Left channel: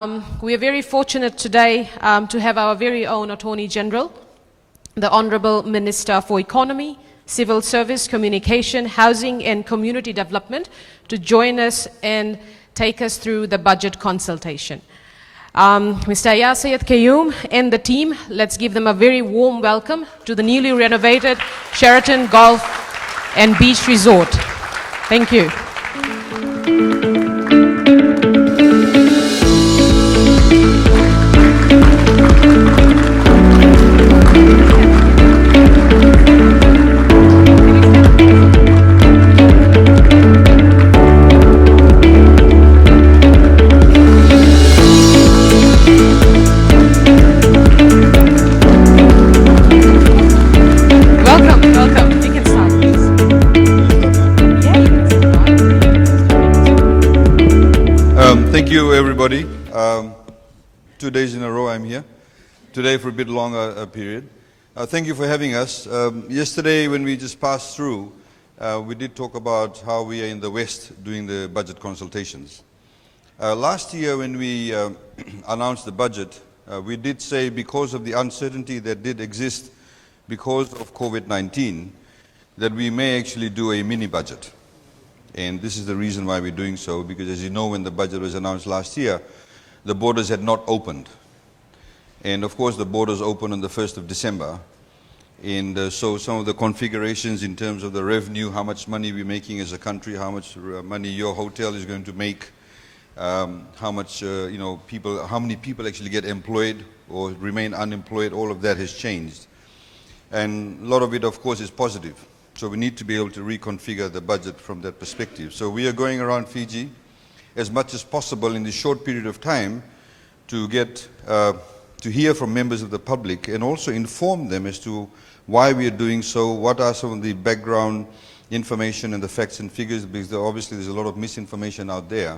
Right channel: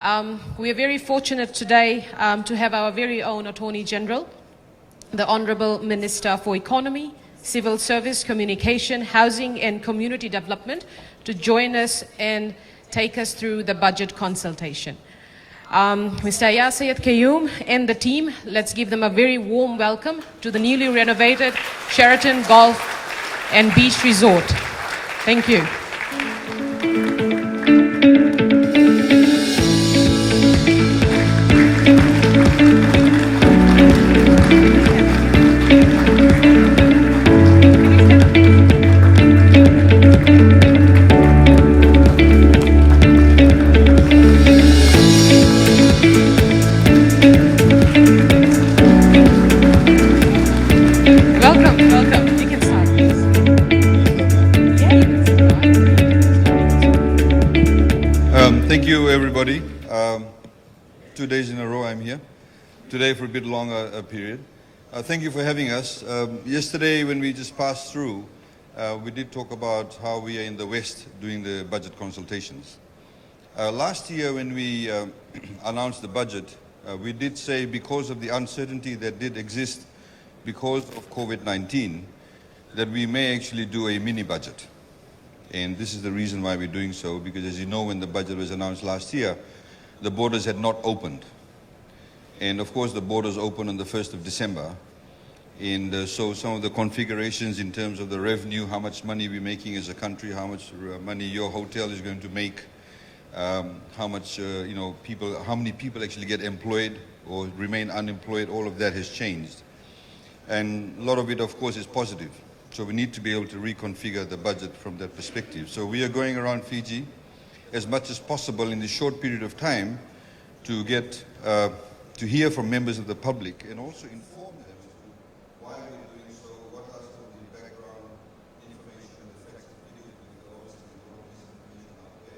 We are very fortunate today to have our very own Attorney-General, the Honourable Minister for Economy, Civil Service, Communication, Housing and Community Development to join us and take us through the budget consultation. Mr. Aiyaz, Sayed-Khaiyum and the team, let's give them a very warm welcome to the newly renovated Sheraton Golf and Beach Resort. Thank you. Thank you, everybody. 2 days in a row I'm here. Today for a bit longer period. Thank you for having us. Yesterday when we just passed through, we did talk about how we are in the West doing the budget consultations. Last year when we announced the budget, we did say because of the uncertainty that did exist because of COVID-19, that we may actually do a mini budget. And this is the reason why we're doing so, because as you know, when the budget was announced last year, the borders had not opened. And of course the borders opened on the 1st of December. And so some of the configurations in terms of the revenue, how much money we're making as a country, how much money your hotel is going to make, how much, people, how many people actually get employed or remain unemployed, all of that has changed. And a lot of it, of course, is positive. So we need to be able to reconfigure the budget from that perspective. So we are going around Fiji as much as possible in a short period of time to get to hear from members of the public and also inform them as to why we are doing so, what are some of the background information and the facts and figures, because obviously there's a lot of misinformation out there.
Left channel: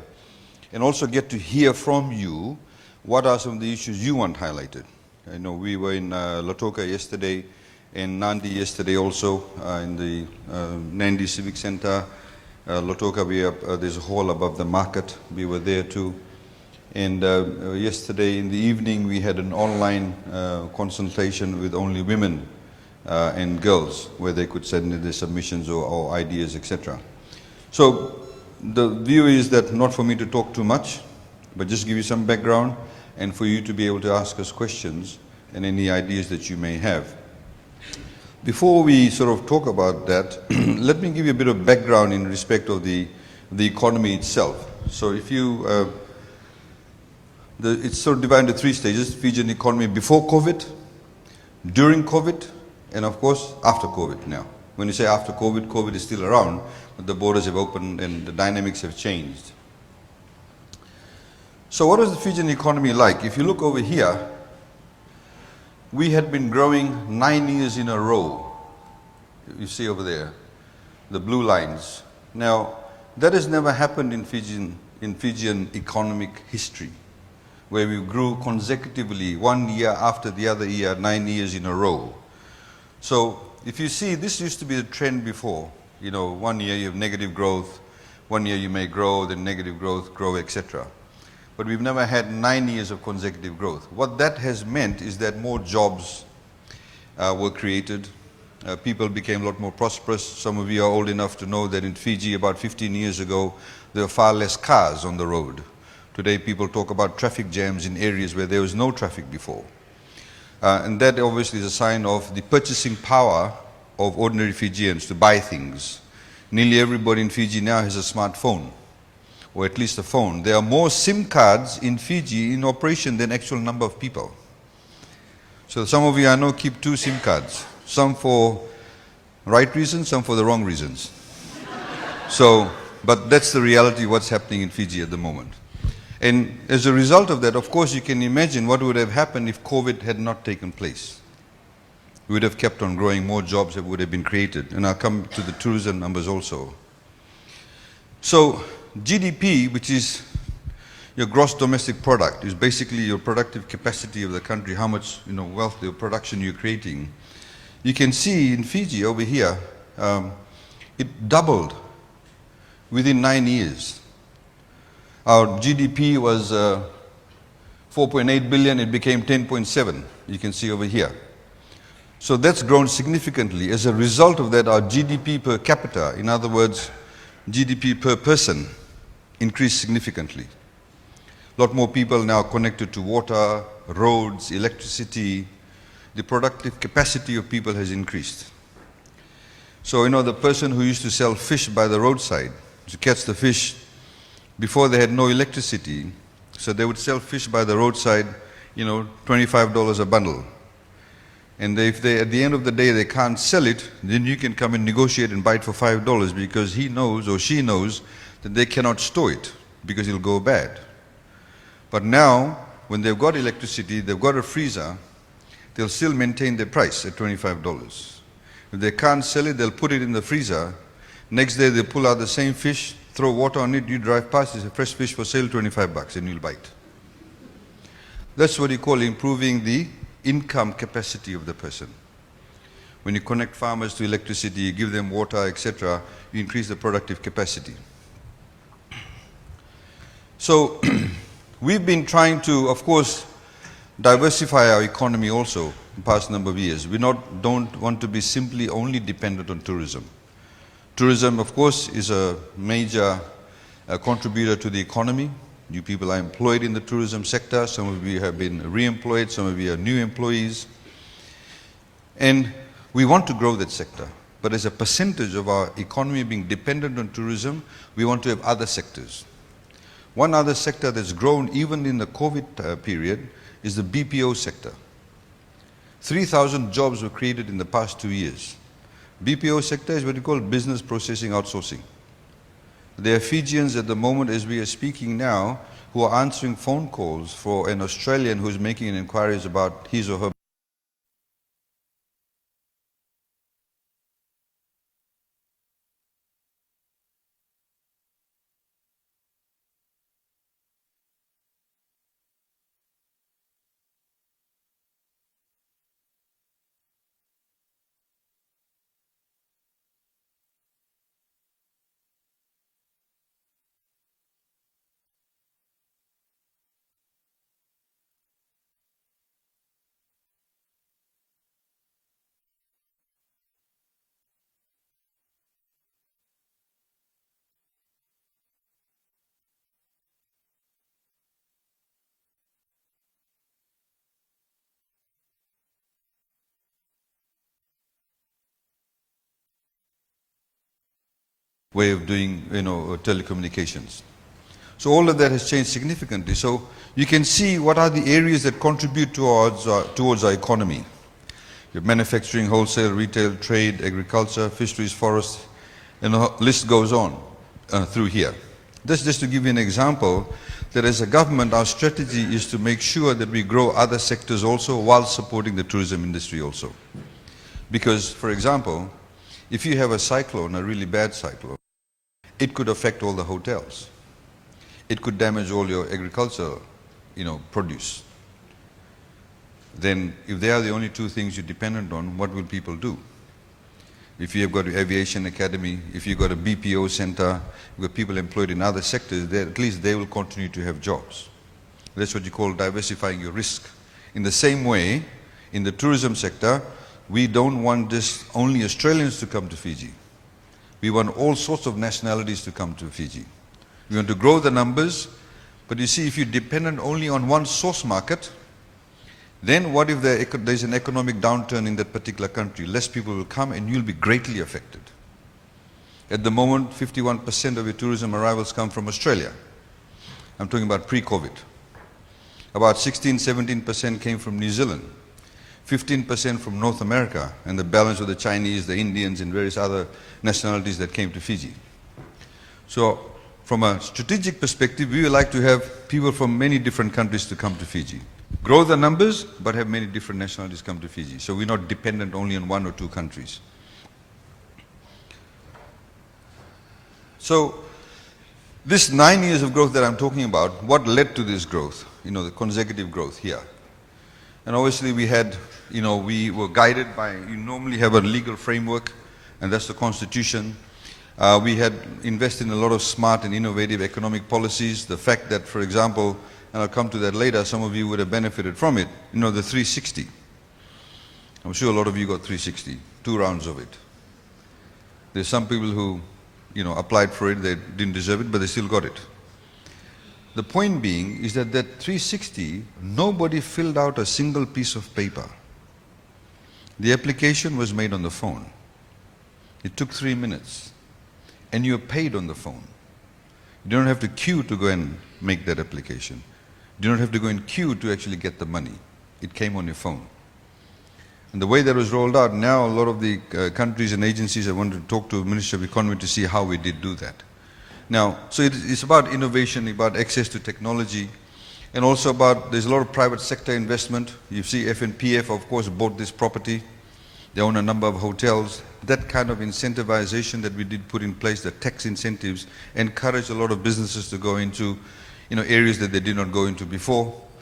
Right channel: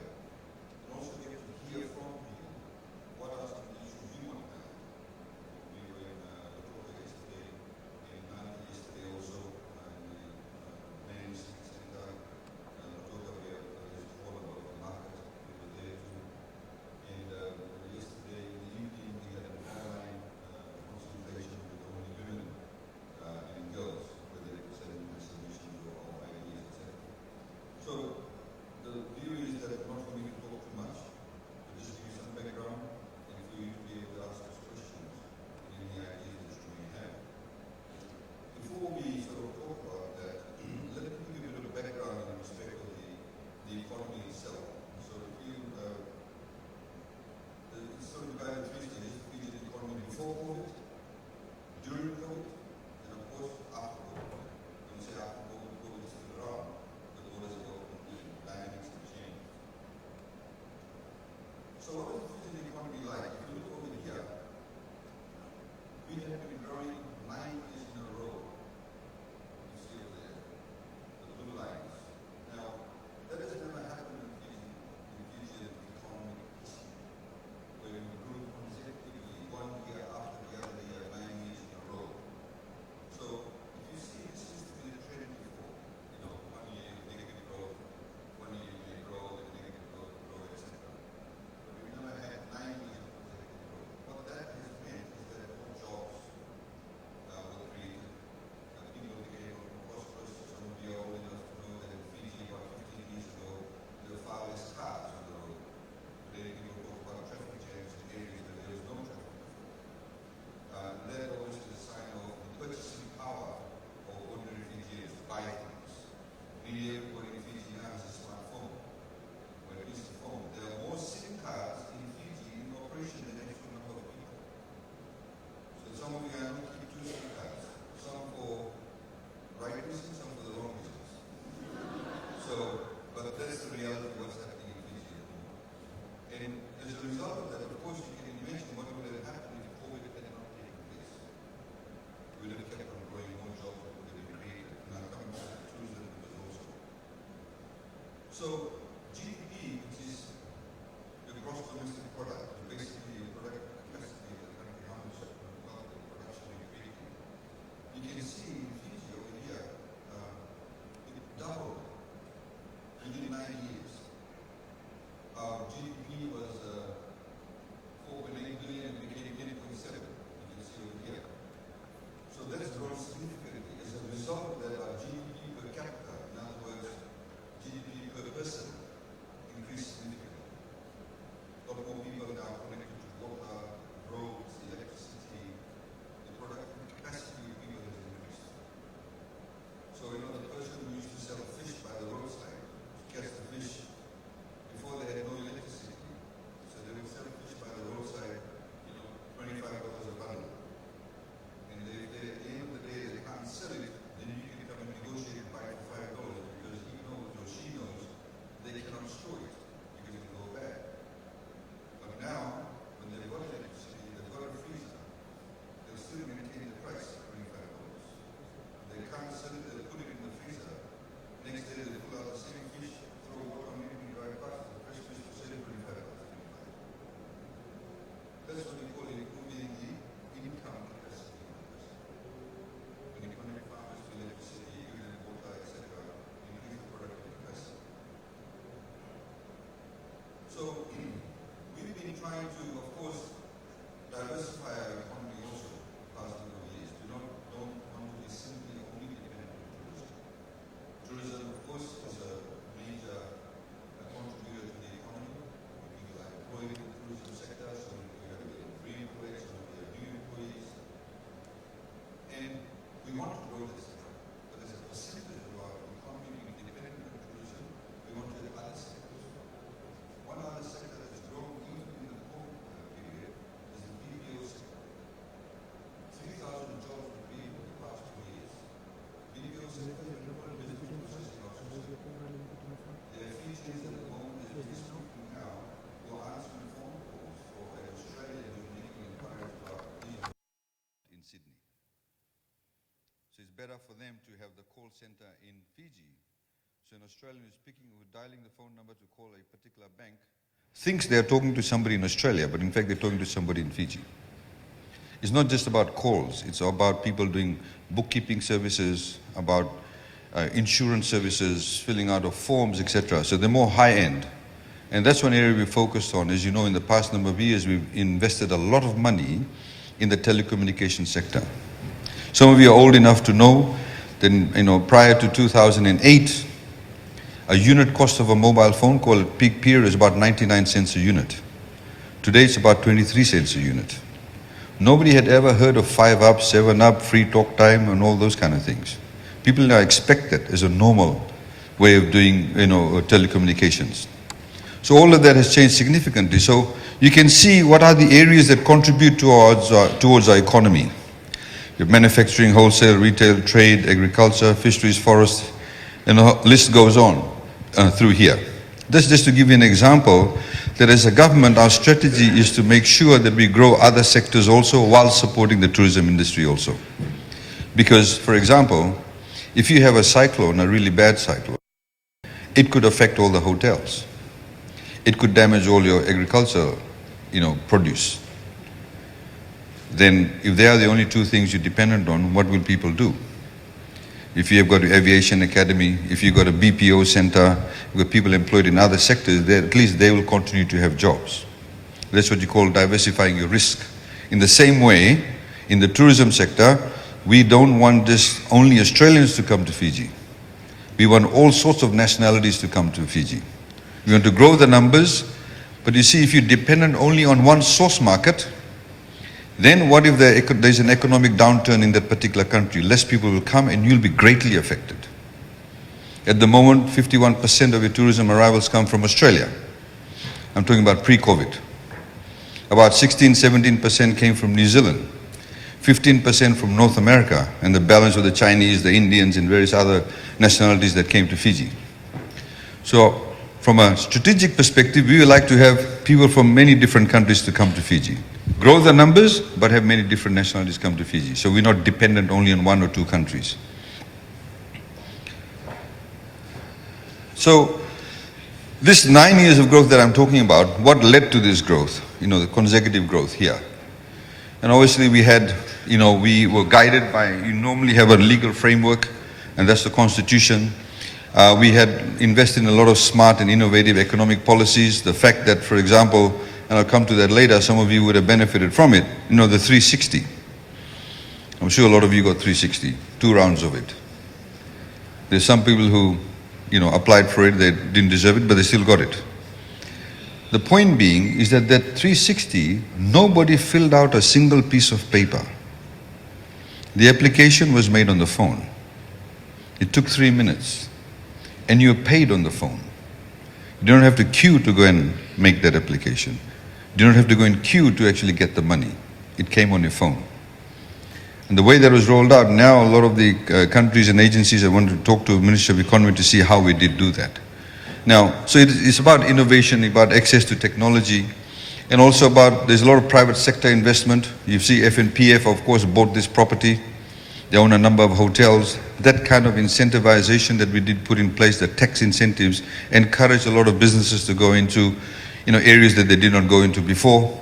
And also get to hear from you what are some of the issues you want highlighted. I know we were in Lautoka yesterday, and Nadi yesterday also in the Nadi Civic Center. Lautoka, there's a hall above the market. We were there too. And yesterday in the evening we had an online consultation with only women and girls, where they could send in their submissions or ideas, etc. So the view is that not for me to talk too much, but just give you some background and for you to be able to ask us questions and any ideas that you may have. Before we sort of talk about that, let me give you a bit of background in respect of the economy itself. So if you, it's sort of divided into 3 stages: Fijian economy before COVID, during COVID, and of course after COVID now. When you say after COVID, COVID is still around, but the borders have opened and the dynamics have changed. So what was the Fijian economy like? If you look over here, we had been growing 9 years in a row. You see over there, the blue lines. Now, that has never happened in Fijian economic history, where we grew consecutively 1 year after the other year, 9 years in a row. So, if you see, this used to be the trend before. You know, 1 year you have negative growth, 1 year you may grow, then negative growth, grow, etc. But we've never had 9 years of consecutive growth. What that has meant is that more jobs were created. People became a lot more prosperous. Some of you are old enough to know that in Fiji about 15 years ago, there were far less cars on the road. Today people talk about traffic jams in areas where there was no traffic before. And that obviously is a sign of the purchasing power of ordinary Fijians to buy things. Nearly everybody in Fiji now has a smartphone, or at least a phone. There are more SIM cards in Fiji in operation than actual number of people. So some of you I know keep 2 SIM cards, some for right reasons, some for the wrong reasons. So, but that's the reality of what's happening in Fiji at the moment. And as a result of that, of course, you can imagine what would have happened if COVID had not taken place. We would have kept on growing, more jobs that would have been created. And I'll come to the tourism numbers also. So, GDP, which is your gross domestic product, is basically your productive capacity of the country, how much wealth or production you're creating. You can see in Fiji over here, it doubled within 9 years. Our GDP was 4.8 billion, it became 10.7, you can see over here. So that's grown significantly. As a result of that, our GDP per capita, in other words, GDP per person, increased significantly. A lot more people now connected to water, roads, electricity. The productive capacity of people has increased. So, the person who used to sell fish by the roadside, to catch the fish, before they had no electricity, so they would sell fish by the roadside, $25 a bundle. And if they, at the end of the day, they can't sell it, then you can come and negotiate and buy it for $5 because he knows or she knows that they cannot store it because it'll go bad. But now, when they've got electricity, they've got a freezer, they'll still maintain their price at $25. If they can't sell it, they'll put it in the freezer. Next day, they'll pull out the same fish, throw water on it, you drive past, it's a fresh fish for sale, $25, and you'll buy it. That's what you call improving the income capacity of the person. When you connect farmers to electricity, you give them water, etc., you increase the productive capacity. So, we've been trying to, of course, diversify our economy also in the past number of years. We don't want to be simply only dependent on tourism. Tourism, of course, is a major contributor to the economy. You people are employed in the tourism sector. Some of you have been re-employed. Some of you are new employees. And we want to grow that sector. But as a percentage of our economy being dependent on tourism, we want to have other sectors. One other sector that's grown even in the COVID period is the BPO sector. 3,000 jobs were created in the past 2 years. BPO sector is what we call business processing outsourcing. There are Fijians at the moment, as we are speaking now, who are answering phone calls for an Australian who's making inquiries about his or her in Sydney. So it's better for them to have the call center in Fiji. So an Australian who's dialing the phone number to call a particular bank thinks they're talking to somebody in Australia, but in fact they're talking to somebody in Fiji. It's not just about calls, it's about people doing bookkeeping services, about insurance services, filling out of forms, etc. So they're more high-end. And that's one area we focused on. As you know, in the past number of years, we've invested a lot of money in the telecommunications sector. Some of you are old enough to know that, prior to 2008, a unit cost of a mobile phone call at peak period is about 99 cents a unit. Today, it's about 23 cents a unit. Nobody had ever heard of 5-up, 7-up, free talk time, and all those kind of things. People now expect that as a normal way of doing, telecommunications. So all of that has changed significantly. So you can see what are the areas that contribute towards our economy. Manufacturing, wholesale, retail, trade, agriculture, fisheries, forests, and the list goes on through here. This just to give you an example, that as a government, our strategy is to make sure that we grow other sectors also while supporting the tourism industry also. Because, for example, if you have a cyclone, a really bad cyclone, it could affect all the hotels. It could damage all your agricultural, produce. Then if they are the only two things you're dependent on, what will people do? If you have got an aviation academy, if you've got a BPO center with people employed in other sectors, at least they will continue to have jobs. That's what you call diversifying your risk. In the same way, in the tourism sector, we don't want just only Australians to come to Fiji. We want all sorts of nationalities to come to Fiji. We want to grow the numbers, but you see, if you're dependent only on one source market, then what if there's an economic downturn in that particular country? Less people will come and you'll be greatly affected. At the moment, 51% of your tourism arrivals come from Australia. I'm talking about pre-COVID. About 16-17% came from New Zealand. 15% from North America, and the balance of the Chinese, the Indians, and various other nationalities that came to Fiji. So, from a strategic perspective, we would like to have people from many different countries to come to Fiji. Grow the numbers, but have many different nationalities come to Fiji. So we're not dependent only on one or two countries. So this 9 years of growth that I'm talking about, what led to this growth? The consecutive growth here. And obviously we had, we were guided by, we have a legal framework, and that's the Constitution. We had invested in a lot of smart and innovative economic policies. The fact that, for example, and I'll come to that later, some of you would have benefited from it, the 360. I'm sure a lot of you got 360, two rounds of it. There's some people who applied for it, they didn't deserve it, but they still got it. The point being is that 360, nobody filled out a single piece of paper. The application was made on the phone. It took 3 minutes. And you paid on the phone. You don't have to queue to go and make that application. You don't have to go and queue to actually get the money. It came on your phone. The way that was rolled out, now a lot of the countries and agencies that want to talk to the Ministry of Economy to see how we did do that. Now, so it's about innovation, about access to technology, and also about, there's a lot of private sector investment. You see FNPF, of course, bought this property. They own a number of hotels. That kind of incentivization that we did put in place, the tax incentives, encouraged a lot of businesses to go into areas that they did not go into before.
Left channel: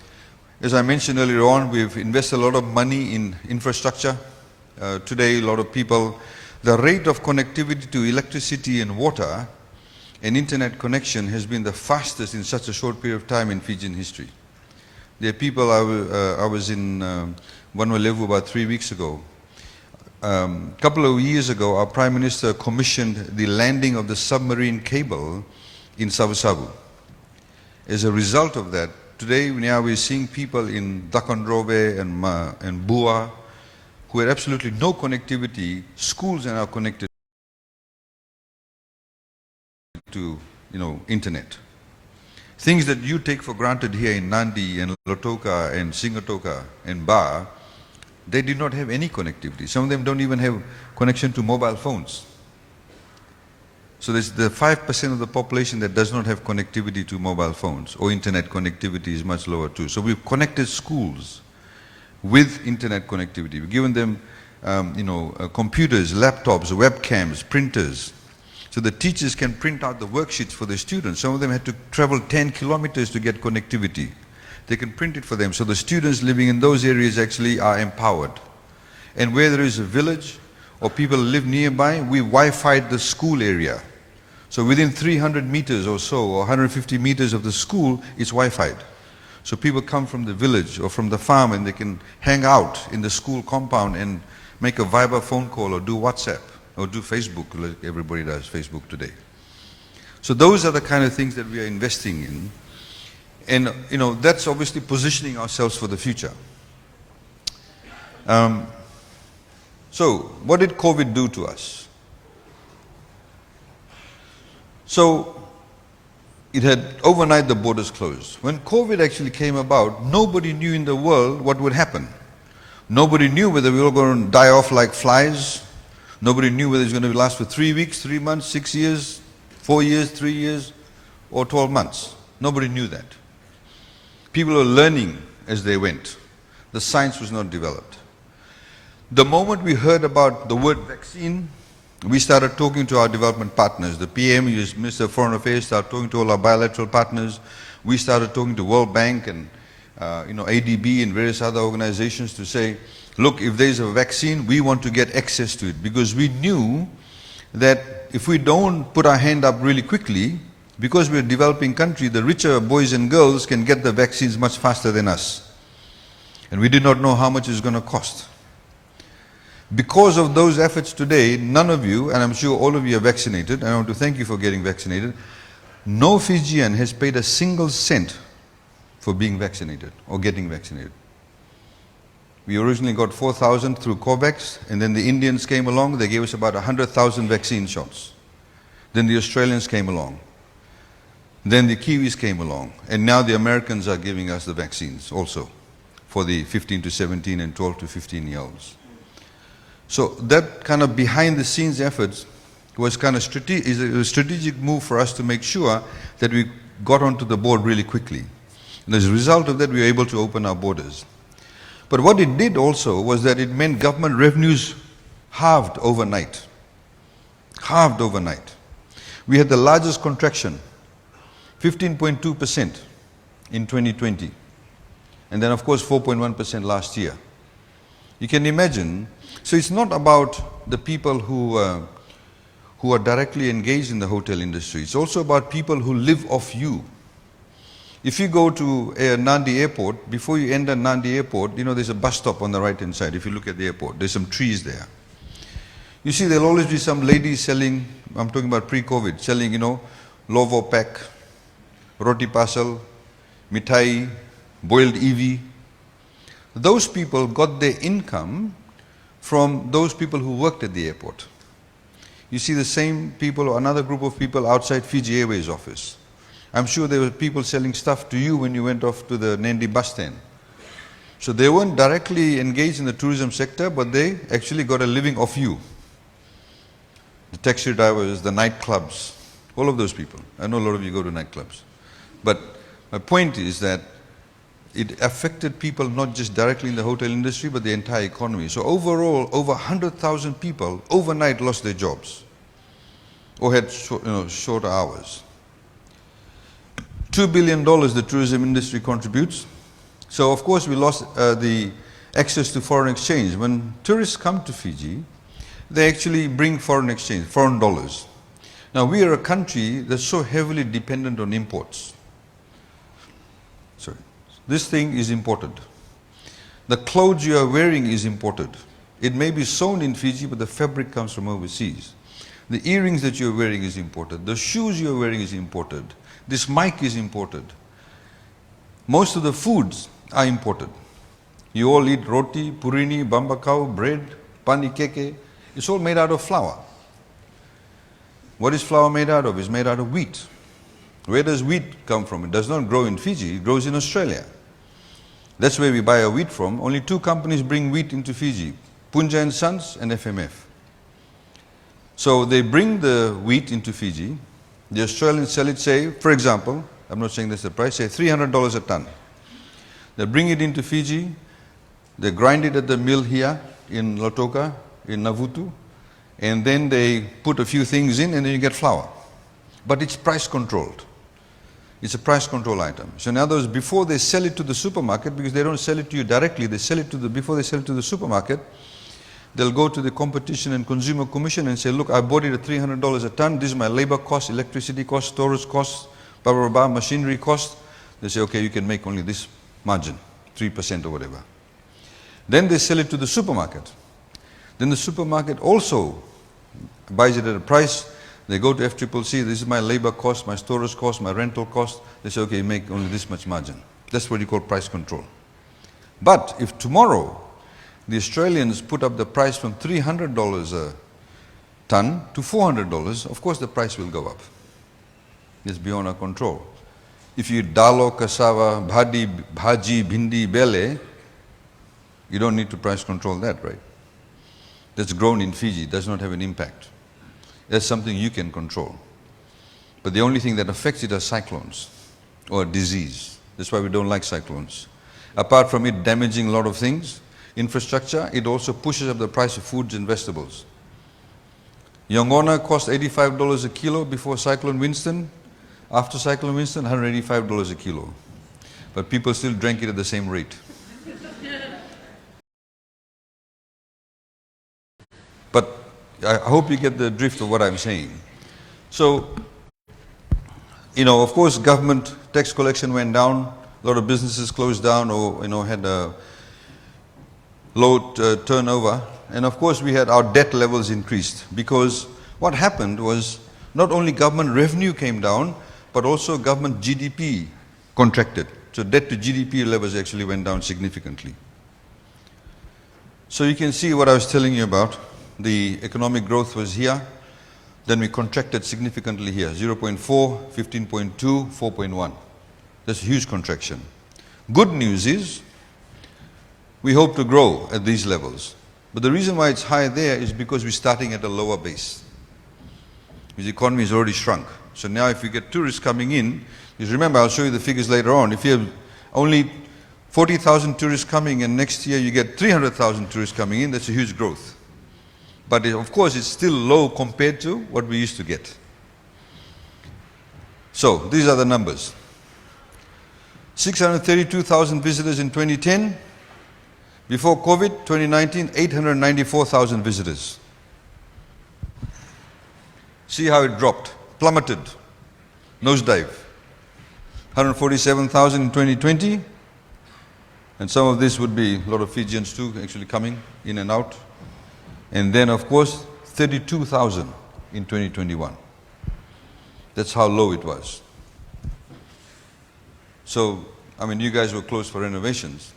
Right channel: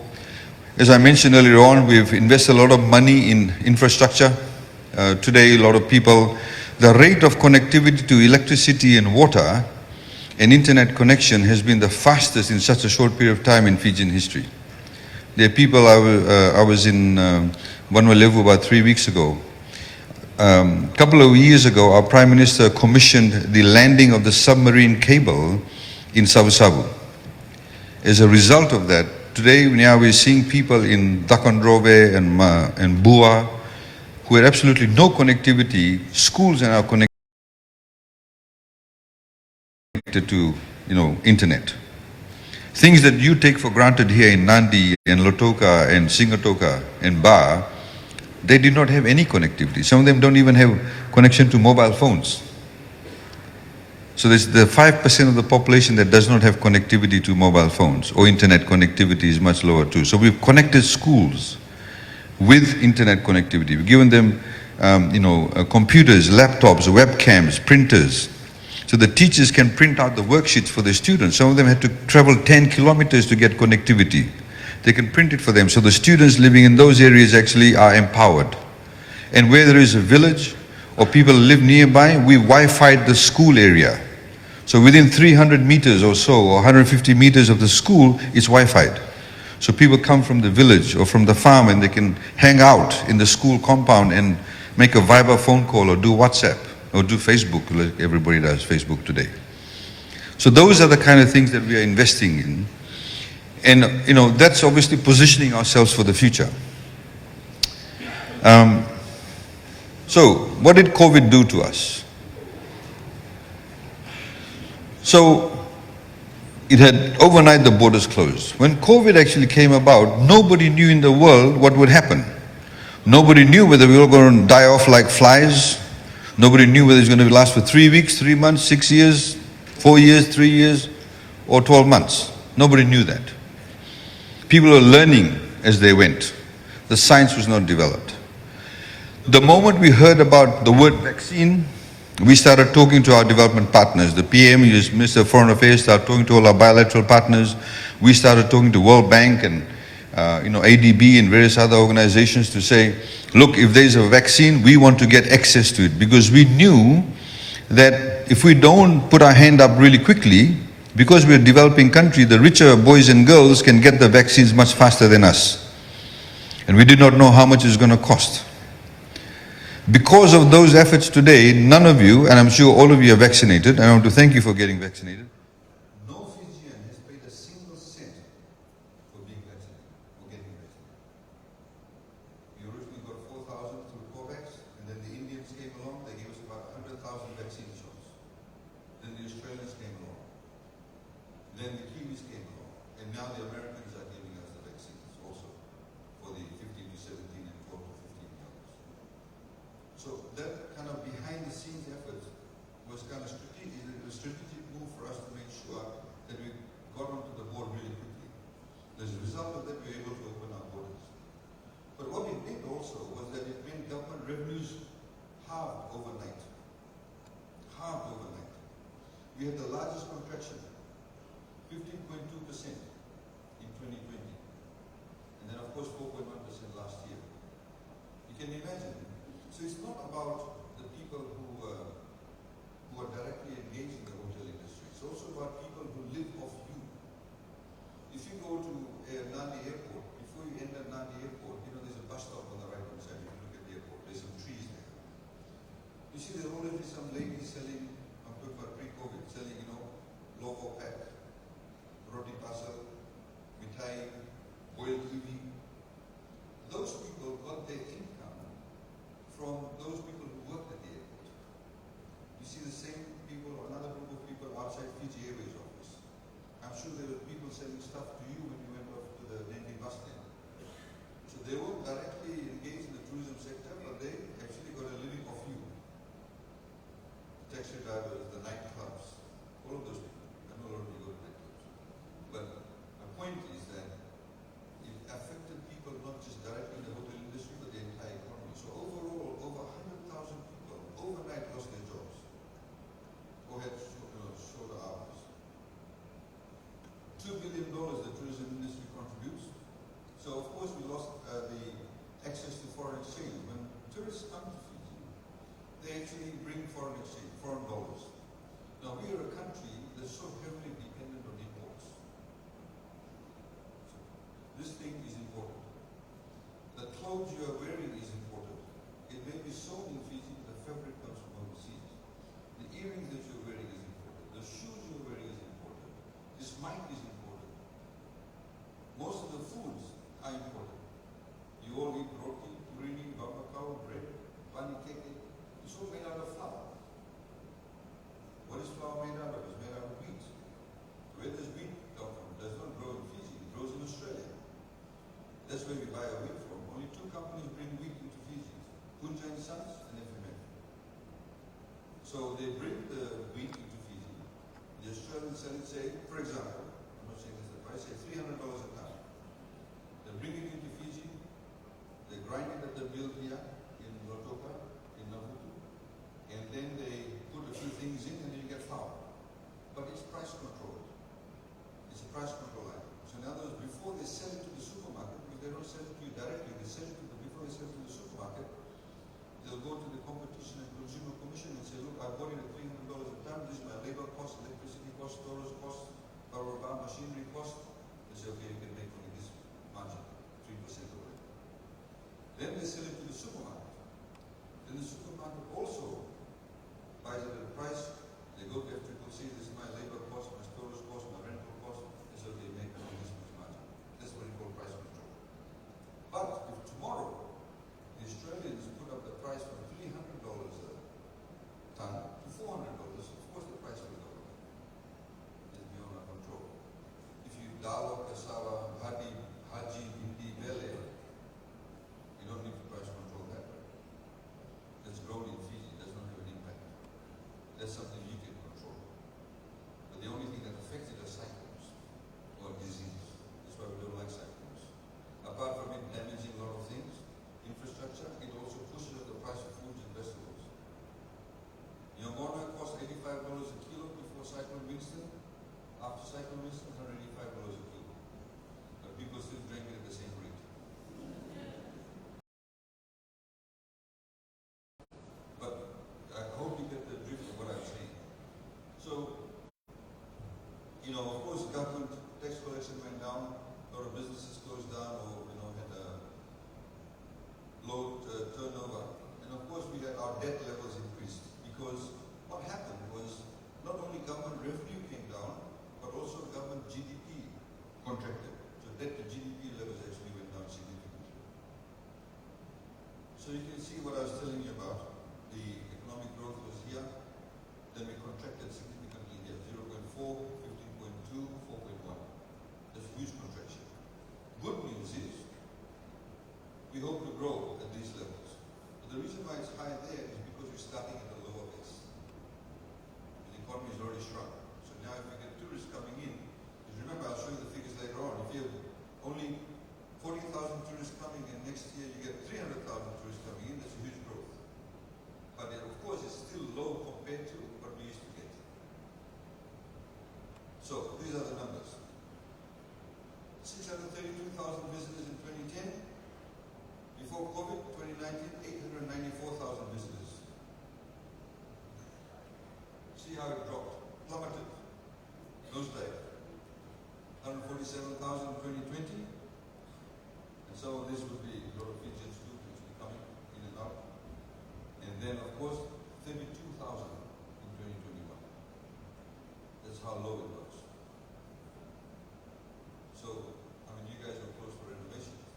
As I mentioned earlier on, we've invested a lot of money in infrastructure. Today, a lot of people, the rate of connectivity to electricity and water and internet connection has been the fastest in such a short period of time in Fijian history. There are people, I was in Vanuatu about 3 weeks ago. A couple of years ago, our Prime Minister commissioned the landing of the submarine cable in Sabu. As a result of that, today now we're seeing people in Takonrove and Bua who had absolutely no connectivity. Schools are now connected to internet. Things that you take for granted here in Nadi and Lotoka and Singatoka and Ba, they did not have any connectivity. Some of them don't even have connection to mobile phones. So there's the 5% of the population that does not have connectivity to mobile phones, or internet connectivity is much lower too. So we've connected schools with internet connectivity. We've given them computers, laptops, webcams, printers. So the teachers can print out the worksheets for the students. Some of them had to travel 10 kilometers to get connectivity. They can print it for them. So the students living in those areas actually are empowered. And where there is a village or people live nearby, we Wi-Fi'd the school area. So within 300 meters or so, or 150 meters of the school is Wi-Fi'd. So people come from the village or from the farm and they can hang out in the school compound and make a Viber phone call or do WhatsApp or do Facebook. Everybody does Facebook today. So those are the kind of things that we are investing in. And that's obviously positioning ourselves for the future. So what did COVID do to us? So it had overnight the borders closed. When COVID actually came about, nobody knew in the world what would happen. Nobody knew whether we were going to die off like flies. Nobody knew whether it was going to last for 3 weeks, 3 months, 6 years, 4 years, 3 years, or 12 months. Nobody knew that. People were learning as they went. The science was not developed. The moment we heard about the word vaccine, we started talking to our development partners. The PM, Minister of Foreign Affairs, started talking to all our bilateral partners. We started talking to World Bank and ADB and various other organizations to say, look, if there's a vaccine, we want to get access to it. Because we knew that if we don't put our hand up really quickly, because we're a developing country, the richer boys and girls can get the vaccines much faster than us. And we did not know how much it's going to cost. Because of those efforts today, none of you, and I'm sure all of you are vaccinated, and I want to thank you for getting vaccinated. No Fijian has paid a single cent for being vaccinated or getting vaccinated. We originally got 4,000 through COVAX, and then the Indians came along, they gave us about 100,000 vaccine shots. Then the Australians came along. Then the Kiwis came along, and now the Americans are giving us the vaccines also for the 15 to 17 and 12 to 15-year-olds. So that kind of behind-the-scenes efforts was kind of a strategic move for us to make sure that we got onto the board really quickly. And as a result of that, we were able to open our borders. But what it did also was that it meant government revenues halved overnight. Halved overnight. We had the largest contraction, 15.2% in 2020. And then, of course, 4.1% last year. You can imagine. So it's not about the people who who are directly engaged in the hotel industry. It's also about people who live off you. If you go to Nadi airport, before you enter Nadi airport, there's a bus stop on the right hand side. If you look at the airport, there's some trees there. You see, there'll always be some ladies selling, I'm talking about pre-COVID, selling, lovo pack, roti pasal, mithai, boiled evi. Those people got their income from those people who worked at the airport. You see the same people or another group of people outside Fiji Airways office. I'm sure there were people selling stuff to you when you went off to the Nadi bus stand. So they weren't directly engaged in the tourism sector, but they actually got a living off you. The taxi drivers, the nightclubs, all of those people. I know a lot of you go to nightclubs. But my point is that it affected people not just directly in the hotel industry, but the entire economy. So overall, over 100,000 people overnight lost their jobs or had shorter hours. $2 billion the tourism industry contributes. So of course we lost the access to foreign exchange. When tourists come to Fiji, they actually bring foreign exchange, foreign dollars. Now we are a country that's so heavily dependent on imports. Sorry. This thing is imported. The clothes you are wearing is imported. It may be sewn in Fiji, but the fabric comes from overseas. The earrings that you're wearing is imported. The shoes you're wearing is imported. This mic is imported. Most of the foods are imported. You all eat roti, purini, bambakau, bread, pani keke. It's all made out of flour. What is flour made out of? It's made out of wheat. Where does wheat come from? It does not grow in Fiji, it grows in Australia. That's where we buy our wheat from. Only two companies bring wheat into Fiji, Punja and Sons and FMF. So they bring the wheat into Fiji. The Australians sell it, say, for example, I'm not saying that's the price, say $300 a ton. They bring it into Fiji, they grind it at the mill here in Lautoka, in Navutu, and then they put a few things in and then you get flour. But it's price controlled. It's a price control item. So in other words, before they sell it to the supermarket, because they don't sell it to you directly, they sell it to before they sell it to the supermarket, they'll go to the Competition and Consumer Commission and say, look, I bought it at $300 a ton, this is my labor cost, electricity cost, storage cost, blah, blah, blah, machinery cost. They say, okay, you can make only this margin, 3% or whatever. Then they sell it to the supermarket. Then the supermarket also buys it at a price. They go to FCCC, this is my labor cost, my storage cost, my rental cost. They say, okay, you make only this much margin. That's what you call price control. But if tomorrow the Australians put up the price from $300 a ton to $400, of course the price will go up. It's beyond our control. If you eat dalo, cassava, bhaji, bhindi, bele, you don't need to price control that, right? That's grown in Fiji, does not have an impact. That's something you can control. But the only thing that affects it are cyclones or disease. That's why we don't like cyclones. Apart from it damaging a lot of things, infrastructure, it also pushes up the price of foods and vegetables. Yongona cost $85 a kilo before Cyclone Winston. After Cyclone Winston, $185 a kilo. But people still drank it at the same rate. But I hope you get the drift of what I'm saying. So, of course, government tax collection went down. A lot of businesses closed down or, had a low turnover. And of course, we had our debt levels increased because what happened was not only government revenue came down, but also government GDP contracted. So debt to GDP levels actually went down significantly. So you can see what I was telling you about. The economic growth was here, then we contracted significantly here, 0.4, 15.2, 4.1. That's a huge contraction. Good news is, we hope to grow at these levels. But the reason why it's high there is because we're starting at a lower base. The economy has already shrunk. So now if we get tourists coming in, just remember, I'll show you the figures later on. If you have only 40,000 tourists coming and next year you get 300,000 tourists coming in, that's a huge growth. But of course, it's still low compared to what we used to get. So these are the numbers. 632,000 visitors in 2010. Before COVID, 2019, 894,000 visitors. See how it dropped, plummeted, nosedive. 147,000 in 2020, and some of this would be a lot of Fijians too actually coming in and out. And then of course 32,000 in 2021. That's how low it was. So, I mean, you guys were closed for renovations,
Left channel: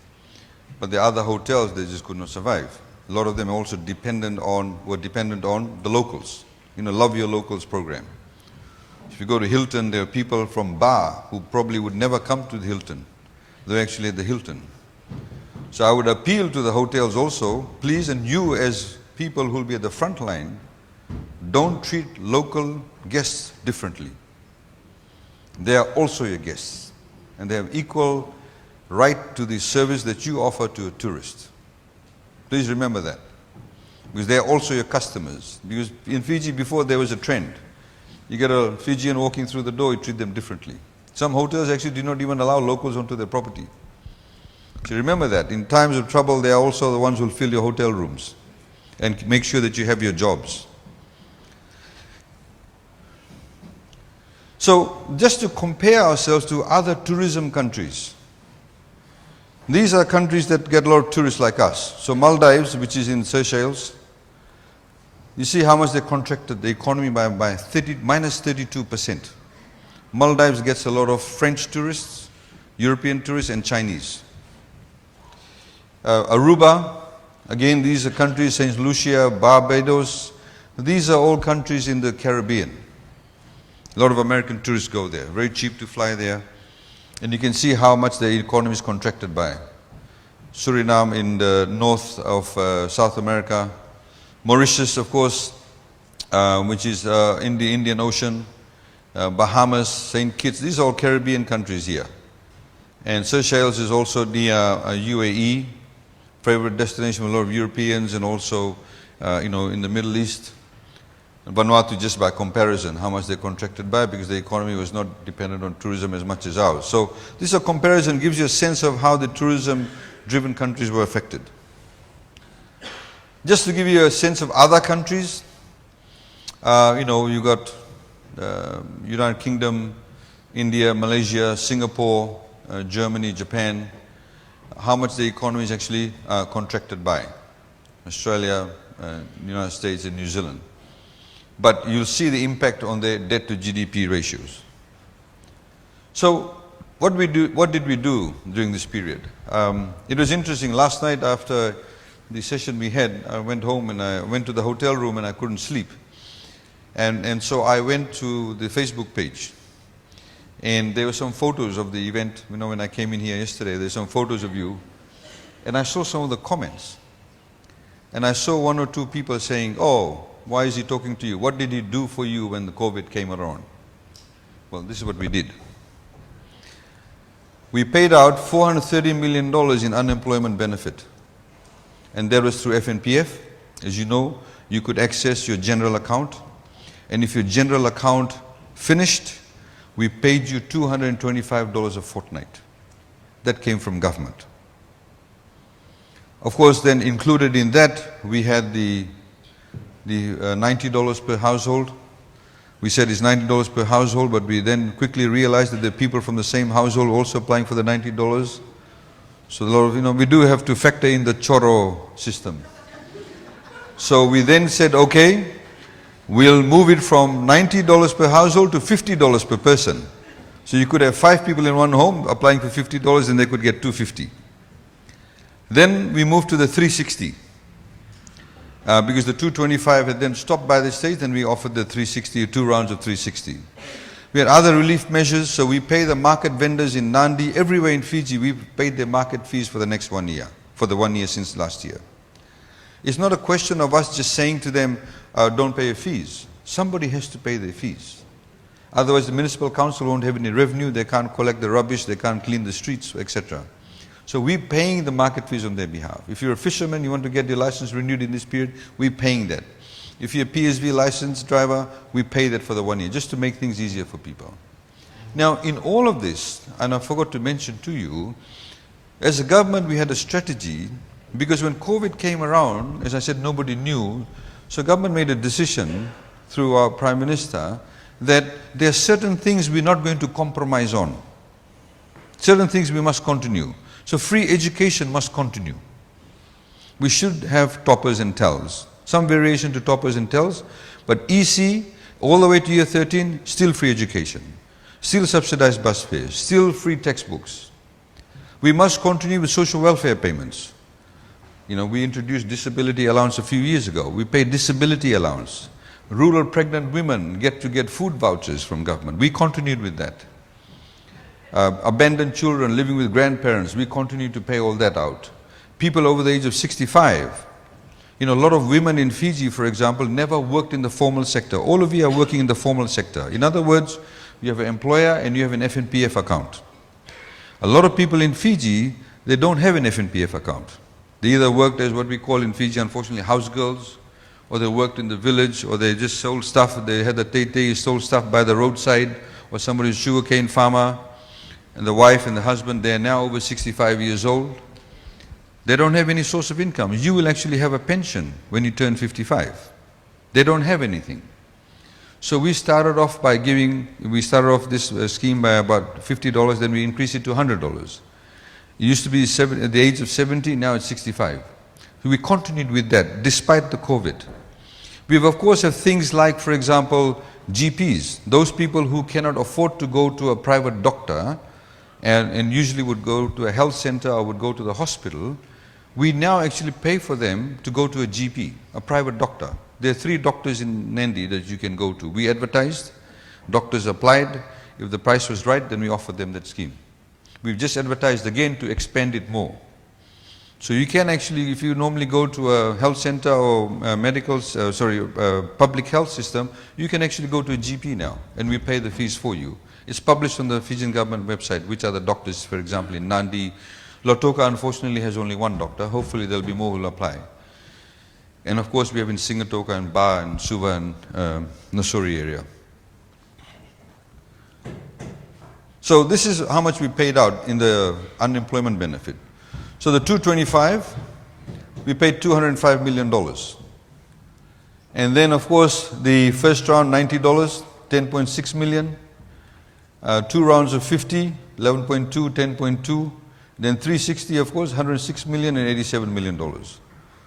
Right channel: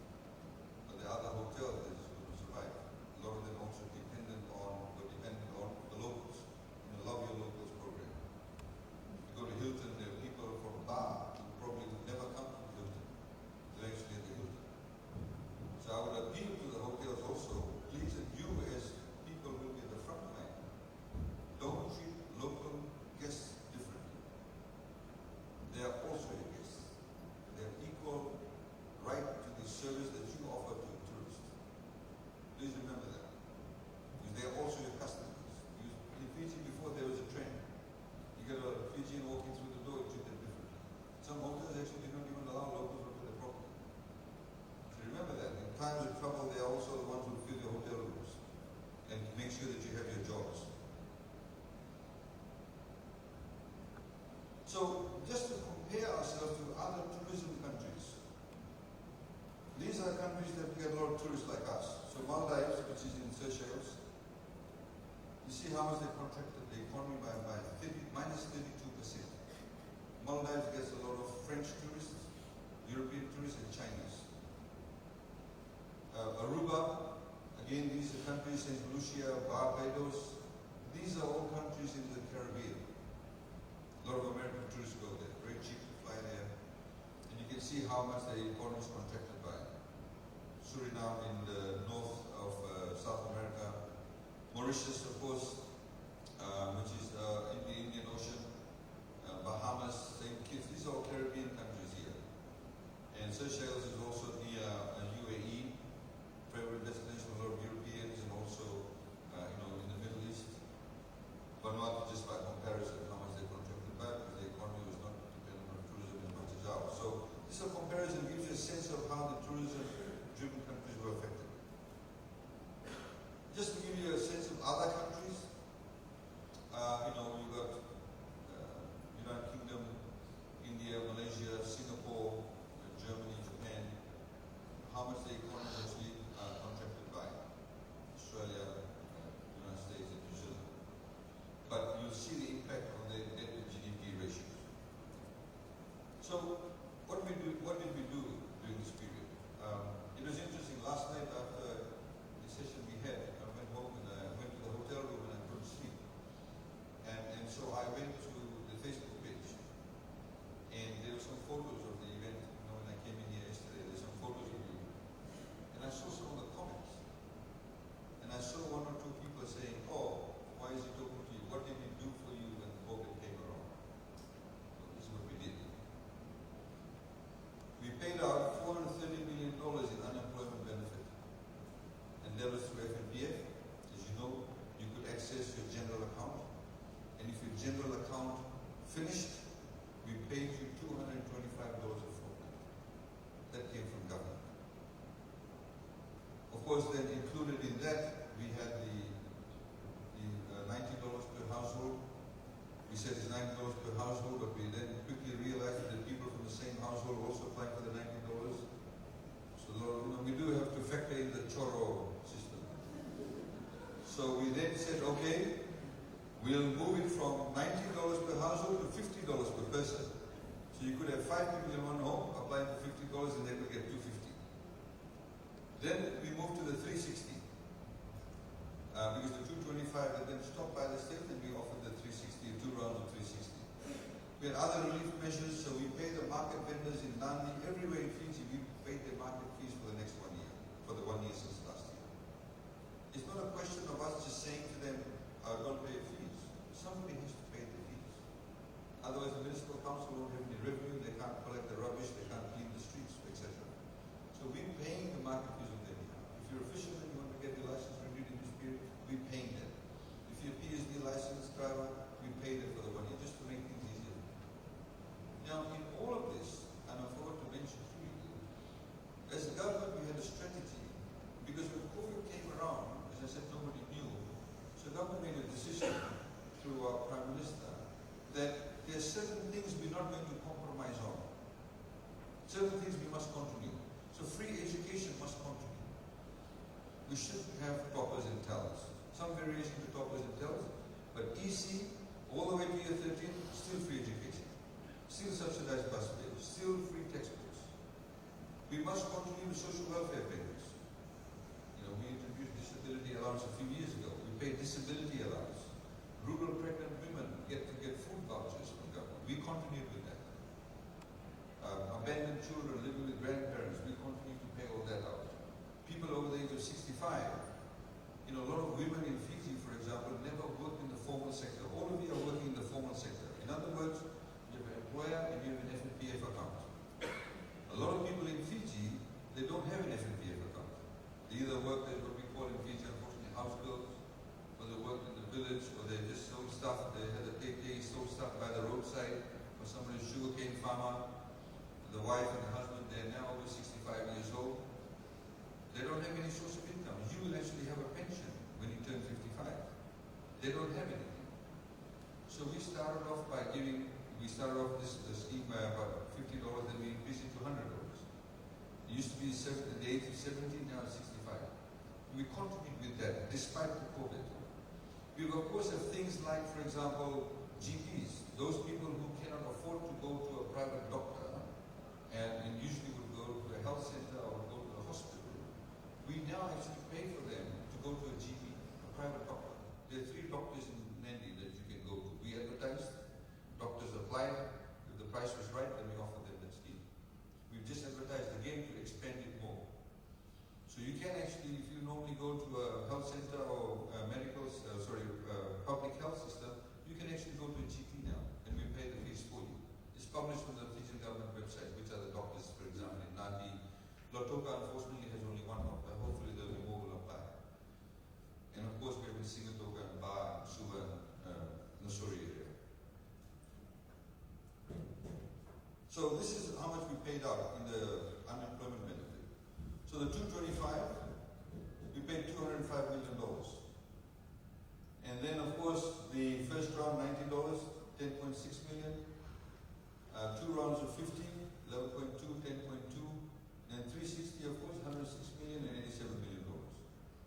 but the other hotels, they just could not survive. A lot of them also were dependent on the locals, Love Your Locals program. If you go to Hilton, there are people from Bar who probably would never come to the Hilton. They're actually at the Hilton. So I would appeal to the hotels also, please, and you as people who will be at the front line, don't treat local guests differently. They are also your guests, and they have equal right to the service that you offer to a tourist. Please remember that, because they are also your customers. Because in Fiji before there was a trend. You get a Fijian walking through the door, you treat them differently. Some hotels actually do not even allow locals onto their property. So remember that. In times of trouble, they are also the ones who will fill your hotel rooms and make sure that you have your jobs. So just to compare ourselves to other tourism countries, these are countries that get a lot of tourists like us. So Maldives, which is in Seychelles, you see how much they contracted the economy by minus 32%. Maldives gets a lot of French tourists, European tourists, and Chinese. Aruba, again, these are countries, St. Lucia, Barbados. These are all countries in the Caribbean. A lot of American tourists go there. Very cheap to fly there. And you can see how much the economy is contracted by. Suriname in the north of South America. Mauritius, of course, which is in the Indian Ocean. Bahamas, St. Kitts, these are all Caribbean countries here. And Seychelles is also near UAE, favorite destination for a lot of Europeans, and also in the Middle East. And Vanuatu, just by comparison, how much they contracted by, because the economy was not dependent on tourism as much as ours. So this comparison gives you a sense of how the tourism-driven countries were affected. Just to give you a sense of other countries, you got United Kingdom, India, Malaysia, Singapore, Germany, Japan, how much the economy is actually contracted by. Australia, United States, and New Zealand. But you'll see the impact on their debt to GDP ratios. So what did we do during this period? It was interesting. Last night after the session we had, I went home and I went to the hotel room and I couldn't sleep. And so I went to the Facebook page. And there were some photos of the event. When I came in here yesterday, there's some photos of you. And I saw some of the comments. And I saw one or two people saying, oh, why is he talking to you? What did he do for you when the COVID came around? Well, this is what we did. We paid out $430 million in unemployment benefit. And that was through FNPF. As you know, you could access your general account. And if your general account finished, we paid you $225 a fortnight. That came from government. Of course, then included in that, we had the $90 per household. We said it's $90 per household, but we then quickly realized that the people from the same household also applying for the $90. So a lot of, we do have to factor in the choro system. So we then said, okay, we'll move it from $90 per household to $50 per person. So you could have 5 people in one home applying for $50 and they could get $250. Then we moved to the 360. Because the 225 had then stopped by the state, and we offered the 360, 2 rounds of 360. We had other relief measures, so we pay the market vendors in Nadi, everywhere in Fiji, we paid their market fees for the next 1 year, for the 1 year since last year. It's not a question of us just saying to them, don't pay your fees. Somebody has to pay their fees. Otherwise the municipal council won't have any revenue, they can't collect the rubbish, they can't clean the streets, etc. So we're paying the market fees on their behalf. If you're a fisherman, you want to get your license renewed in this period, we're paying that. If you're a PSV licensed driver, we pay that for the 1 year, just to make things easier for people. Now, in all of this, and I forgot to mention to you, as a government we had a strategy, because when COVID came around, as I said, nobody knew, so government made a decision through our Prime Minister, that there are certain things we're not going to compromise on. Certain things we must continue. So free education must continue. We should have toppers and tells. Some variation to toppers and tells, but EC, all the way to year 13, still free education. Still subsidized bus fares, still free textbooks. We must continue with social welfare payments. You know, we introduced disability allowance a few years ago. We pay disability allowance. Rural pregnant women get food vouchers from government. We continued with that. Abandoned children living with grandparents, we continue to pay all that out. People over the age of 65. You know, a lot of women in Fiji, for example, never worked in the formal sector. All of you are working in the formal sector. In other words, you have an employer and you have an FNPF account. A lot of people in Fiji, they don't have an FNPF account. They either worked as what we call in Fiji, unfortunately, house girls, or they worked in the village, or they just sold stuff. They had the tete, sold stuff by the roadside, or somebody's sugarcane farmer, and the wife and the husband, they are now over 65 years old. They don't have any source of income. You will actually have a pension when you turn 55. They don't have anything. So we started off by this scheme by about $50, then we increased it to $100. It used to be at the age of 70, now it's 65. So we continued with that, despite the COVID. We of course have things like, for example, GPs. Those people who cannot afford to go to a private doctor and usually would go to a health center or would go to the hospital, we now actually pay for them to go to a GP, a private doctor. There are 3 doctors in Nadi that you can go to. We advertised, doctors applied. If the price was right, then we offered them that scheme. We've just advertised again to expand it more. So you can actually, if you normally go to a health center or public health system, you can actually go to a GP now, and we pay the fees for you. It's published on the Fijian government website, which are the doctors, for example, in Nadi. Lautoka, unfortunately, has only 1 doctor. Hopefully, there'll be more who will apply. And of course, we have in Singatoka and Ba and Suva and Nasuri area. So this is how much we paid out in the unemployment benefit. So the 225, we paid $205 million. And then, of course, the first round, $90, $10.6 million. 2 rounds of 50, 11.2, 10.2. Then 360, of course, $106 million and $87 million.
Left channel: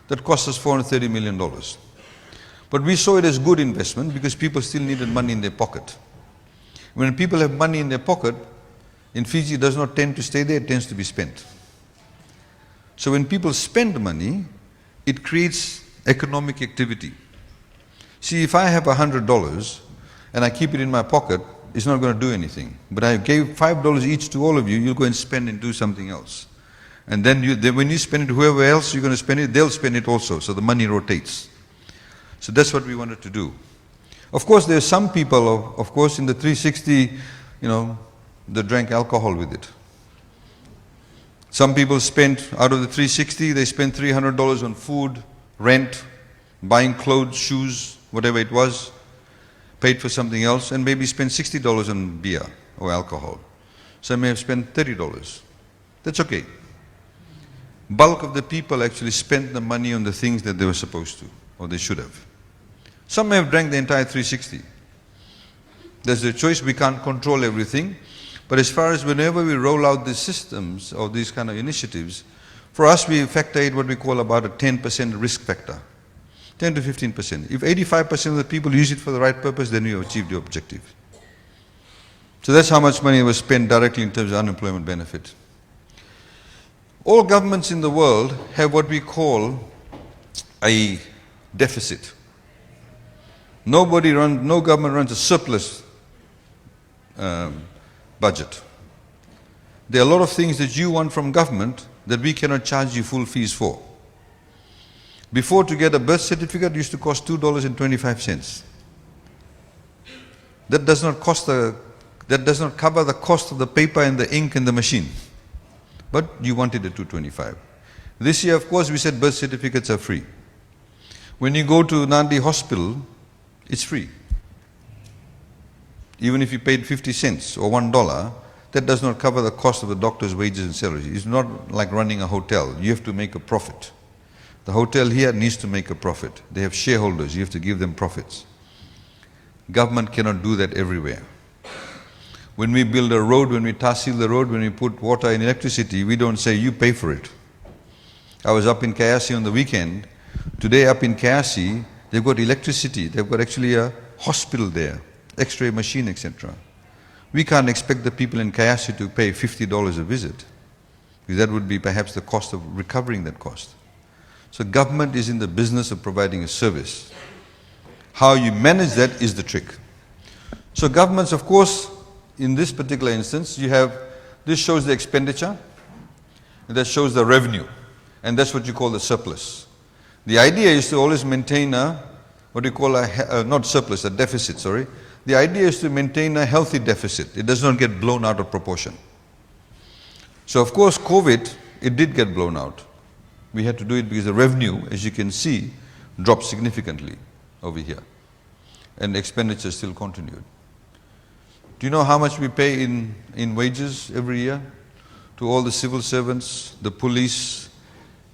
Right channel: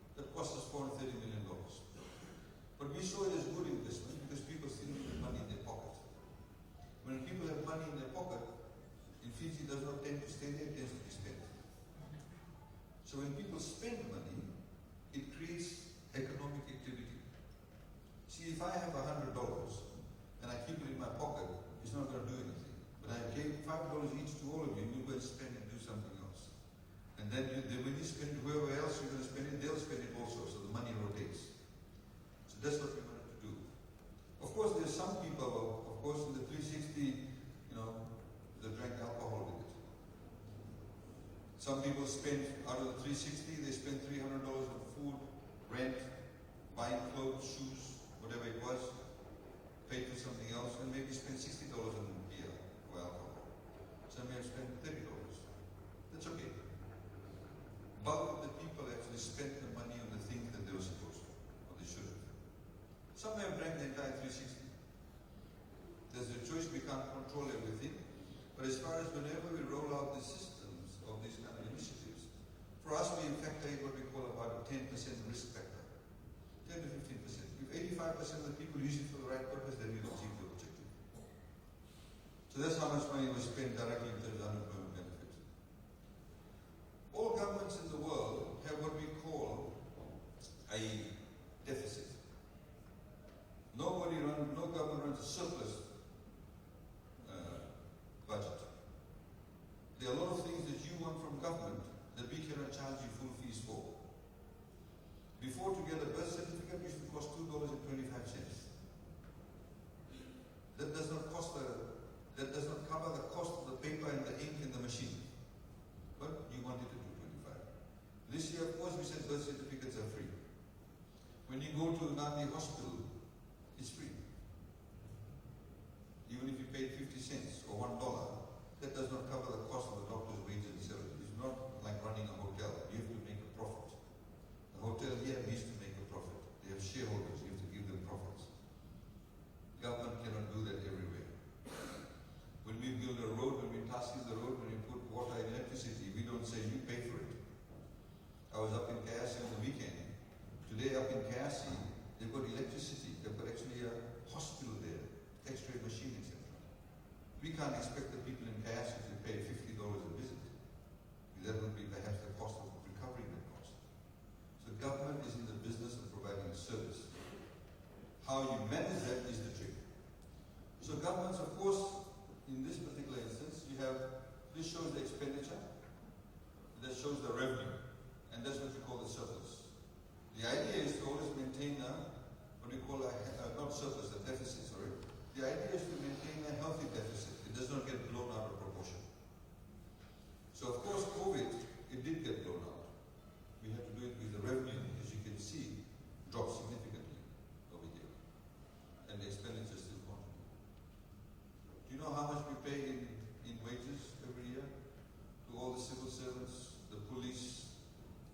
That cost us $430 million. But we saw it as good investment because people still needed money in their pocket. When people have money in their pocket, in Fiji, it does not tend to stay there, it tends to be spent. So when people spend money, it creates economic activity. See, if I have $100 and I keep it in my pocket, it's not going to do anything. But I gave $5 each to all of you, you'll go and spend and do something else. And then when you spend it, whoever else you're going to spend it, they'll spend it also. So the money rotates. So that's what we wanted to do. Of course, there are some people, of course, in the 360, they drank alcohol with it. Some people spent, out of the 360, they spent $300 on food, rent, buying clothes, shoes, whatever it was, paid for something else, and maybe spent $60 on beer or alcohol. Some may have spent $30. That's okay. Bulk of the people actually spent the money on the things that they were supposed to, or they should have. Some may have drank the entire 360. That's their choice. We can't control everything. But as far as whenever we roll out these systems or these kind of initiatives, for us we factor in what we call about a 10% risk factor. 10 to 15%. If 85% of the people use it for the right purpose, then you achieved your objective. So that's how much money was spent directly in terms of unemployment benefit. All governments in the world have what we call a deficit. No government runs a surplus budget. There are a lot of things that you want from government that we cannot charge you full fees for. Before, to get a birth certificate used to cost $2.25. That does not cover the cost of the paper and the ink and the machine. But you wanted at $2.25. This year, of course, we said birth certificates are free. When you go to Nadi Hospital, it's free. Even if you paid 50 cents or $1, that does not cover the cost of the doctor's wages and salaries. It's not like running a hotel. You have to make a profit. The hotel here needs to make a profit. They have shareholders. You have to give them profits. Government cannot do that everywhere. When we build a road, when we tahsil the road, when we put water and electricity, we don't say, you pay for it. I was up in Kayasi on the weekend. Today up in Kayasi, they've got electricity. They've got actually a hospital there, X-ray machine, etc. We can't expect the people in Kayasi to pay $50 a visit, because that would be perhaps the cost of recovering that cost. So government is in the business of providing a service. How you manage that is the trick. So governments, of course, in this particular instance, you have, this shows the expenditure, and that shows the revenue, and that's what you call the surplus. The idea is to always maintain a, what you call a, not surplus, a deficit, sorry. The idea is to maintain a healthy deficit. It does not get blown out of proportion. So of course, COVID, it did get blown out. We had to do it because the revenue, as you can see, dropped significantly over here, and expenditure still continued. Do you know how much we pay in wages every year to all the civil servants, the police,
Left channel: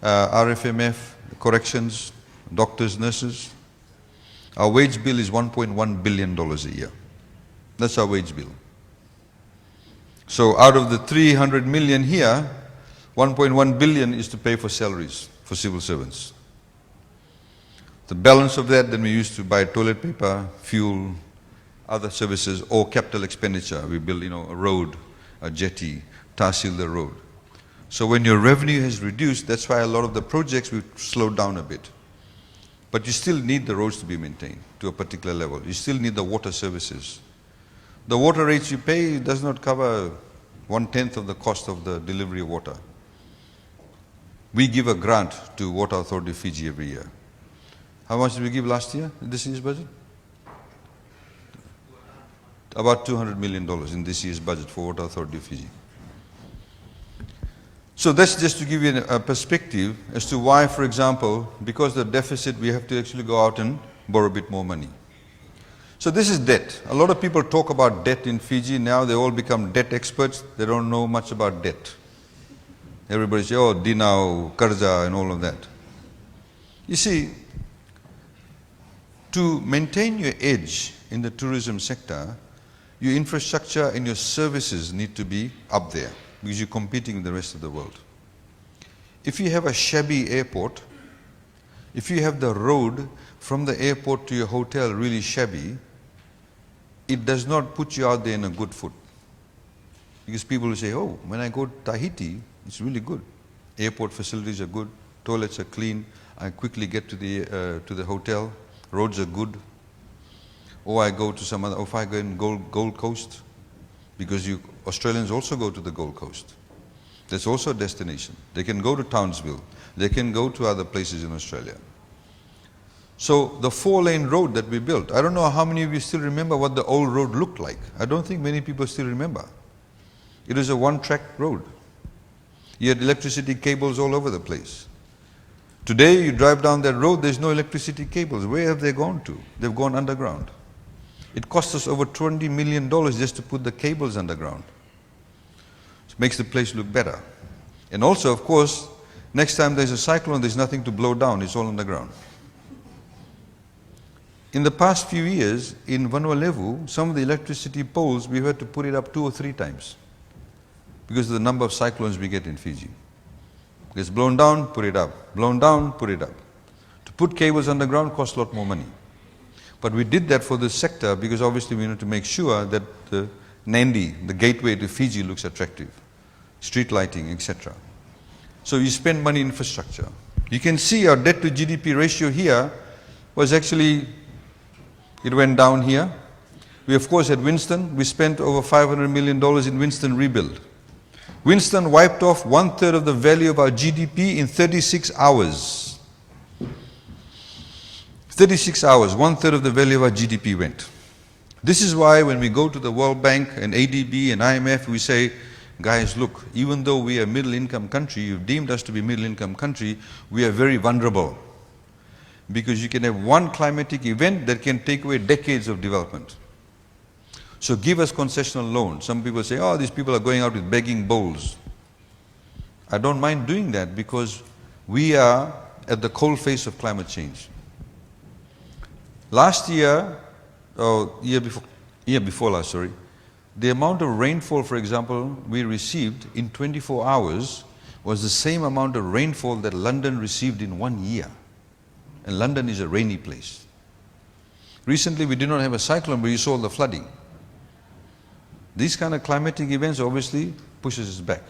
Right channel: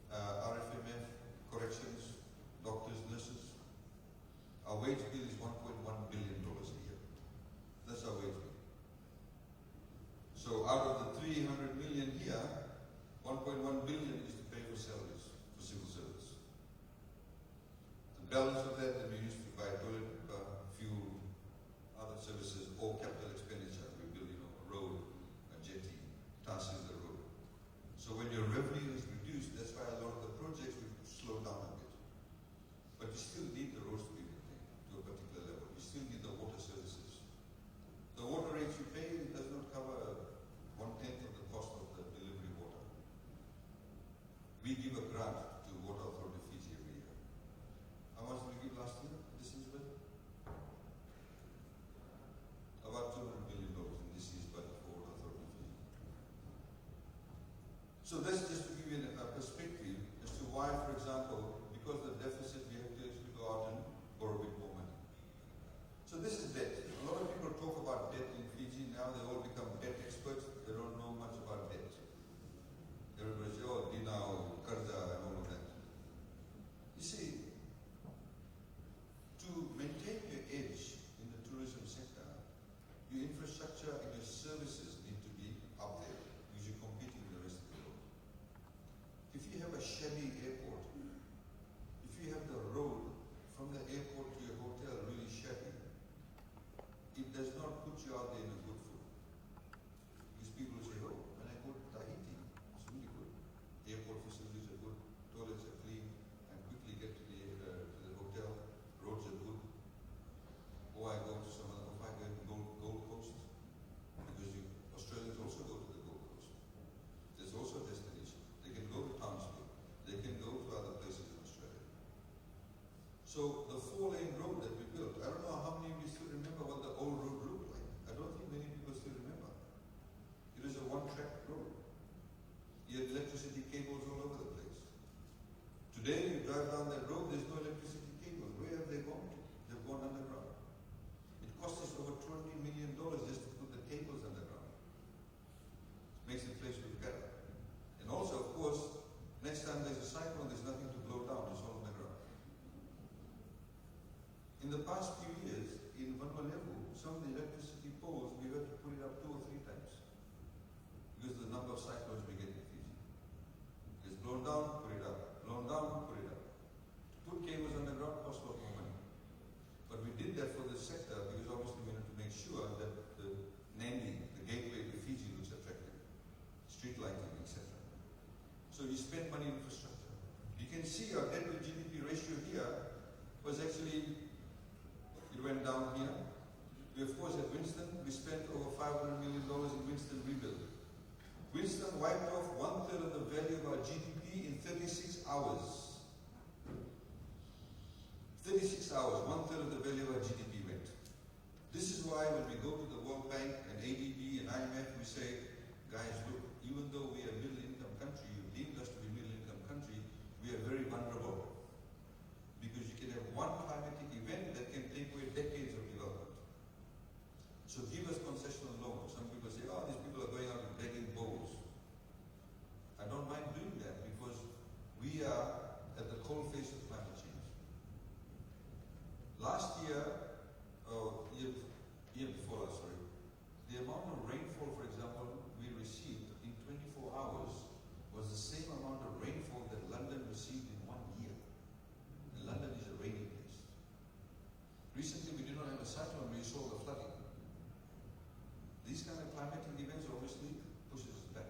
RFMF, corrections, doctors, nurses? Our wage bill is $1.1 billion a year. That's our wage bill. So out of the 300 million here, 1.1 billion is to pay for salaries for civil servants. The balance of that, then we used to buy toilet paper, fuel, other services, or capital expenditure. We build, a road, a jetty, tahsil the road. So when your revenue has reduced, that's why a lot of the projects will slow down a bit. But you still need the roads to be maintained to a particular level. You still need the water services. The water rates you pay does not cover 1/10 of the cost of the delivery of water. We give a grant to Water Authority of Fiji every year. How much did we give last year in this year's budget? About $200 million in this year's budget for Water Authority of Fiji. So that's just to give you a perspective as to why, for example, because of the deficit, we have to actually go out and borrow a bit more money. So this is debt. A lot of people talk about debt in Fiji. Now they all become debt experts. They don't know much about debt. Everybody says, oh, Denarau, Karza, and all of that. You see, to maintain your edge in the tourism sector, your infrastructure and your services need to be up there, because you're competing with the rest of the world. If you have a shabby airport, if you have the road from the airport to your hotel really shabby, it does not put you out there in a good foot. Because people will say, oh, when I go to Tahiti, it's really good. Airport facilities are good, toilets are clean, I quickly get to the hotel, roads are good. Or I go to some other, or if I go in Gold Coast, because Australians also go to the Gold Coast. That's also a destination. They can go to Townsville. They can go to other places in Australia. So the 4-lane road that we built, I don't know how many of you still remember what the old road looked like. I don't think many people still remember. It was a one-track road. You had electricity cables all over the place. Today you drive down that road, there's no electricity cables. Where have they gone to? They've gone underground. It cost us over $20 million just to put the cables underground. It makes the place look better. And also, of course, next time there's a cyclone, there's nothing to blow down, it's all underground. In the past few years, in Vanuatu, some of the electricity poles, we've had to put it up 2 or 3 times because of the number of cyclones we get in Fiji. It gets blown down, put it up. Blown down, put it up. To put cables underground costs a lot more money. But we did that for this sector because obviously we need to make sure that the Nadi, the gateway to Fiji, looks attractive. Street lighting, etc. So you spend money in infrastructure. You can see our debt to GDP ratio here was actually, it went down here. We of course had Winston. We spent over $500 million in Winston rebuild. Winston wiped off 1/3 of the value of our GDP in 36 hours. 36 hours, 1/3 of the value of our GDP went. This is why when we go to the World Bank and ADB and IMF, we say, guys, look, even though we are a middle-income country, you've deemed us to be a middle-income country, we are very vulnerable. Because you can have one climatic event that can take away decades of development. So give us concessional loans. Some people say, oh, these people are going out with begging bowls. I don't mind doing that because we are at the cold face of climate change. Last year, year before last, sorry, the amount of rainfall, for example, we received in 24 hours was the same amount of rainfall that London received in 1 year. And London is a rainy place. Recently, we did not have a cyclone, but you saw the flooding. These kind of climatic events obviously pushes us back.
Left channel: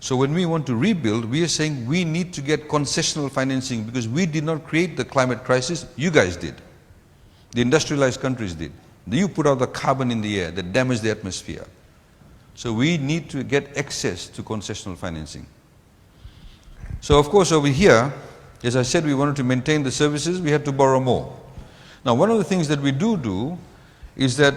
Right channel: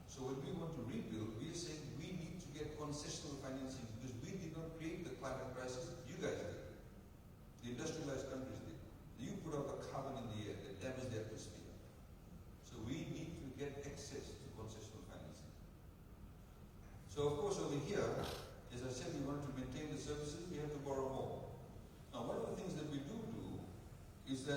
So when we want to rebuild, we are saying we need to get concessional financing because we did not create the climate crisis, you guys did. The industrialized countries did. You put out the carbon in the air that damaged the atmosphere. So we need to get access to concessional financing. So of course over here, as I said, we wanted to maintain the services, we had to borrow more. Now one of the things that we do is that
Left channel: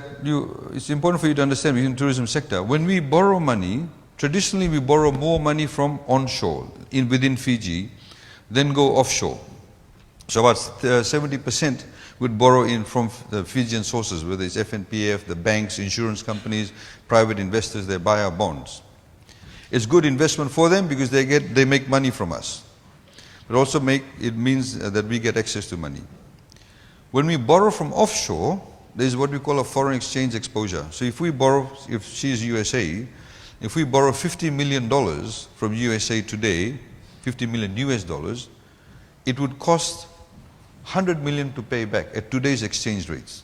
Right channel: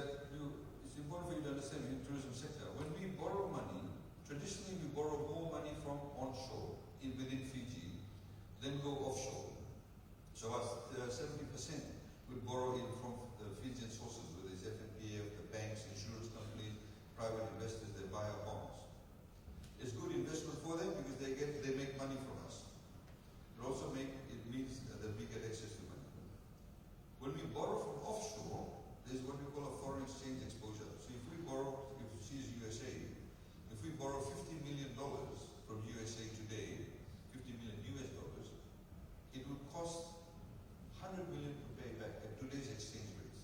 it's important for you to understand within the tourism sector, when we borrow money, traditionally we borrow more money from onshore, within Fiji, than go offshore. So about 70% would borrow in from the Fijian sources, whether it's FNPF, the banks, insurance companies, private investors, they buy our bonds. It's good investment for them because they make money from us. But also it means that we get access to money. When we borrow from offshore, there's what we call a foreign exchange exposure. So if we borrow, if she's USA, if we borrow $50 million from USA today, 50 million US dollars, it would cost 100 million to pay back at today's exchange rates.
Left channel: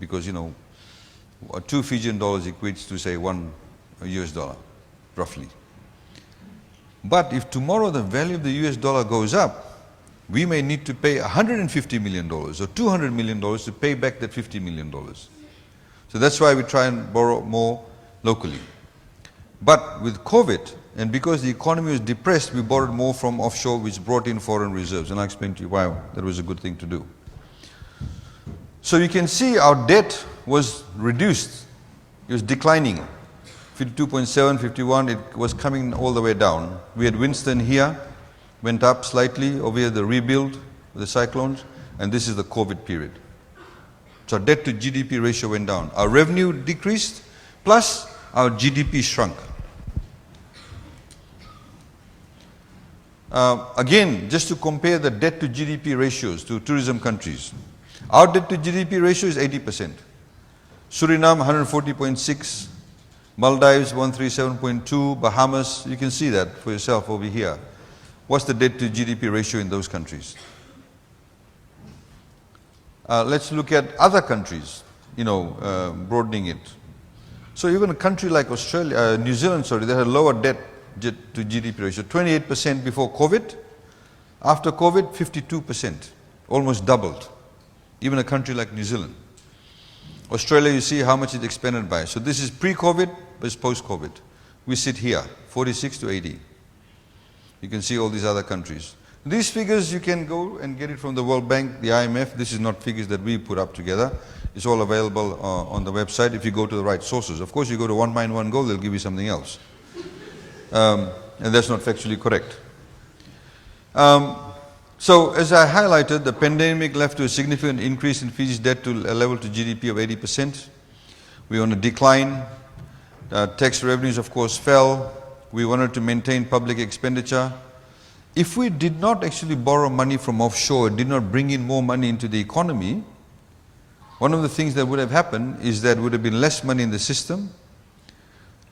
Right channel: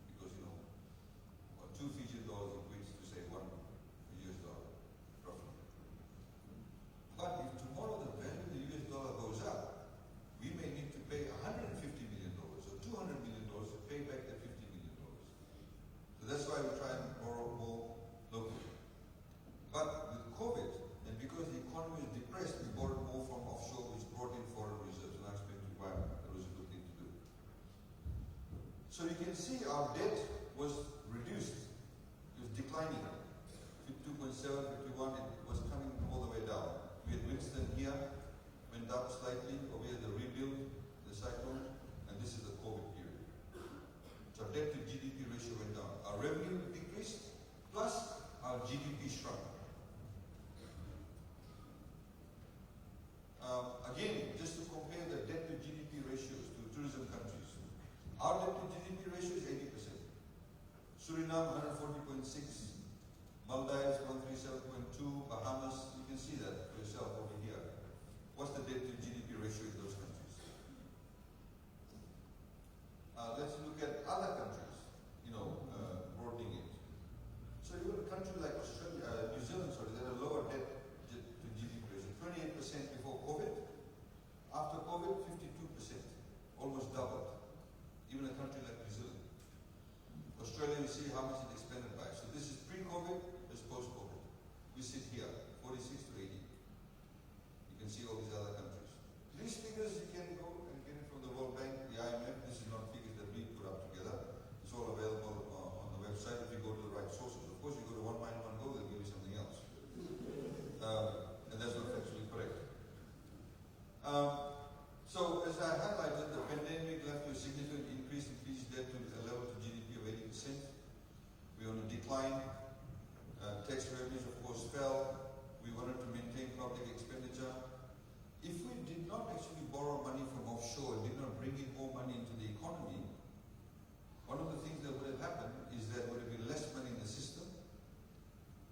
Because, 2 Fijian dollars equates to, say, 1 US dollar, roughly. But if tomorrow the value of the US dollar goes up, we may need to pay $150 million or $200 million to pay back that $50 million. So that's why we try and borrow more locally. But with COVID, and because the economy was depressed, we borrowed more from offshore, which brought in foreign reserves. And I'll explain to you why that was a good thing to do. So you can see our debt was reduced. It was declining. 52.7, 51, it was coming all the way down. We had Winston here, went up slightly. Over here, the rebuild, the cyclones, and this is the COVID period. So our debt to GDP ratio went down. Our revenue decreased, plus our GDP shrunk. Again, just to compare the debt to GDP ratios to tourism countries. Our debt to GDP ratio is 80%. Suriname, 140.6. Maldives, 137.2. Bahamas, you can see that for yourself over here. What's the debt to GDP ratio in those countries? Let's look at other countries, broadening it. So even a country like Australia, New Zealand, sorry, they had a lower debt to GDP ratio, 28% before COVID. After COVID, 52%, almost doubled. Even a country like New Zealand. Australia, you see how much it expanded by. So this is pre-COVID, but it's post-COVID. We sit here, 46 to 80. You can see all these other countries. These figures you can go and get it from the World Bank, the IMF. This is not figures that we put up together. It's all available on the website if you go to the right sources. Of course, you go to One Mind, One Goal, they'll give you something else. And that's not factually correct. So as I highlighted, the pandemic led to a significant increase in Fiji's debt to a level to GDP of 80%. We're on a decline. Tax revenues, of course, fell. We wanted to maintain public expenditure. If we did not actually borrow money from offshore, did not bring in more money into the economy, one of the things that would have happened is that would have been less money in the system,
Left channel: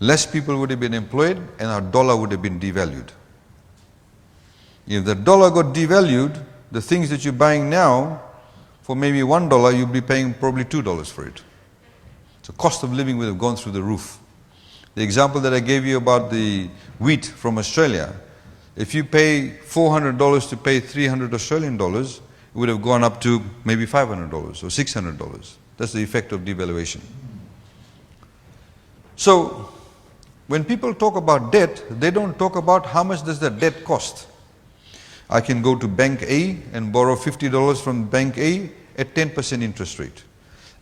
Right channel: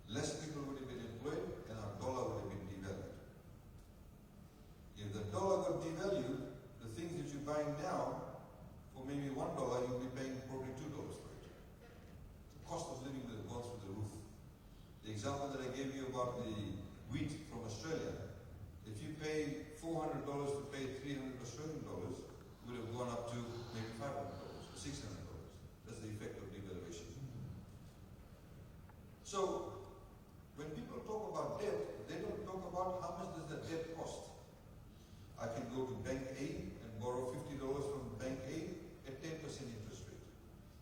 less people would have been employed, and our dollar would have been devalued. If the dollar got devalued, the things that you're buying now, for maybe $1, you'll be paying probably $2 for it. So cost of living would have gone through the roof. The example that I gave you about the wheat from Australia, if you pay $400 to pay 300 Australian dollars, it would have gone up to maybe $500 or $600. That's the effect of devaluation. So when people talk about debt, they don't talk about how much does that debt cost. I can go to Bank A and borrow $50 from Bank A at 10% interest rate.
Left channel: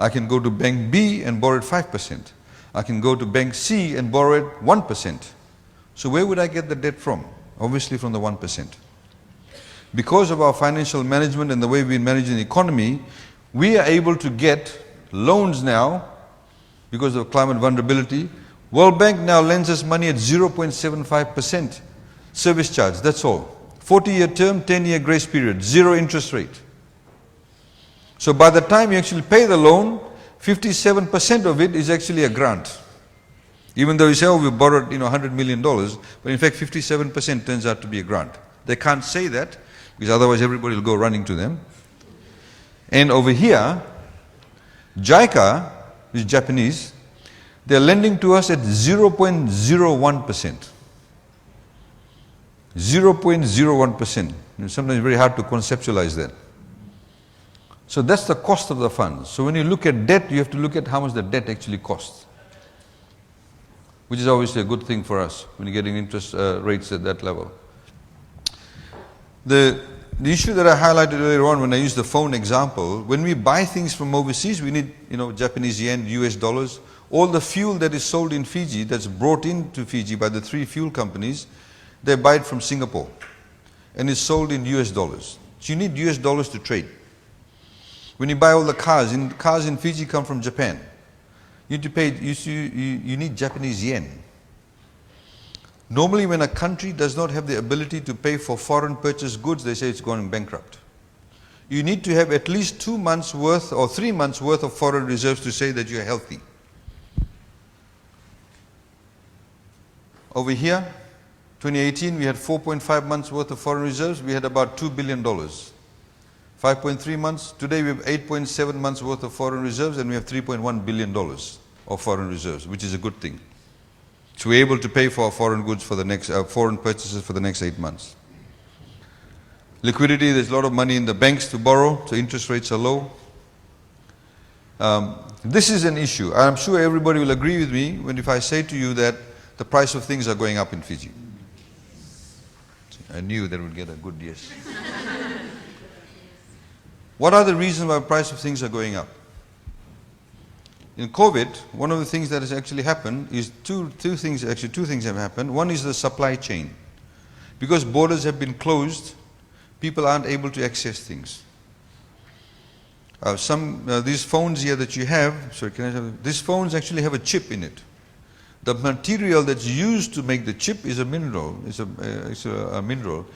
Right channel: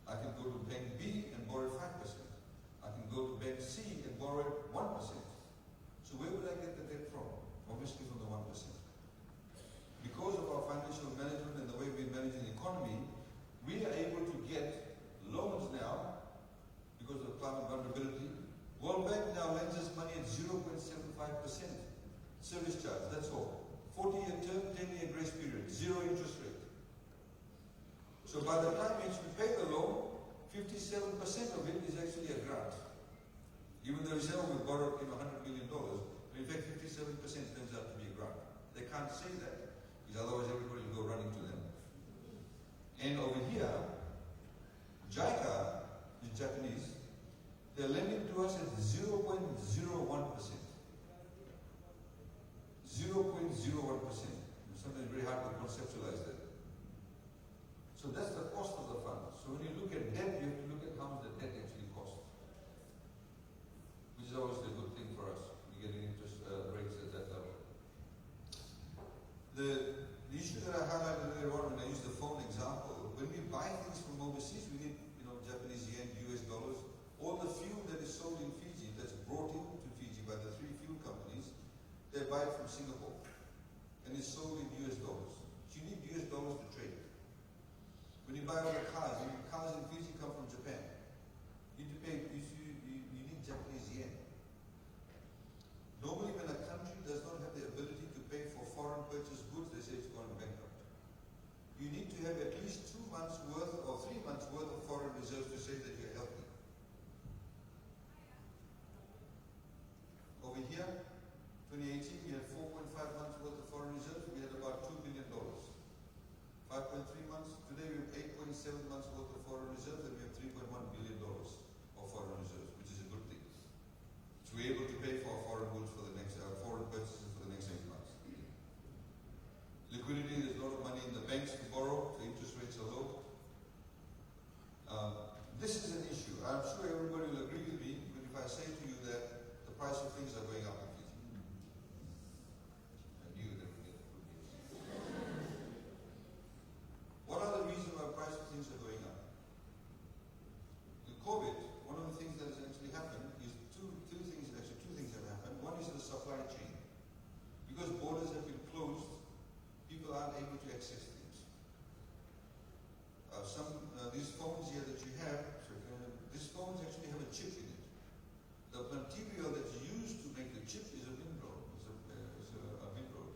I can go to Bank B and borrow at 5%. I can go to Bank C and borrow at 1%. So where would I get the debt from? Obviously from the 1%. Because of our financial management and the way we manage the economy, we are able to get loans now because of climate vulnerability. World Bank now lends us money at 0.75% service charge, that's all. 40-year term, 10-year grace period, 0 interest rate. So by the time you actually pay the loan, 57% of it is actually a grant. Even though you say, oh, we borrowed $100 million, but in fact 57% turns out to be a grant. They can't say that, because otherwise everybody will go running to them. And over here, JICA, which is Japanese, they're lending to us at 0.01%. 0.01%. Sometimes it's very hard to conceptualize that. So that's the cost of the funds. So when you look at debt, you have to look at how much the debt actually costs, which is obviously a good thing for us when you're getting interest rates at that level. The issue that I highlighted earlier on when I used the phone example, when we buy things from overseas, we need Japanese yen, US dollars. All the fuel that is sold in Fiji, that's brought into Fiji by the 3 fuel companies, they buy it from Singapore and it's sold in US dollars. So you need US dollars to trade. When you buy all the cars in Fiji come from Japan. You need to pay, you need Japanese yen. Normally when a country does not have the ability to pay for foreign purchased goods, they say it's going bankrupt. You need to have at least 2 months worth or 3 months worth of foreign reserves to say that you're healthy. Over here, 2018, we had 4.5 months worth of foreign reserves. We had about $2 billion. 5.3 months. Today we have 8.7 months worth of foreign reserves, and we have $3.1 billion of foreign reserves, which is a good thing. So we're able to pay for our foreign goods for the next, foreign purchases for the next 8 months. Liquidity, there's a lot of money in the banks to borrow, so interest rates are low. This is an issue. I'm sure everybody will agree with me if I say to you that the price of things are going up in Fiji. I knew that would get a good yes. What are the reasons why the price of things are going up? In COVID, one of the things that has actually happened is two things have happened. One is the supply chain. Because borders have been closed, people aren't able to access things. These phones here that you have, these phones actually have a chip in it. The material that's used to make the chip is a mineral. It's a mineral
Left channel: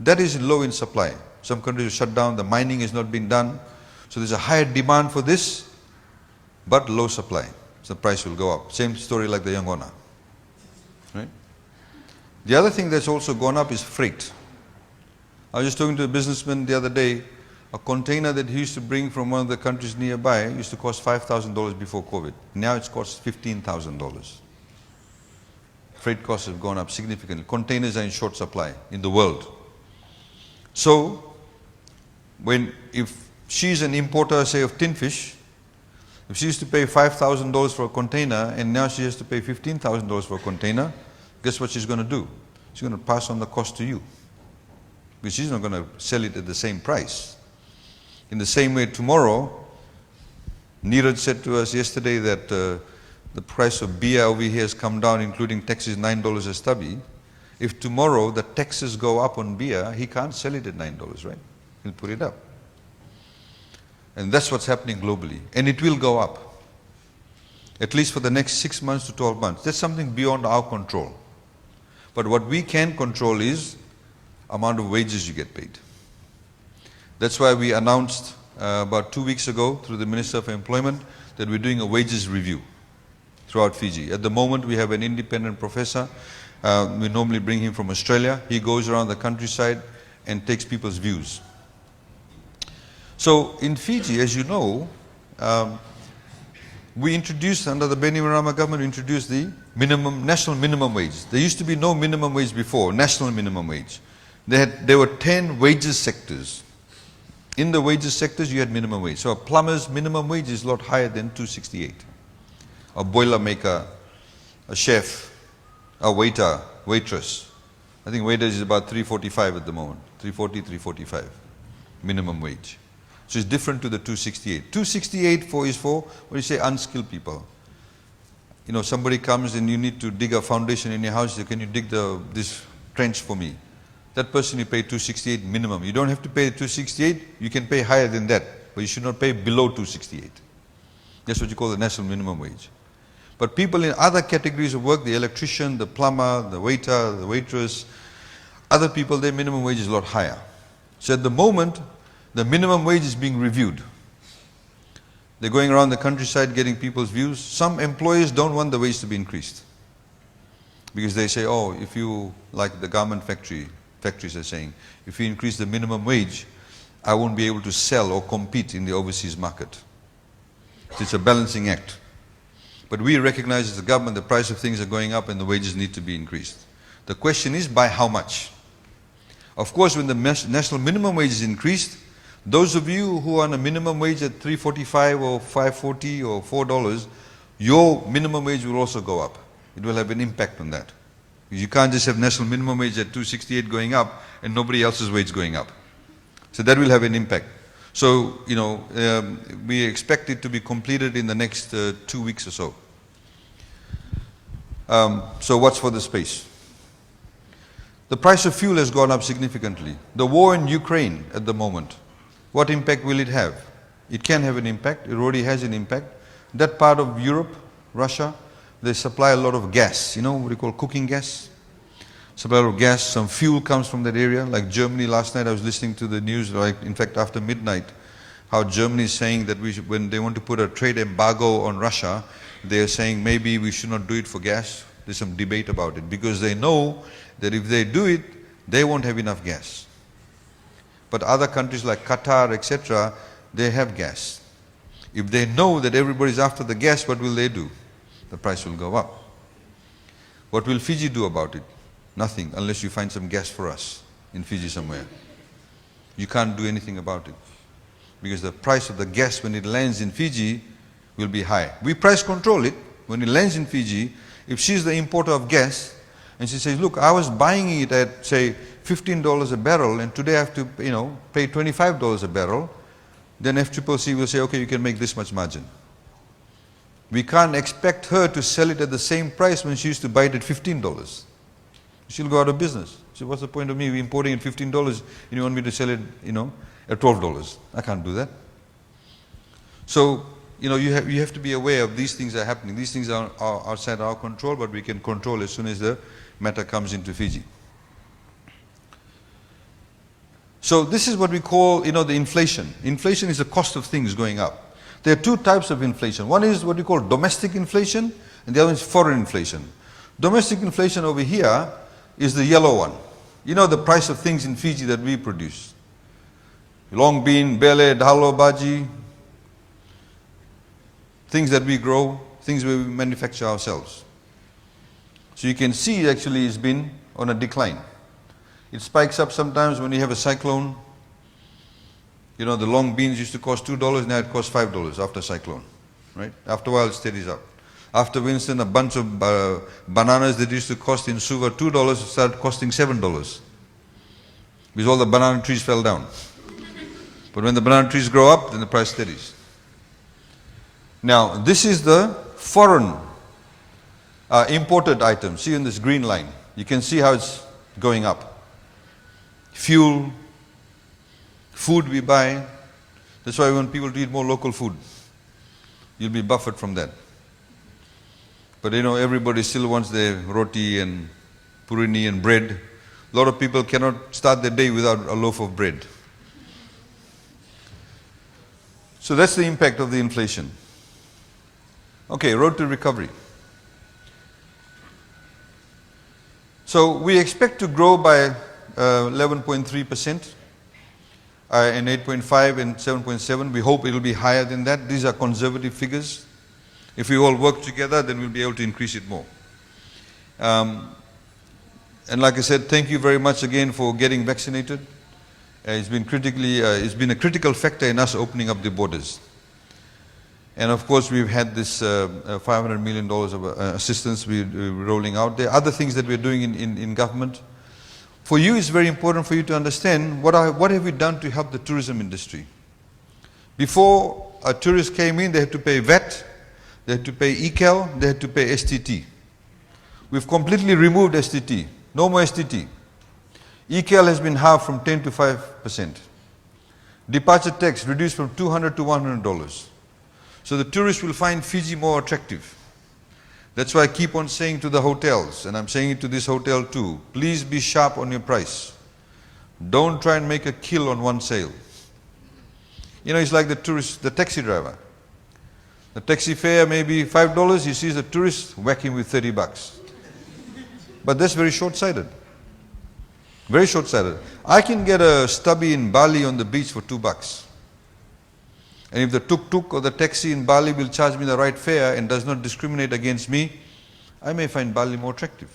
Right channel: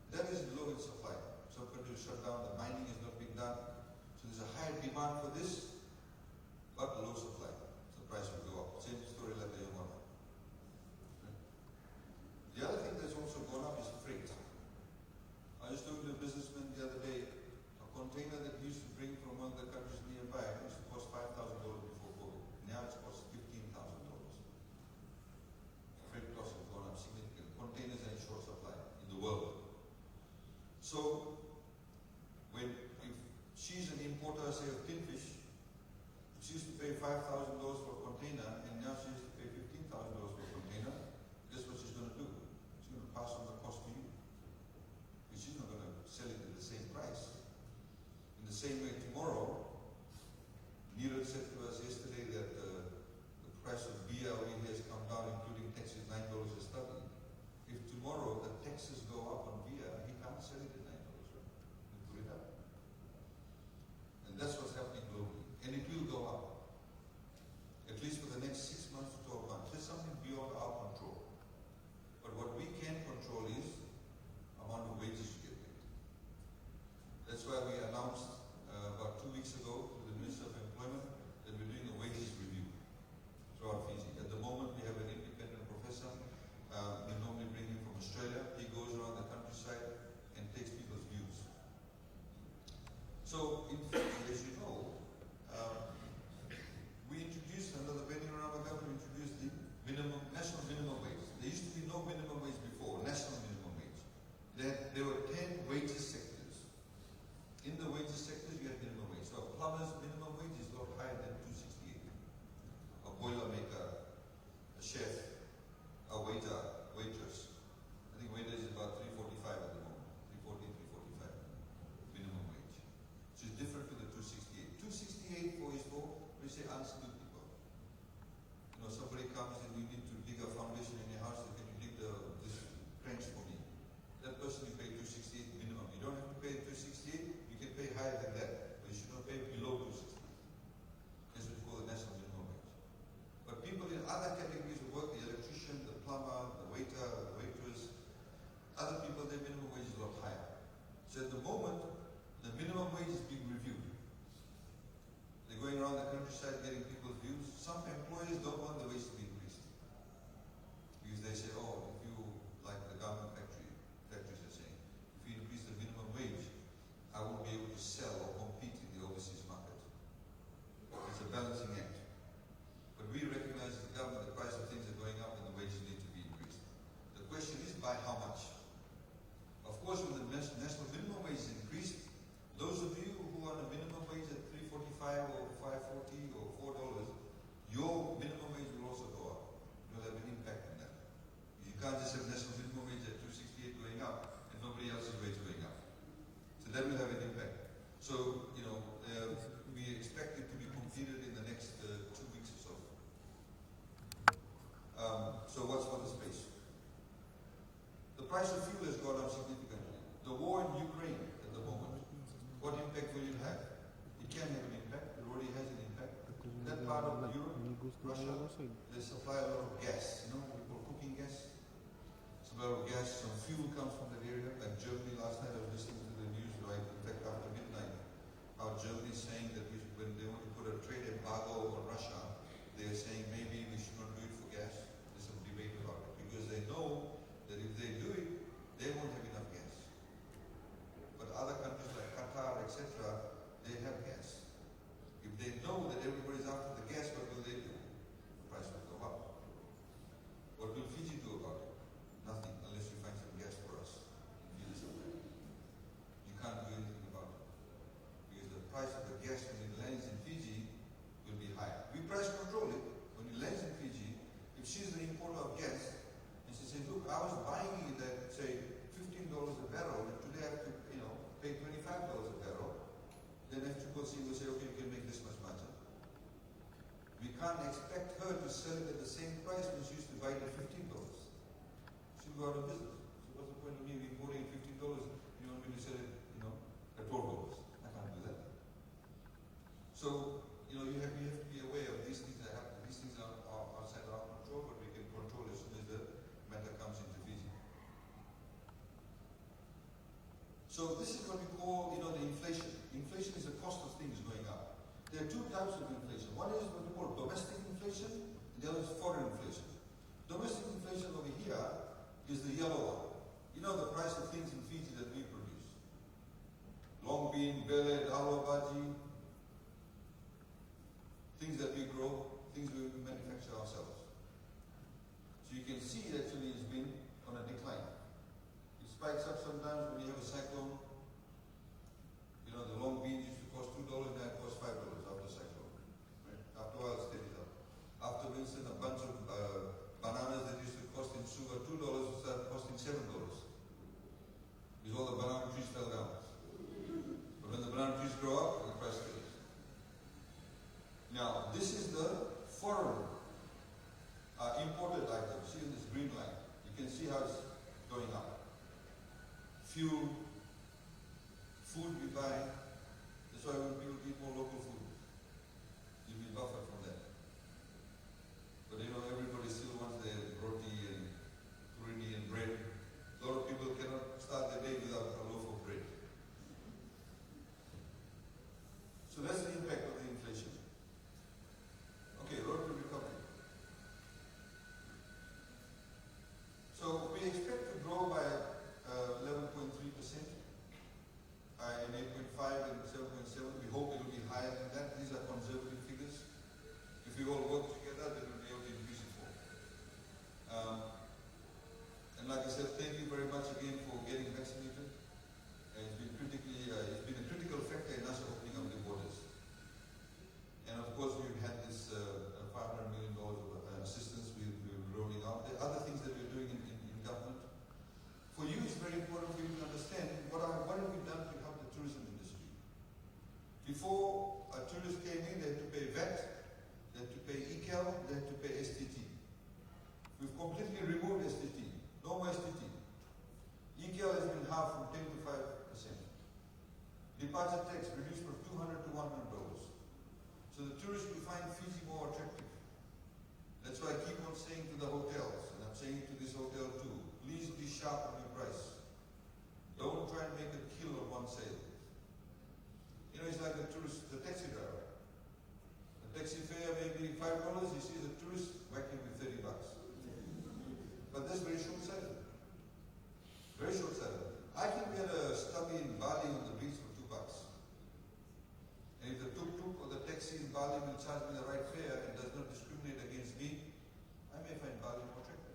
that is low in supply. Some countries have shut down. The mining has not been done, so there's a higher demand for this, but low supply. So the price will go up. Same story like the Yangona. Right? The other thing that's also gone up is freight. I was just talking to a businessman the other day. A container that he used to bring from one of the countries nearby used to cost $5,000 before COVID. Now it's cost $15,000. Freight costs have gone up significantly. Containers are in short supply in the world. So, if she's an importer, say, of tin fish, if she used to pay $5,000 for a container and now she has to pay $15,000 for a container, guess what she's going to do? She's going to pass on the cost to you. Because she's not going to sell it at the same price. In the same way, tomorrow, Neeraj said to us yesterday that the price of beer over here has come down, including taxes, $9 a stubby. If tomorrow the taxes go up on beer, he can't sell it at $9, right? He'll put it up. And that's what's happening globally. And it will go up, at least for the next 6 months to 12 months. That's something beyond our control. But what we can control is amount of wages you get paid. That's why we announced about 2 weeks ago through the Minister for Employment that we're doing a wages review throughout Fiji. At the moment, we have an independent professor. We normally bring him from Australia. He goes around the countryside and takes people's views. So in Fiji, as you know, we introduced, under the Bainimarama government, we introduced the national minimum wage. There used to be no minimum wage before, national minimum wage. There were 10 wages sectors. In the wages sectors, you had minimum wage. So a plumber's minimum wage is a lot higher than $268. A boiler maker, a chef, a waiter, waitress. I think waiter is about $345 at the moment. $340, $345 minimum wage. So it's different to the $268. $268 is for, what do you say, unskilled people. You know, somebody comes and you need to dig a foundation in your house. Can you dig this trench for me? That person you pay $268 minimum. You don't have to pay $268. You can pay higher than that, but you should not pay below $268. That's what you call the national minimum wage. But people in other categories of work, the electrician, the plumber, the waiter, the waitress, other people, their minimum wage is a lot higher. So at the moment, the minimum wage is being reviewed. They're going around the countryside getting people's views. Some employers don't want the wage to be increased. Because they say, oh, if you, like the garment factories are saying, if you increase the minimum wage, I won't be able to sell or compete in the overseas market. So it's a balancing act. But we recognize as the government the price of things are going up and the wages need to be increased. The question is by how much? Of course, when the national minimum wage is increased, those of you who are on a minimum wage at $3.45 or $5.40 or $4, your minimum wage will also go up. It will have an impact on that. You can't just have national minimum wage at $2.68 going up and nobody else's wage going up. So that will have an impact. So, you know, we expect it to be completed in the next 2 weeks or so. So what's for the space? The price of fuel has gone up significantly. The war in Ukraine at the moment, what impact will it have? It can have an impact. It already has an impact. That part of Europe, Russia, they supply a lot of gas. You know what we call cooking gas? Supply a lot of gas. Some fuel comes from that area. Like Germany, last night I was listening to the news, like in fact after midnight, how Germany is saying that we should, when they want to put a trade embargo on Russia, they are saying maybe we should not do it for gas. There's some debate about it because they know that if they do it, they won't have enough gas. But other countries like Qatar, etc., they have gas. If they know that everybody's after the gas, what will they do? The price will go up. What will Fiji do about it? Nothing, unless you find some gas for us in Fiji somewhere. You can't do anything about it. Because the price of the gas when it lands in Fiji will be high. We price control it. When it lands in Fiji, if she's the importer of gas, and she says, look, I was buying it at, say, $15 a barrel, and today I have to, you know, pay $25 a barrel, then FCCC will say, okay, you can make this much margin. We can't expect her to sell it at the same price when she used to buy it at $15. She'll go out of business. So what's the point of me importing at $15 and you want me to sell it, you know, at $12? I can't do that. So, you know, you have to be aware of these things are happening. These things are outside our control, but we can control as soon as the matter comes into Fiji. So this is what we call, you know, the inflation. Inflation is the cost of things going up. There are two types of inflation. One is what we call domestic inflation, and the other is foreign inflation. Domestic inflation over here is the yellow one. You know the price of things in Fiji that we produce. Long bean, bele, dhalo, bhaji, things that we grow, things we manufacture ourselves. So you can see actually it's been on a decline. It spikes up sometimes when you have a cyclone. You know, the long beans used to cost $2, now it costs $5 after cyclone, right? After a while it steadies up. After Winston, a bunch of bananas that used to cost in Suva $2 started costing $7 because all the banana trees fell down. But when the banana trees grow up, then the price steadies. Now, this is the foreign imported items. See in this green line, you can see how it's going up. Fuel, food we buy. That's why we want people to eat more local food. You'll be buffered from that. But you know, everybody still wants their roti and purini and bread. A lot of people cannot start their day without a loaf of bread. So that's the impact of the inflation. Okay, road to recovery. So we expect to grow by 11.3% and 8.5 and 7.7. We hope it will be higher than that. These are conservative figures. If we all work together, then we'll be able to increase it more. And like I said, thank you very much again for getting vaccinated. It's been a critical factor in us opening up the borders. And of course, we've had this $500 million of assistance we're rolling out. There are other things that we're doing in government. For you, it's very important for you to understand what have we done to help the tourism industry. Before a tourist came in, they had to pay VAT, they had to pay ECAL, they had to pay STT. We've completely removed STT. No more STT. ECAL has been halved from 10 to 5%. Departure tax reduced from $200 to $100. So the tourists will find Fiji more attractive. That's why I keep on saying to the hotels, and I'm saying it to this hotel too, please be sharp on your price. Don't try and make a kill on one sale. You know, it's like the taxi driver. The taxi fare may be $5, he sees a tourist, whack him with $30. But that's very short-sighted. Very short-sighted. I can get a stubby in Bali on the beach for $2. And if the tuk-tuk or the taxi in Bali will charge me the right fare and does not discriminate against me, I may find Bali more attractive.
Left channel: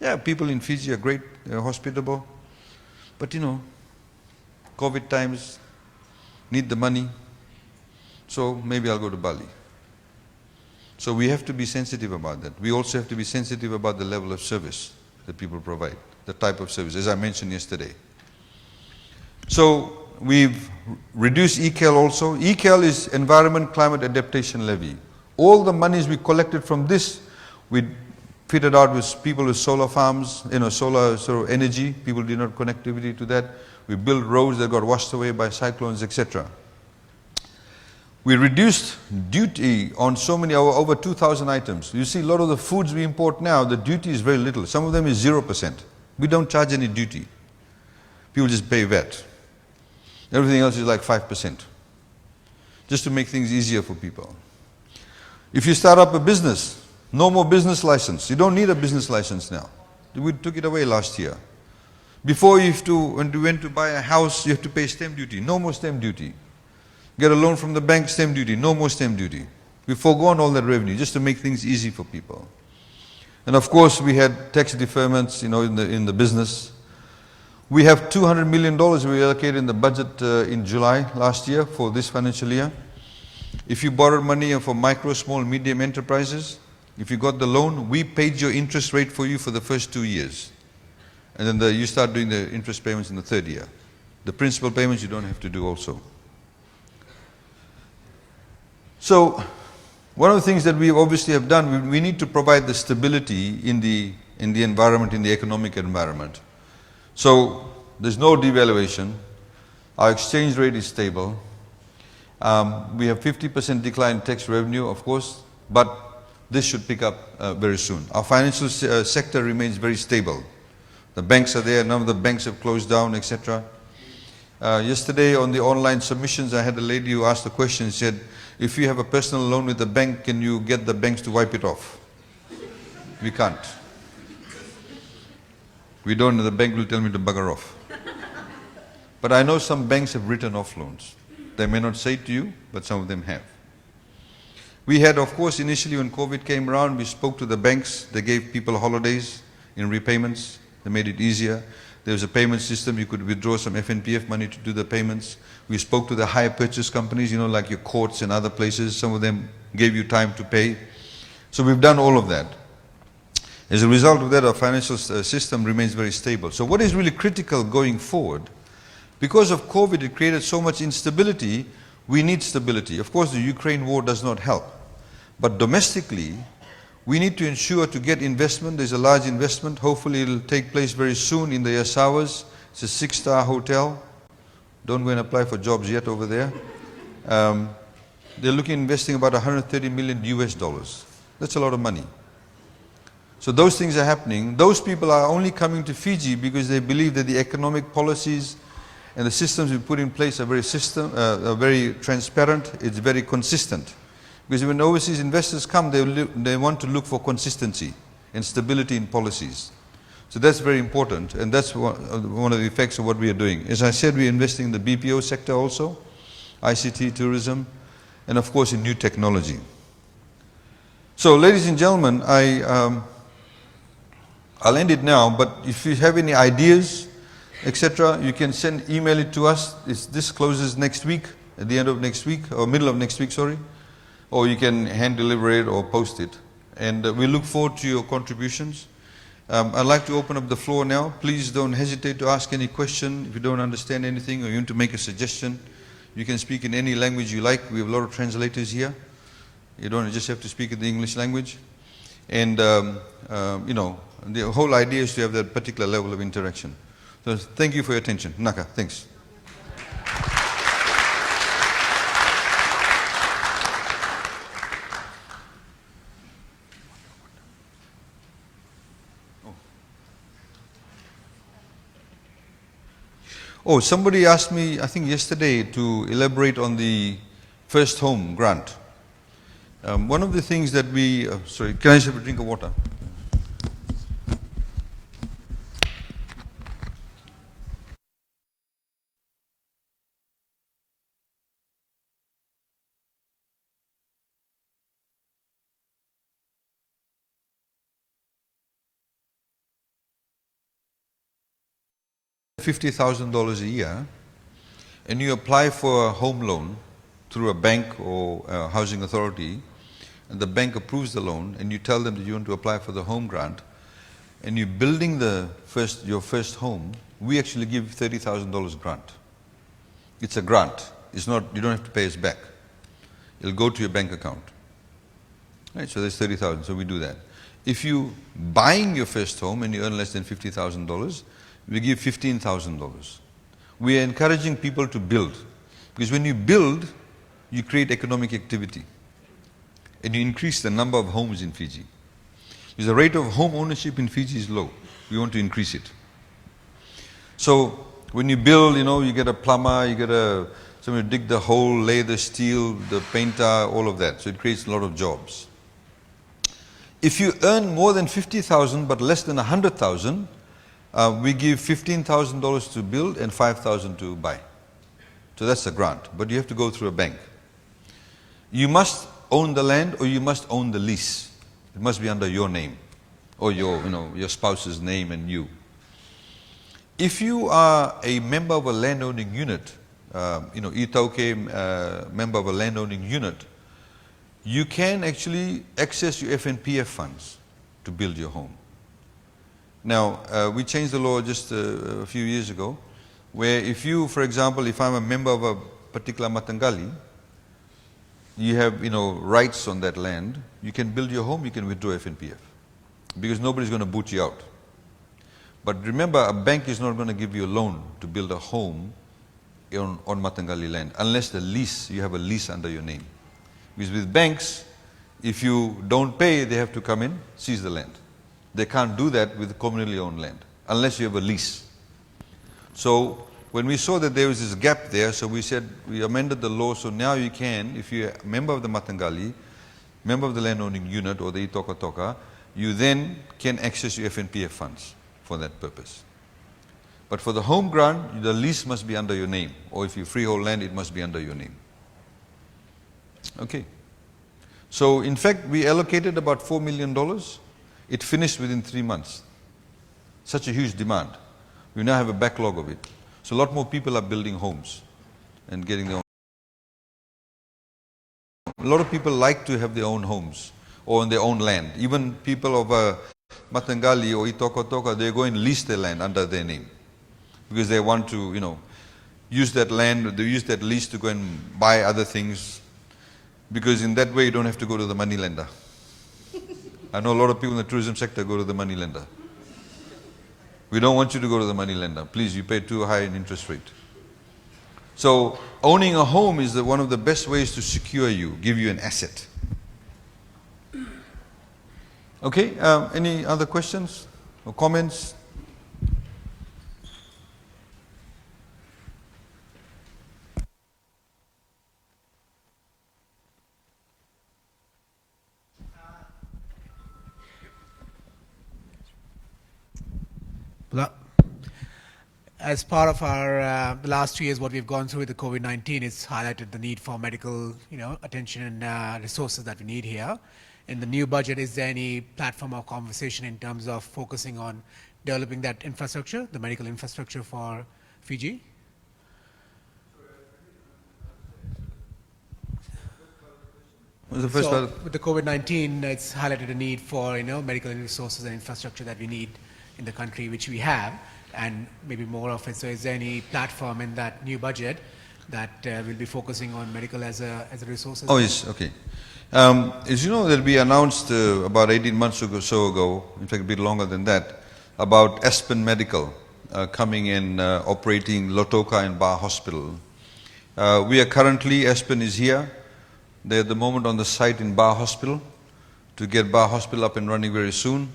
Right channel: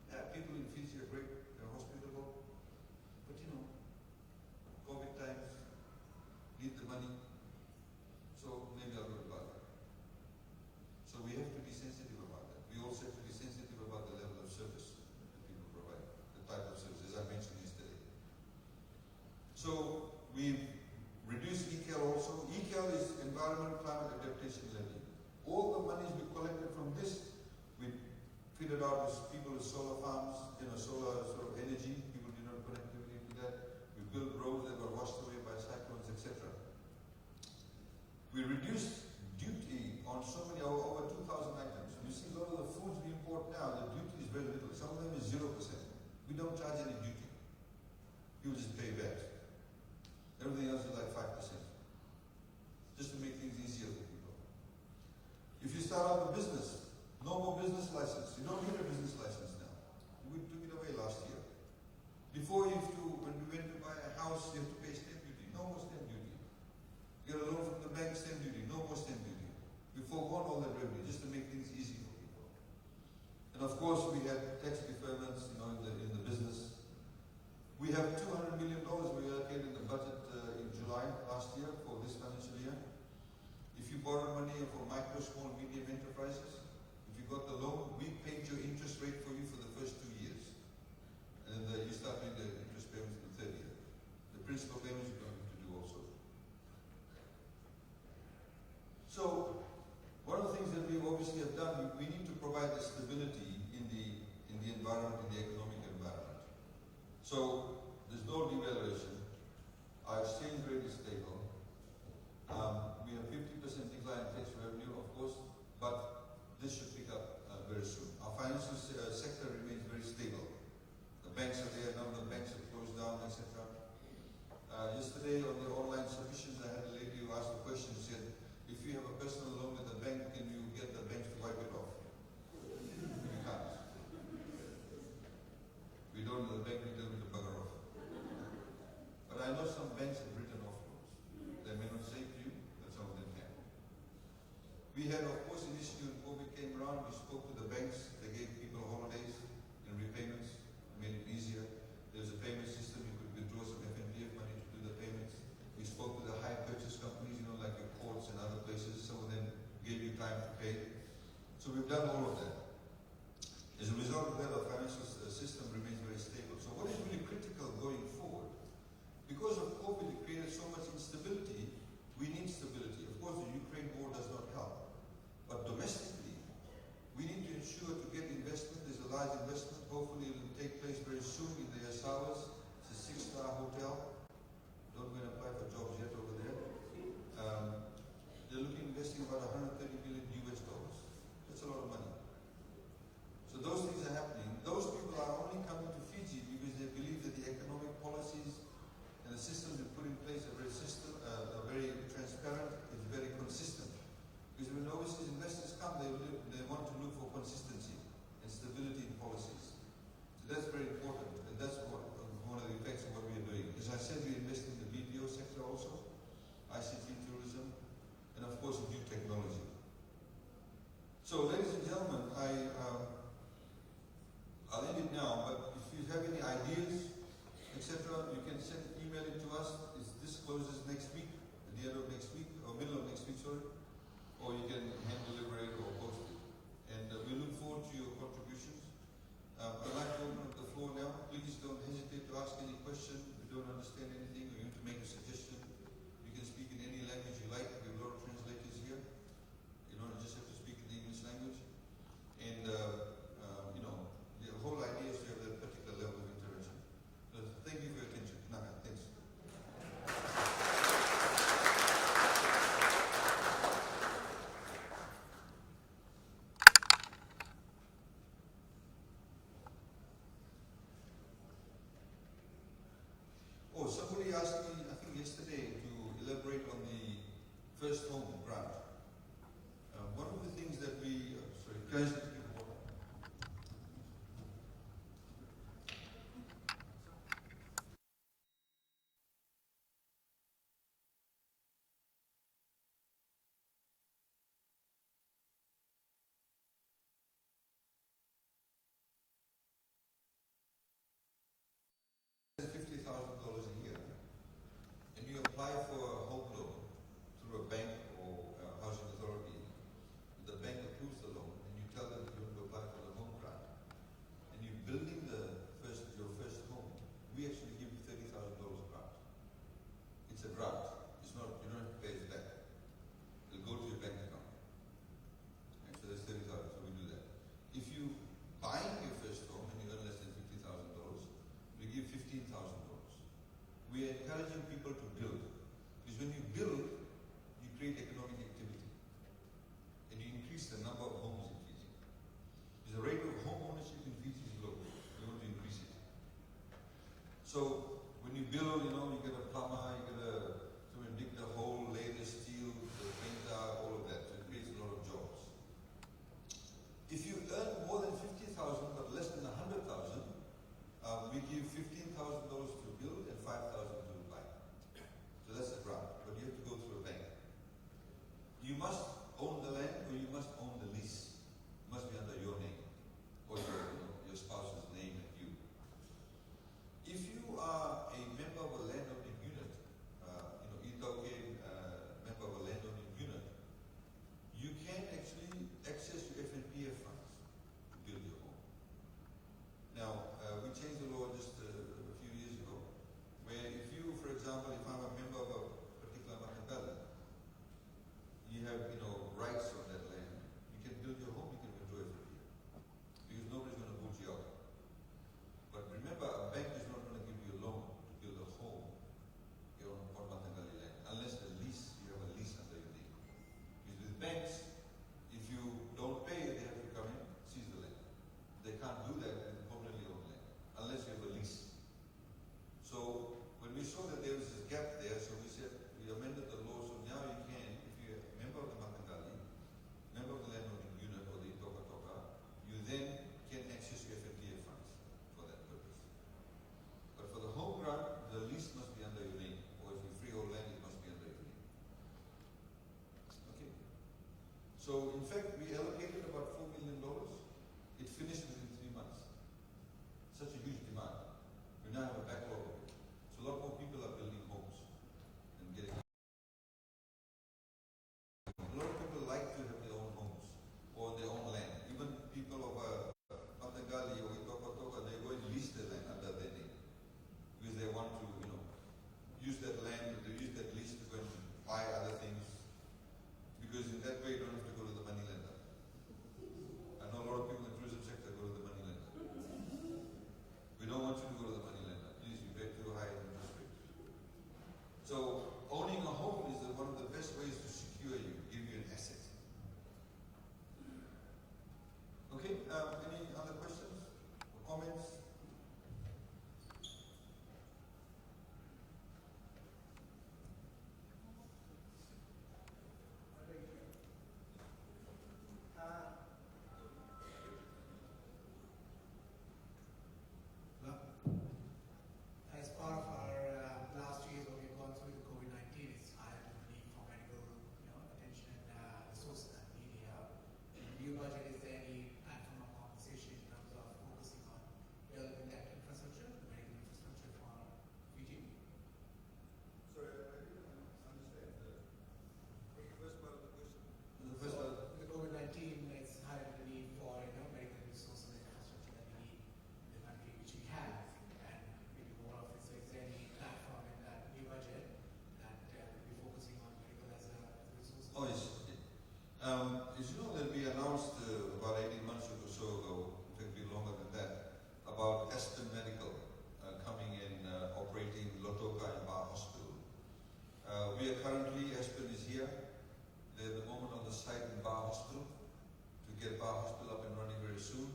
Yeah, people in Fiji are great, they're hospitable. But you know, COVID times, need the money, so maybe I'll go to Bali. So we have to be sensitive about that. We also have to be sensitive about the level of service that people provide, the type of service, as I mentioned yesterday. So we've reduced ECAL also. ECAL is Environment Climate Adaptation Levy. All the monies we collected from this, we fitted out with people with solar farms, solar sort of energy. People did not connectivity to that. We built roads that got washed away by cyclones, etc. We reduced duty on so many, over 2,000 items. You see a lot of the foods we import now, the duty is very little. Some of them is 0%. We don't charge any duty. People just pay VAT. Everything else is like 5%. Just to make things easier for people. If you start up a business, no more business license. You don't need a business license now. We took it away last year. Before when you went to buy a house, you have to pay stamp duty. No more stamp duty. Get a loan from the bank, stamp duty. No more stamp duty. We've foregone all that revenue just to make things easy for people. And of course, we had tax deferments, in the business. We have $200 million we allocated in the budget in July last year for this financial year. If you borrowed money for micro, small, medium enterprises, if you got the loan, we paid your interest rate for you for the first 2 years. And then you start doing the interest payments in the third year. The principal payments you don't have to do also. So, one of the things that we obviously have done, we need to provide the stability in the environment, in the economic environment. So, there's no devaluation. Our exchange rate is stable. We have 50% decline in tax revenue, of course, but this should pick up very soon. Our financial sector remains very stable. The banks are there, none of the banks have closed down, etc. Yesterday on the online submissions, I had a lady who asked a question, she said, if you have a personal loan with the bank, can you get the banks to wipe it off? We can't. We don't, the bank will tell me to bugger off. But I know some banks have written off loans. They may not say it to you, but some of them have. We had, of course, initially when COVID came around, we spoke to the banks. They gave people holidays in repayments. They made it easier. There was a payment system. You could withdraw some FNPF money to do the payments. We spoke to the hire purchase companies, like your courts and other places. Some of them gave you time to pay. So we've done all of that. As a result of that, our financial system remains very stable. So what is really critical going forward? Because of COVID, it created so much instability. We need stability. Of course, the Ukraine war does not help. But domestically, we need to ensure to get investment. There's a large investment. Hopefully, it will take place very soon in the Aiyaz. It's a 6-star hotel. Don't go and apply for jobs yet over there. They're looking at investing about $130 million US. That's a lot of money. So those things are happening. Those people are only coming to Fiji because they believe that the economic policies and the systems we put in place are very transparent. It's very consistent. Because when overseas investors come, they want to look for consistency and stability in policies. So that's very important, and that's one of the effects of what we are doing. As I said, we're investing in the BPO sector also, ICT, tourism, and of course in new technology. So ladies and gentlemen, I'll end it now, but if you have any ideas, etc., you can email it to us. This closes next week, at the end of next week, or middle of next week, sorry. Or you can hand deliver it or post it. And we look forward to your contributions. I'd like to open up the floor now. Please don't hesitate to ask any question. If you don't understand anything or you want to make a suggestion, you can speak in any language you like. We have a lot of translators here. You don't just have to speak in the English language. And, the whole idea is to have that particular level of interaction. So thank you for your attention. Naka, thanks. Oh, somebody asked me, I think yesterday, to elaborate on the first home grant. One of the things that we, sorry, can I just have a drink of water? $50,000 a year, and you apply for a home loan through a bank or a housing authority, and the bank approves the loan, and you tell them that you want to apply for the home grant, and you're building your first home, we actually give $30,000 grant. It's a grant. It's not, you don't have to pay us back. It'll go to your bank account. Right, so there's 30,000, so we do that. If you buying your first home and you earn less than $50,000, we give $15,000. We are encouraging people to build, because when you build, you create economic activity, and you increase the number of homes in Fiji. Because the rate of home ownership in Fiji is low. We want to increase it. So when you build, you get a plumber, you get somebody to dig the hole, lay the steel, the painter, all of that. So it creates a lot of jobs. If you earn more than 50,000 but less than 100,000, we give $15,000 to build and $5,000 to buy. So that's a grant, but you have to go through a bank. You must own the land, or you must own the lease. It must be under your name, or your spouse's name and you. If you are a member of a landowning unit, Itauke, member of a landowning unit, you can actually access your FNPF funds to build your home. Now, we changed the law just a few years ago, where if you, for example, if I'm a member of a particular Matangali, you have, rights on that land, you can build your home, you can withdraw FNPF, because nobody's going to boot you out. But remember, a bank is not going to give you a loan to build a home on Matangali land, unless you have a lease under your name. Because with banks, if you don't pay, they have to come in, seize the land. They can't do that with communally owned land, unless you have a lease. So when we saw that there was this gap there, so we said, we amended the law, so now you can, if you're a member of the Matangali, member of the landowning unit or the Itoka Toka, you then can access your FNPF funds for that purpose. But for the home grant, the lease must be under your name, or if you freehold land, it must be under your name. Okay. So in fact, we allocated about $4 million. It finished within 3 months. Such a huge demand. We now have a backlog of it. So a lot more people are building homes and getting their own. A lot of people like to have their own homes or on their own land. Even people of Matangali or Itoka Toka, they go and lease their land under their name, because they want to, use that land, they use that lease to go and buy other things, because in that way you don't have to go to the money lender. I know a lot of people in the tourism sector go to the money lender. We don't want you to go to the money lender. Please, you pay too high an interest rate. So owning a home is one of the best ways to secure you, give you an asset. Okay, any other questions or comments? As part of our the last 2 years, what we've gone through with the COVID-19, it's highlighted the need for medical, attention and resources that we need here. In the new budget, is there any platform or conversation in terms of focusing on developing that infrastructure, the medical infrastructure for Fiji? What was the first part? With the COVID-19, it's highlighted a need for medical resources and infrastructure that we need in the country, which we have, and maybe more of it. So is there any platform in that new budget that will be focusing on medical as a resource? Oh, yes, okay. As you know, that we announced about 18 months or so ago, in fact a bit longer than that, about Aspen Medical coming and operating Lotoka and Bar Hospital. We are currently, Aspen is here. They're at the moment on the site in Bar Hospital to get Bar Hospital up and running very soon.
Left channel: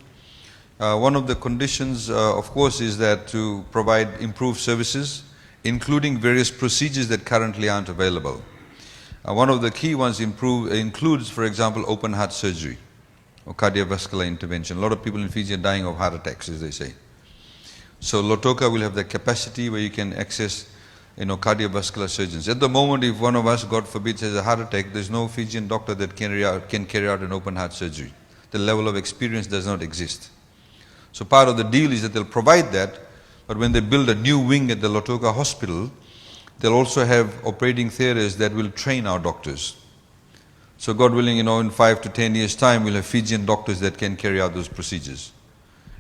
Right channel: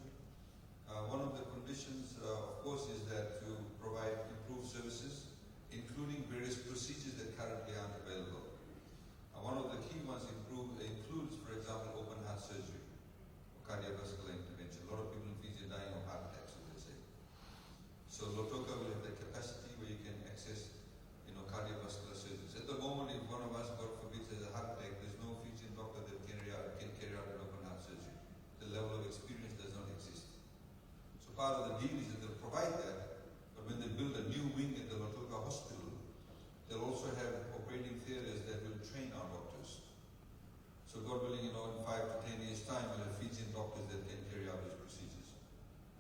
One of the conditions, of course, is that to provide improved services, including various procedures that currently aren't available. One of the key ones includes, for example, open heart surgery or cardiovascular intervention. A lot of people in Fiji are dying of heart attacks, as they say. So Lautoka will have the capacity where you can access, cardiovascular surgeons. At the moment, if one of us, God forbid, has a heart attack, there's no Fijian doctor that can carry out an open heart surgery. The level of experience does not exist. So part of the deal is that they'll provide that, but when they build a new wing at the Lautoka hospital, they'll also have operating theatres that will train our doctors. So God willing, in 5 to 10 years' time, we'll have Fijian doctors that can carry out those procedures.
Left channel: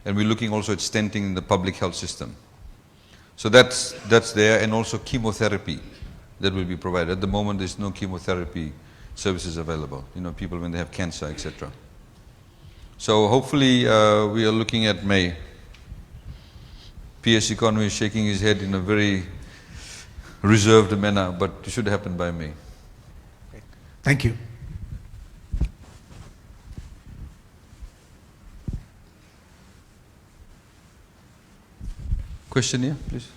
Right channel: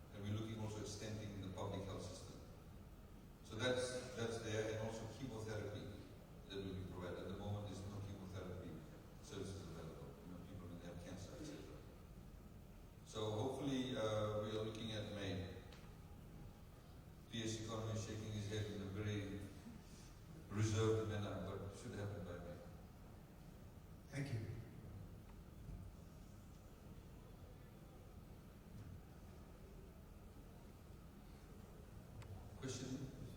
And we're looking also at stenting in the public health system. So that's there, and also chemotherapy that will be provided. At the moment, there's no chemotherapy services available, people when they have cancer, etc. So hopefully, we are looking at May. PS Economy is shaking his head in a very reserved manner, but it should happen by May. Thank you. Question here, please.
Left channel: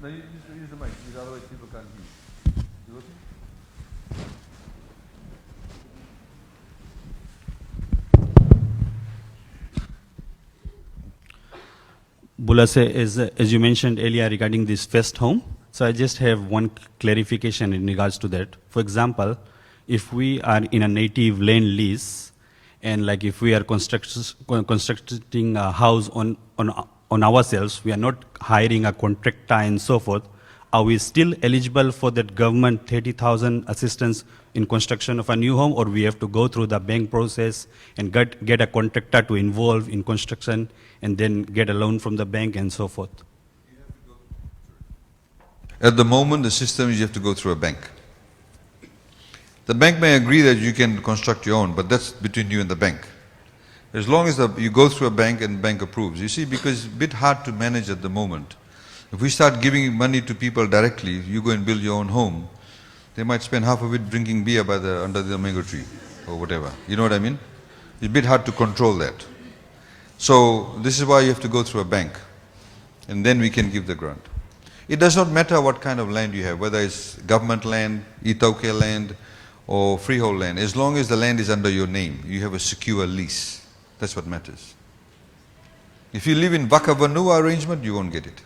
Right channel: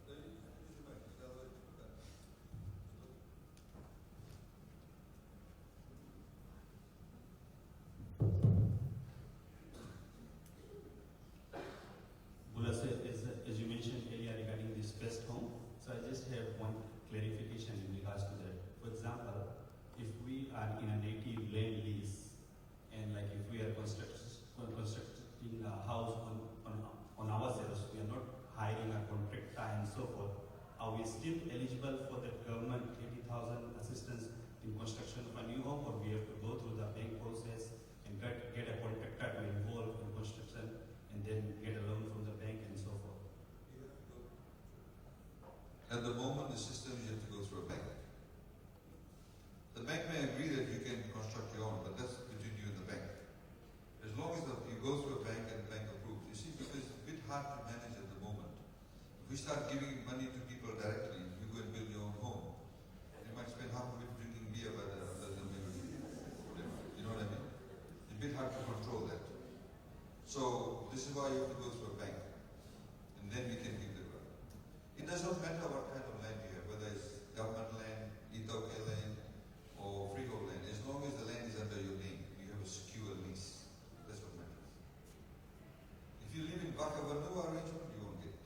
No, you use the mic, because otherwise people can't hear you. You looking? Bulase, as you mentioned earlier regarding this first home, so I just have one clarification in regards to that. For example, if we are in a native land lease, and like if we are constructing a house on ourselves, we are not hiring a contractor and so forth, are we still eligible for that government 30,000 assistance in construction of a new home, or we have to go through the bank process and get a contractor to involve in construction and then get a loan from the bank and so forth? At the moment, the system is you have to go through a bank. The bank may agree that you can construct your own, but that's between you and the bank. As long as you go through a bank and the bank approves. You see, because it's a bit hard to manage at the moment. If we start giving money to people directly, you go and build your own home, they might spend half of it drinking beer under the mango tree or whatever. You know what I mean? It's a bit hard to control that. So this is why you have to go through a bank, and then we can give the grant. It does not matter what kind of land you have, whether it's government land, Itauke land, or freehold land. As long as the land is under your name, you have a secure lease. That's what matters. If you live in Vaka Vanua arrangement, you won't get it.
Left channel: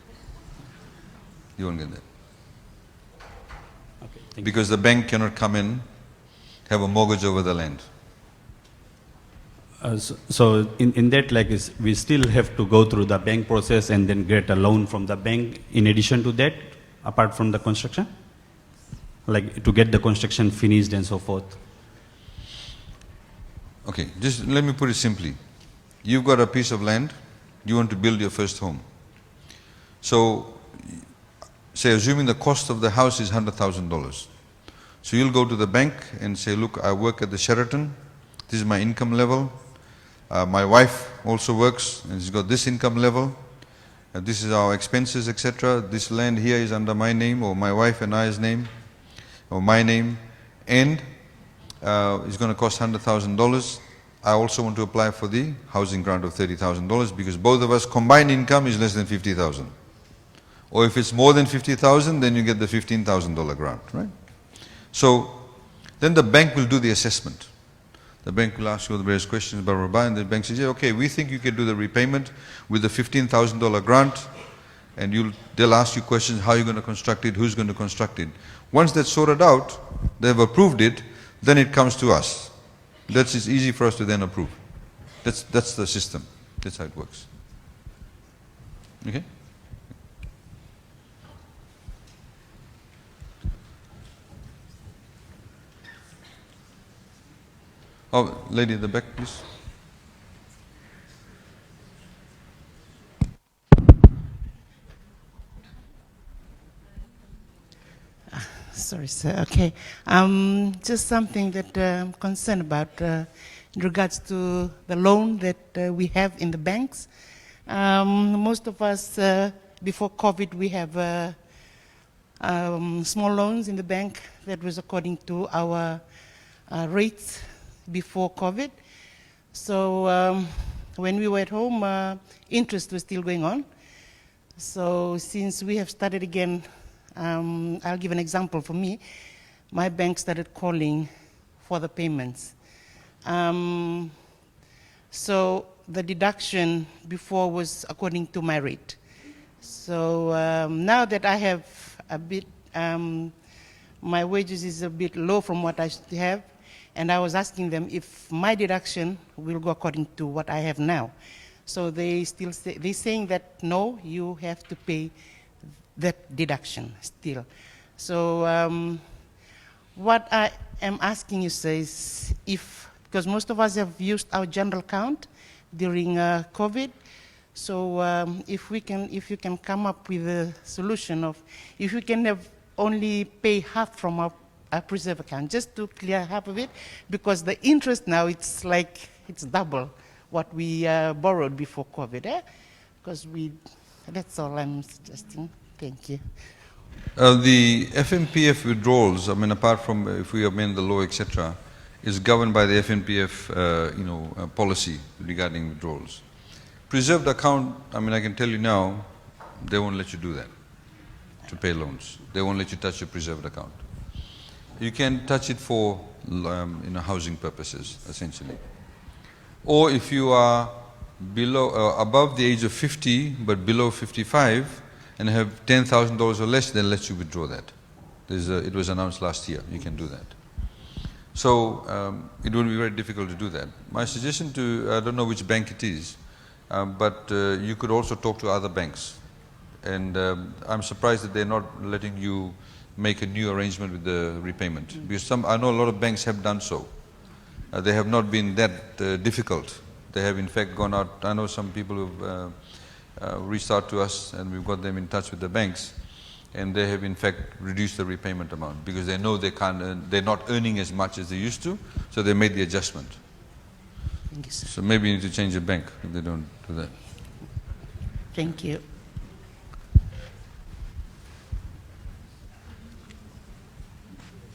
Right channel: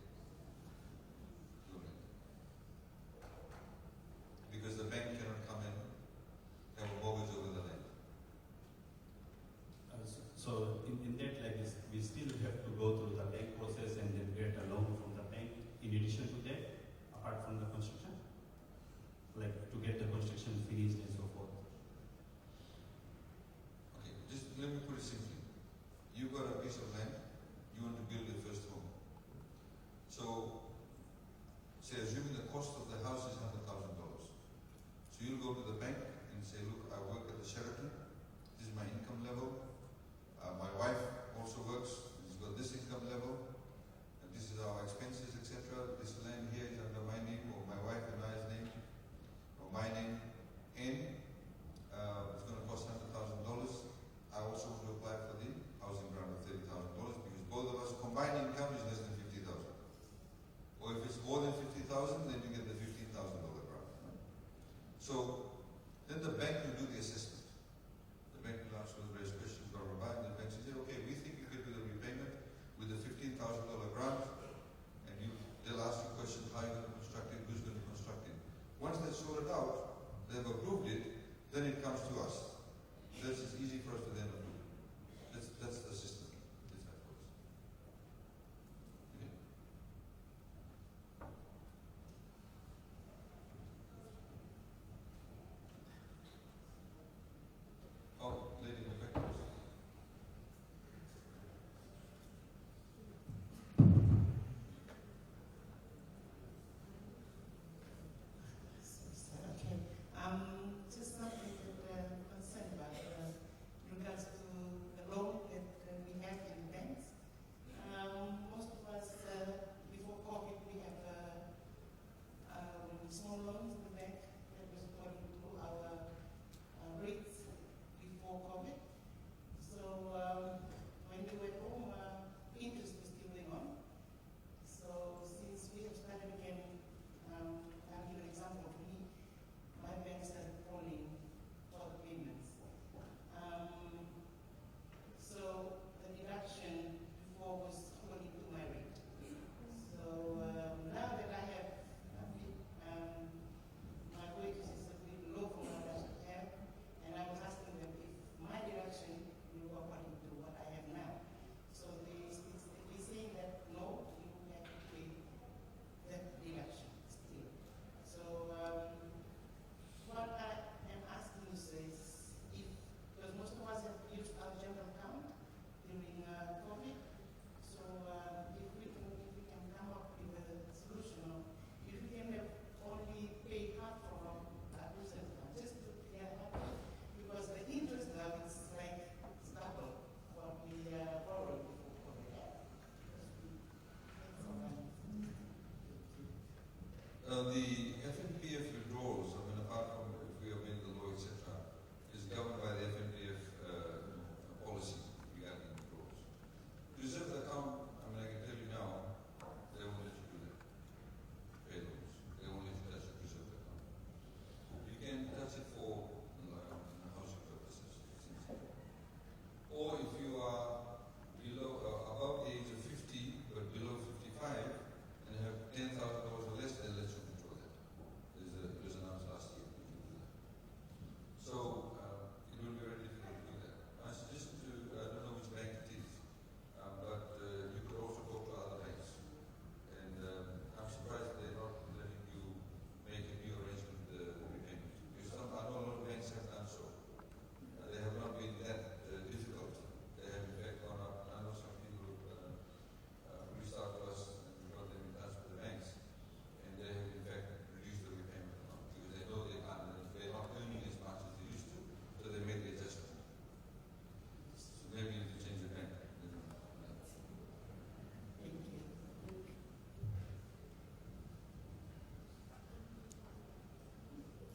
You won't get that. Okay, because the bank cannot come in, have a mortgage over the land. So in that, we still have to go through the bank process and then get a loan from the bank in addition to that, apart from the construction? Like to get the construction finished and so forth? Okay, just let me put it simply. You've got a piece of land, you want to build your first home. So, say assuming the cost of the house is $100,000. So you'll go to the bank and say, look, I work at the Sheraton, this is my income level. My wife also works and she's got this income level. This is our expenses, etc. This land here is under my name or my wife and I's name or my name, and it's going to cost $100,000. I also want to apply for the housing grant of $30,000 because both of us combined income is less than $50,000. Or if it's more than $50,000, then you get the $15,000 grant, right? So then the bank will do the assessment. The bank will ask you the various questions, blah, blah, blah, and the bank says, yeah, okay, we think you can do the repayment with the $15,000 grant, and they'll ask you questions, how you're going to construct it, who's going to construct it. Once that's sorted out, they've approved it, then it comes to us. That's easy for us to then approve. That's the system. That's how it works. Okay? Oh, lady in the back, please. Sorry, sir. Okay. Just something that I'm concerned about in regards to the loan that we have in the banks. Most of us, before COVID, we have small loans in the bank that was according to our rates before COVID. So when we were at home, interest was still going on. So since we have started again, I'll give an example for me. My bank started calling for the payments. So the deduction before was according to my rate. So now that I have a bit, my wages is a bit low from what I should have, and I was asking them if my deduction will go according to what I have now. So they still say, they're saying that no, you have to pay that deduction still. So what I am asking you is if, because most of us have used our general account during COVID, so if you can come up with a solution of, if we can have only pay half from our preserve account, just to clear half of it, because the interest now, it's like, it's double what we borrowed before COVID, because that's all I'm suggesting. Thank you. The FNPF withdrawals, I mean, apart from if we amend the law, etc., is governed by the FNPF, policy regarding withdrawals. Preserved account, I mean, I can tell you now, they won't let you do that to pay loans. They won't let you touch your preserved account. You can touch it for housing purposes, essentially. Or if you are below, above the age of 50 but below 55 and have $10,000 or less, they'll let you withdraw that. It was announced last year, you can do that. So it would be very difficult to do that. My suggestion to, I don't know which bank it is, but you could also talk to other banks. And I'm surprised that they're not letting you make a new arrangement with the repayment. Because I know a lot of banks have done so. They have not been that difficult. They have in fact gone out. I know some people who've reached out to us and we've got them in touch with the banks, and they have in fact reduced the repayment amount because they know they can't they're not earning as much as they used to, so they made the adjustment. Thank you, sir. So maybe you need to change the bank if they don't do that. Thank you.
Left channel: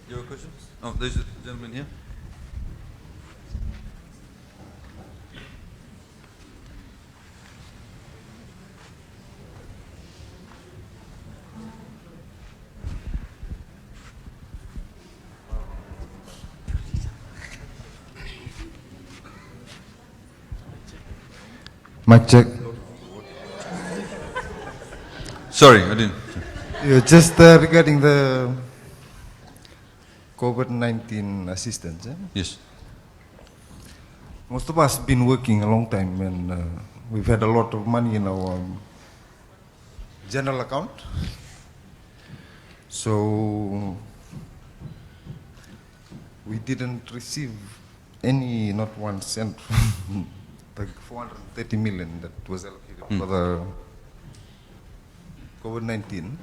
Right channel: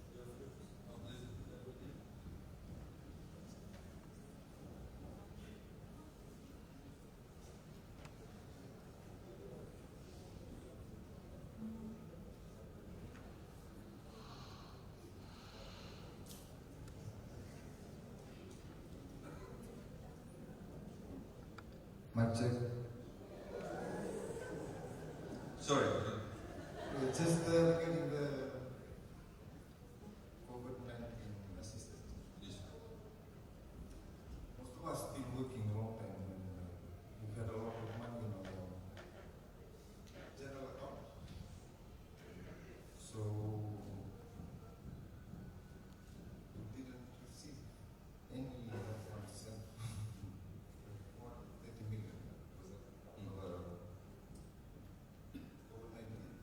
You have a question? Oh, there's a gentleman here. Mic check. Sorry, I didn't. Yeah, just regarding the COVID-19 assistance. Yes. Most of us have been working a long time, and we've had a lot of money in our general account. So we didn't receive any, not 1 cent, like 430 million that was allocated for the COVID-19.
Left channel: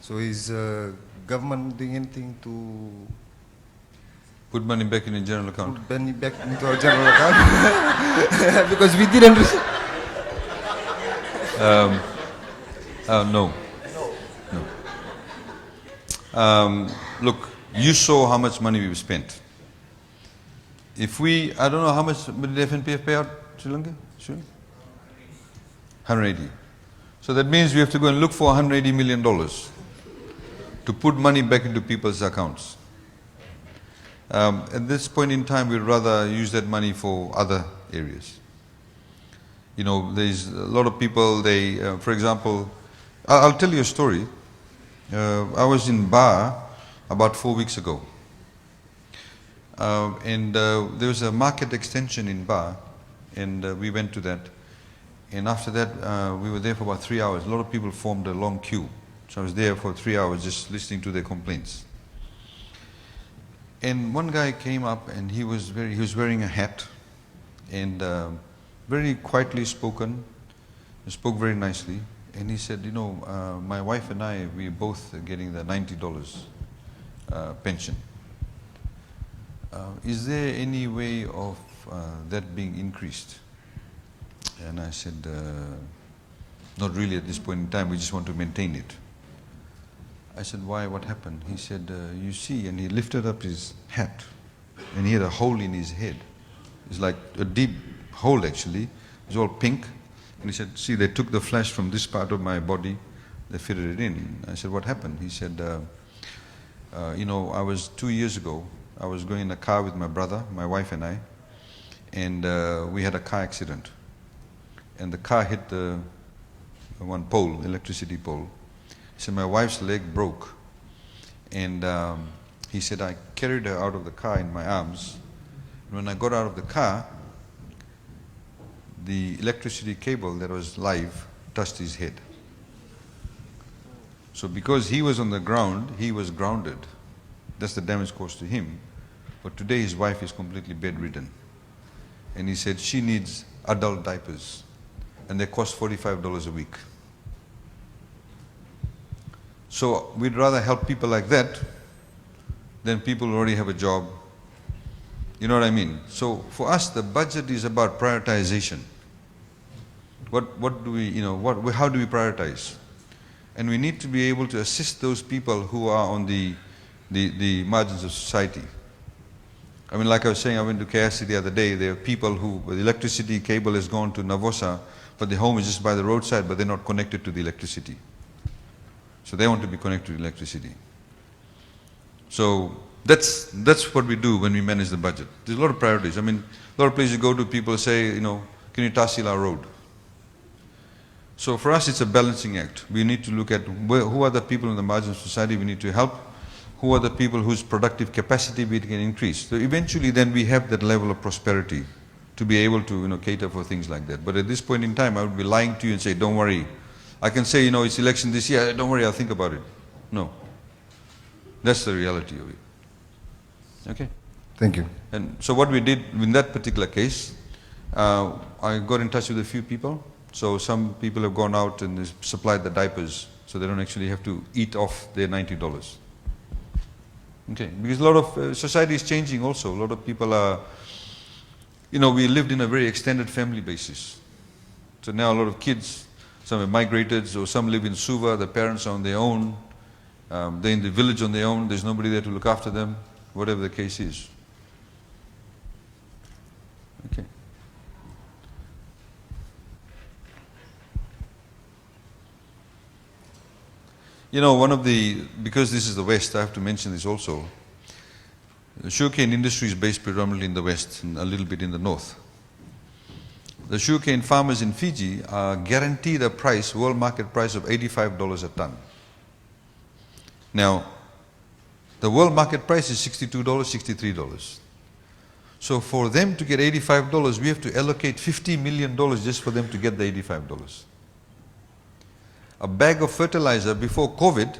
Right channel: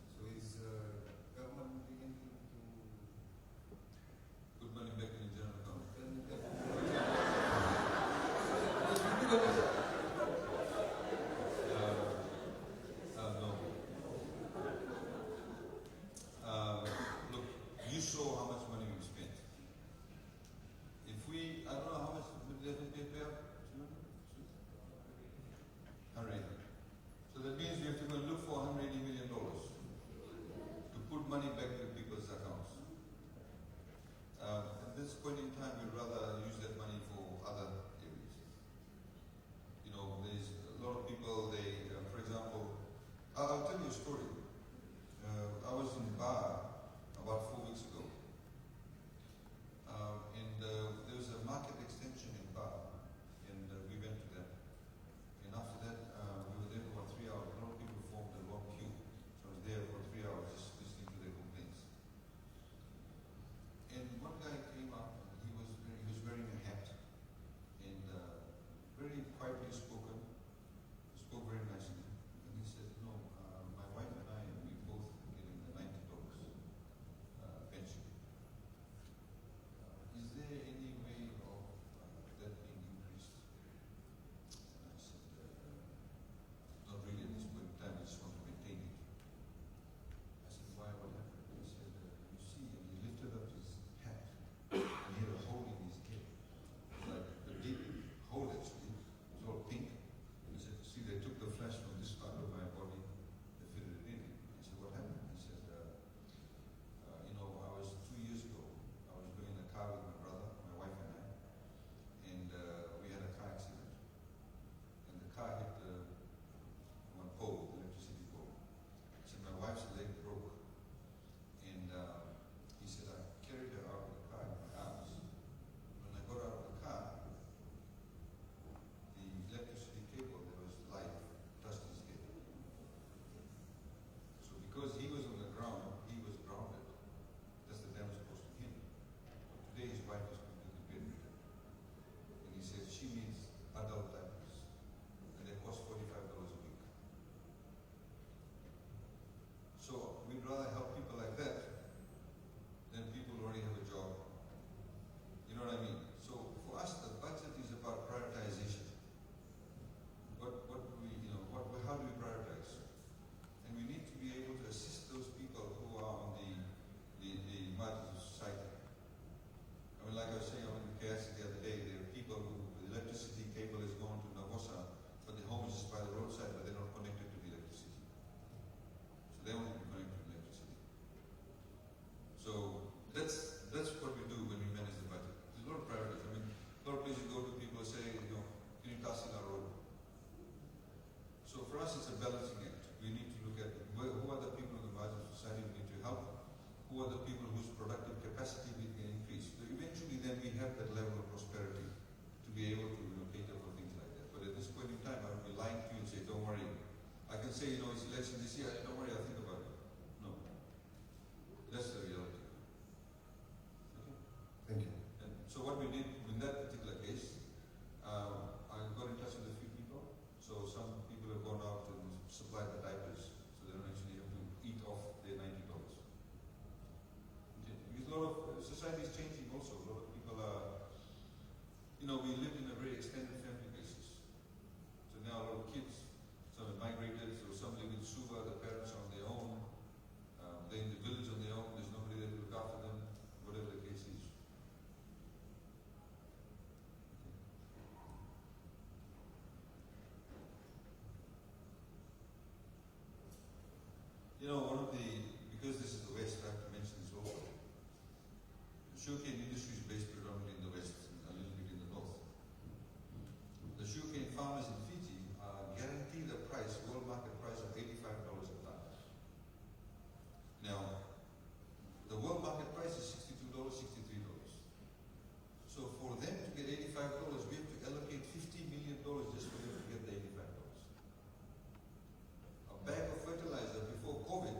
So is government doing anything to Put money back in the general account. put money back into our general account? Because we didn't receive. No. No. Look, you saw how much money we've spent. If we, I don't know how much did the FNPF pay out Sri Lanka? Sure. 180. So that means we have to go and look for $180 million to put money back into people's accounts. At this point in time, we'd rather use that money for other areas. You know, there's a lot of people, they, for example, I'll tell you a story. I was in Ba about 4 weeks ago. And there was a market extension in Ba, and we went to that. And after that, we were there for about 3 hours. A lot of people formed a long queue. So I was there for 3 hours just listening to their complaints. And one guy came up and he was wearing a hat and very quietly spoken, spoke very nicely. And he said, you know, my wife and I, we're both getting the $90 pension. Is there any way of that being increased? And I said, not really at this point in time, we just want to maintain it. I said, why, what happened? He said, you see, and he lifted up his hat, and he had a hole in his head. It's like a deep hole actually. It's all pink. And he said, see, they took the flesh from this part of my body, they fitted it in. I said, what happened? He said, you know, I was 2 years ago, I was going in a car with my brother, my wife and I, and we had a car accident. And the car hit the one pole, electricity pole. He said, my wife's leg broke. And he said, I carried her out of the car in my arms. And when I got out of the car, the electricity cable that was live touched his head. So because he was on the ground, he was grounded. That's the damage caused to him. But today his wife is completely bedridden. And he said she needs adult diapers. And they cost $45 a week. So we'd rather help people like that than people who already have a job. You know what I mean? So for us, the budget is about prioritization. What do we, you know, how do we prioritize? And we need to be able to assist those people who are on the margins of society. I mean, like I was saying, I went to KSC the other day. There are people who, the electricity cable has gone to Navosa, but the home is just by the roadside, but they're not connected to the electricity. So they want to be connected to electricity. So that's what we do when we manage the budget. There's a lot of priorities. I mean, a lot of places you go to, people say, you know, can you tahsil our road? So for us, it's a balancing act. We need to look at who are the people in the margins of society we need to help, who are the people whose productive capacity we can increase. So eventually then we have that level of prosperity to be able to, you know, cater for things like that. But at this point in time, I would be lying to you and say, don't worry. I can say, you know, it's election this year, don't worry, I'll think about it. No. That's the reality of it. Okay? Thank you. And so what we did in that particular case, I got in touch with a few people. So some people have gone out and supplied the diapers, so they don't actually have to eat off their $90. Okay, because a lot of society is changing also. A lot of people are, you know, we lived in a very extended family basis. So now a lot of kids, some have migrated, or some live in Suva, the parents are on their own. They're in the village on their own, there's nobody there to look after them, whatever the case is. Okay. You know, because this is the West, I have to mention this also. The sugarcane industry is based predominantly in the West and a little bit in the North. The sugarcane farmers in Fiji are guaranteed a price, world market price of $85 a ton. Now, the world market price is $62, $63. So for them to get $85, we have to allocate $50 million just for them to get the $85. A bag of fertilizer before COVID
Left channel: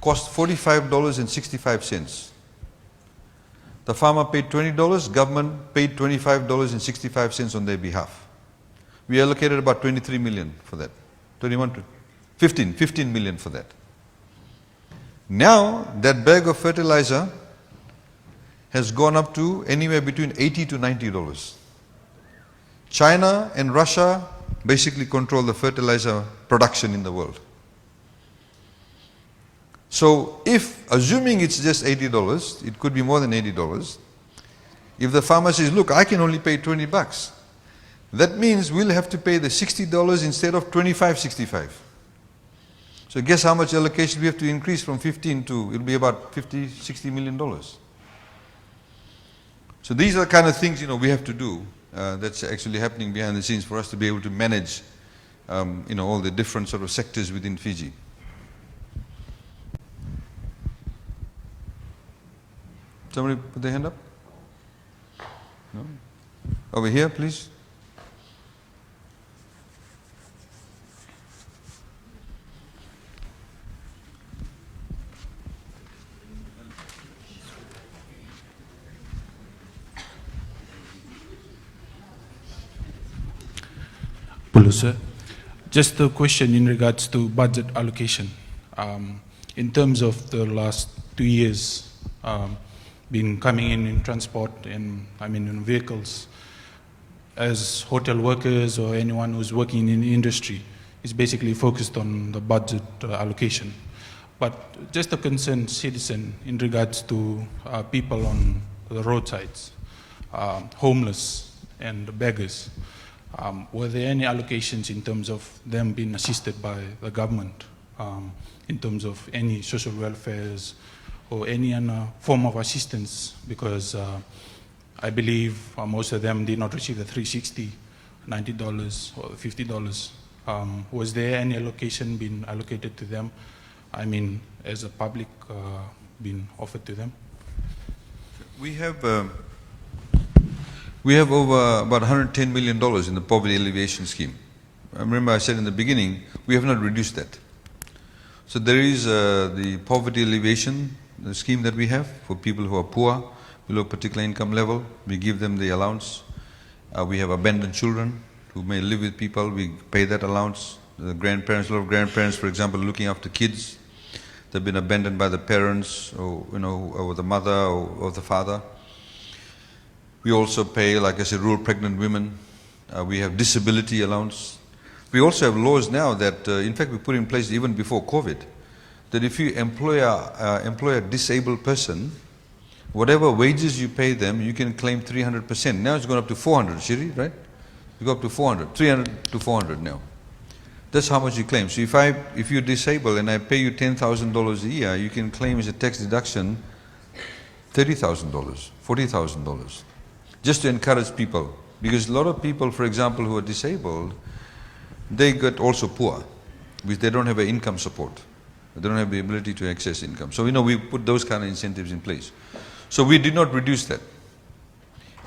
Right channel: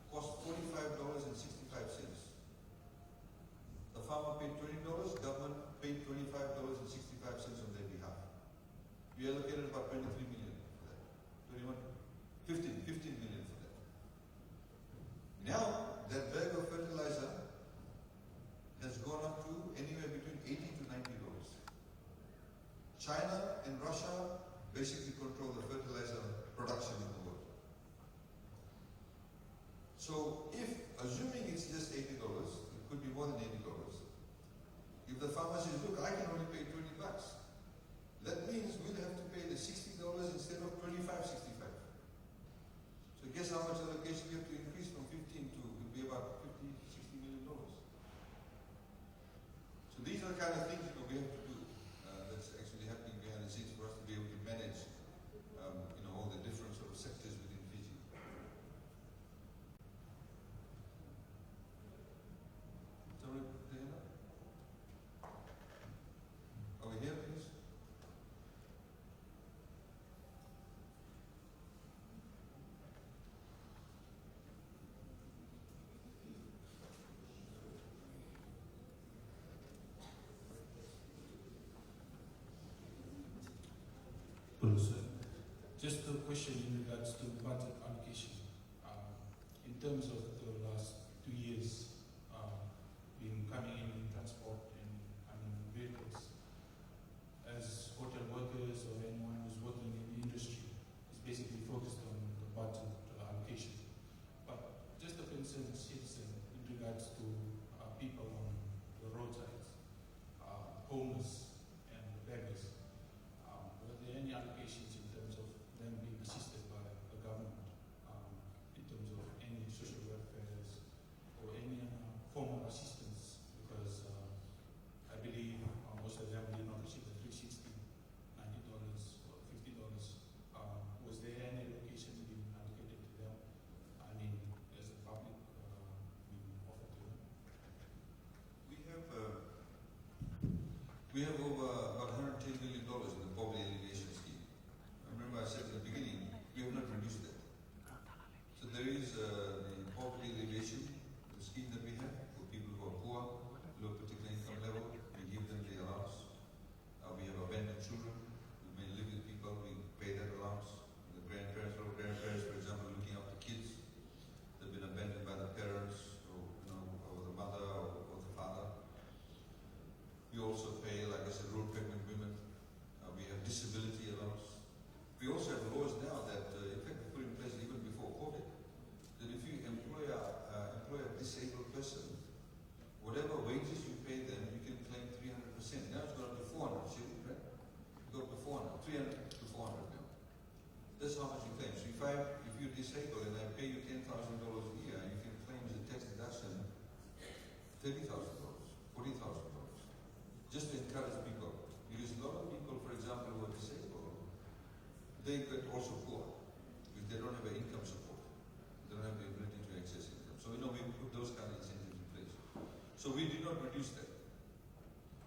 cost $45.65. The farmer paid $20, government paid $25.65 on their behalf. We allocated about 23 million for that. 15 million for that. Now, that bag of fertilizer has gone up to anywhere between $80 to $90. China and Russia basically control the fertilizer production in the world. So if, assuming it's just $80, it could be more than $80. If the farmer says, look, I can only pay $20, that means we'll have to pay the $60 instead of $25.65. So guess how much allocation we have to increase from 15 to, it'll be about $50, $60 million. So these are the kind of things, you know, we have to do. That's actually happening behind the scenes for us to be able to manage, you know, all the different sort of sectors within Fiji. Somebody put their hand up? No? Over here, please. Hello, sir. Just a question in regards to budget allocation. In terms of the last 2 years, been coming in transport and in vehicles, as hotel workers or anyone who's working in the industry is basically focused on the budget allocation. But just a concerned citizen in regards to people on the roadsides, homeless, and beggars. Were there any allocations in terms of them being assisted by the government in terms of any social welfares or any other form of assistance? Because I believe most of them did not receive the $360, $90 or $50. Was there any allocation being allocated to them? I mean, as a public being offered to them? We have over about $110 million in the poverty alleviation scheme. Remember I said in the beginning, we have not reduced that. So there is the poverty alleviation scheme that we have for people who are poor, below a particular income level. We give them the allowance. We have abandoned children who may live with people. We pay that allowance. The grandparents, a lot of grandparents, for example, looking after kids. They've been abandoned by the parents, or or the mother, or the father. We also pay, like I said, rural pregnant women. We have disability allowance. We also have laws now that, in fact, we put in place even before COVID, that if you employ a disabled person, whatever wages you pay them, you can claim 300%. Now it's gone up to 400, Shiri, right? You go up to 400, 300 to 400 now. That's how much you claim. So if you're disabled and I pay you $10,000 a year, you can claim as a tax deduction $30,000, $40,000, just to encourage people. Because a lot of people, for example, who are disabled, they get also poor, because they don't have an income support. They don't have the ability to access income. So we put those kind of incentives in place. So we did not reduce that.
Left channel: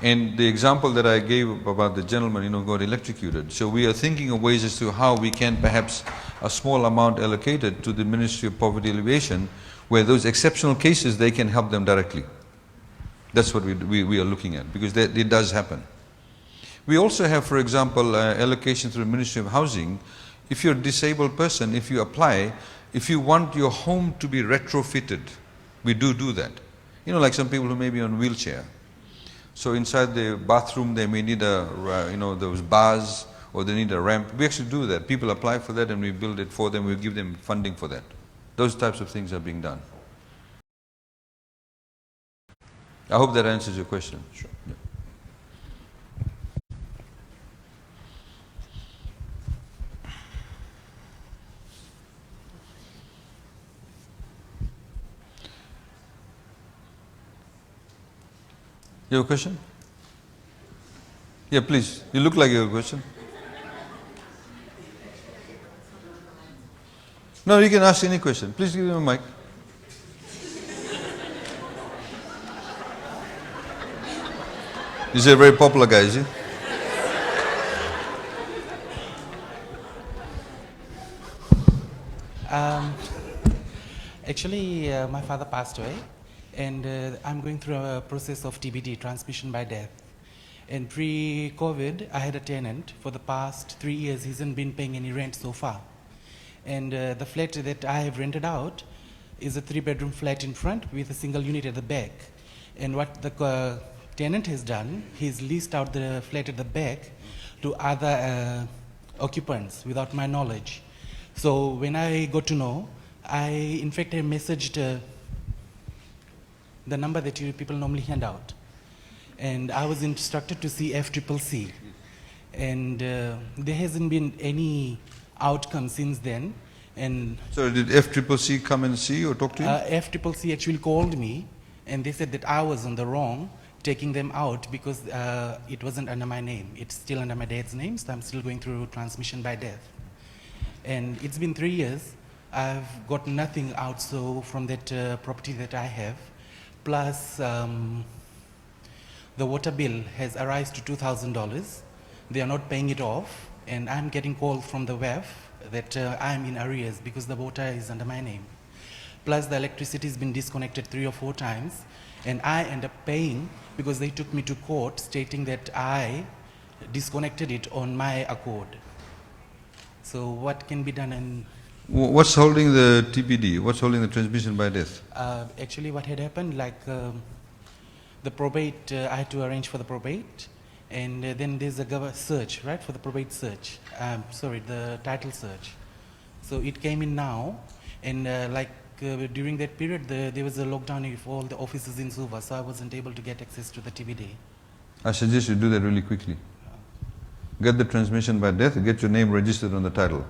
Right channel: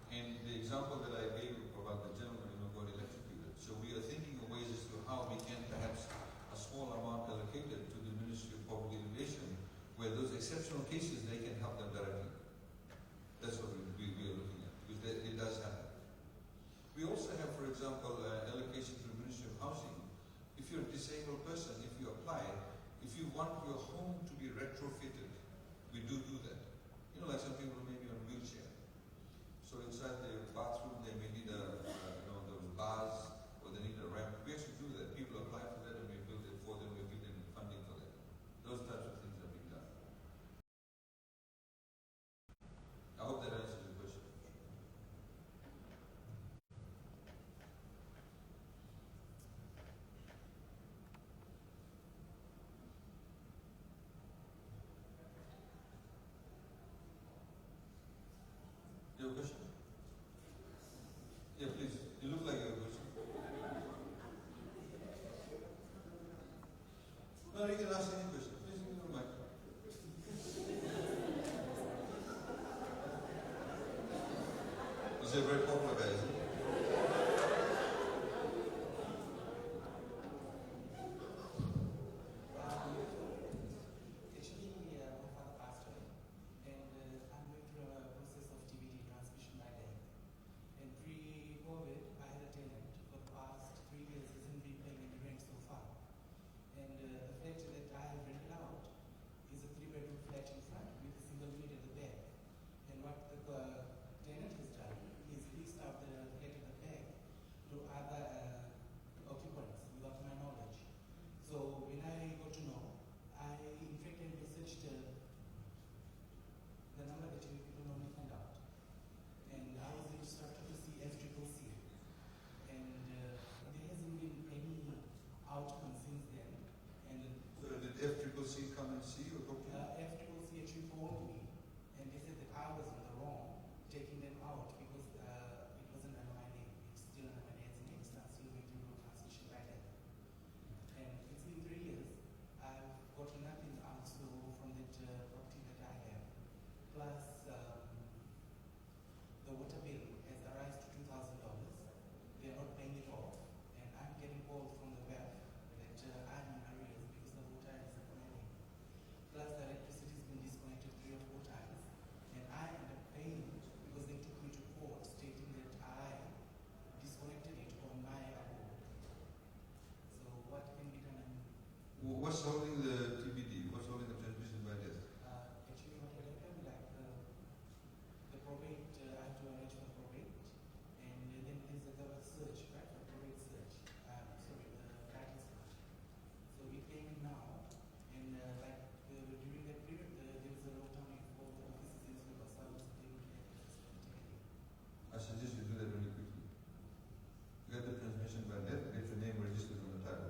And the example that I gave about the gentleman, got electrocuted. So we are thinking of ways as to how we can perhaps a small amount allocated to the Ministry of Poverty Alleviation, where those exceptional cases, they can help them directly. That's what we are looking at, because it does happen. We also have, for example, allocation through the Ministry of Housing. If you're a disabled person, if you apply, if you want your home to be retrofitted, we do that. Like some people who may be on wheelchair. So inside the bathroom, they may need those bars, or they need a ramp. We actually do that. People apply for that and we build it for them. We give them funding for that. Those types of things are being done. I hope that answers your question. Sure. Yeah. You have a question? Yeah, please. You look like you have a question. No, you can ask any question. Please give him a mic. He's a very popular guy, is he? Actually, my father passed away, and I'm going through a process of TBD, transmission by death. And pre-COVID, I had a tenant. For the past 3 years, he hasn't been paying any rent so far. And the flat that I have rented out is a 3-bedroom flat in front with a single unit at the back. And what the tenant has done, he's leased out the flat at the back to other occupants without my knowledge. So when I got to know, in fact, I messaged the number that you people normally hand out. And I was instructed to see FCCC. And there hasn't been any outcome since then. And so did FCCC come and see or talk to you? FCCC actually called me, and they said that I was on the wrong, taking them out because it wasn't under my name. It's still under my dad's name, so I'm still going through transmission by death. And it's been 3 years. I've got nothing out so from that property that I have. Plus, the water bill has arisen to $2,000. They are not paying it off, and I'm getting calls from the WEF that I'm in arrears because the water is under my name. Plus, the electricity has been disconnected 3 or 4 times, and I end up paying because they took me to court stating that I disconnected it on my accord. So what can be done? And what's holding the TPD? What's holding the transmission by death? Actually, what had happened, like the probate, I had to arrange for the probate, and then there's a search, right, for the probate search. Sorry, the title search. So it came in now, and during that period, there was a lockdown of all the offices in Suva, so I wasn't able to get access to the TBD. I suggest you do that really quickly. Get the transmission by death, get your name registered on the title.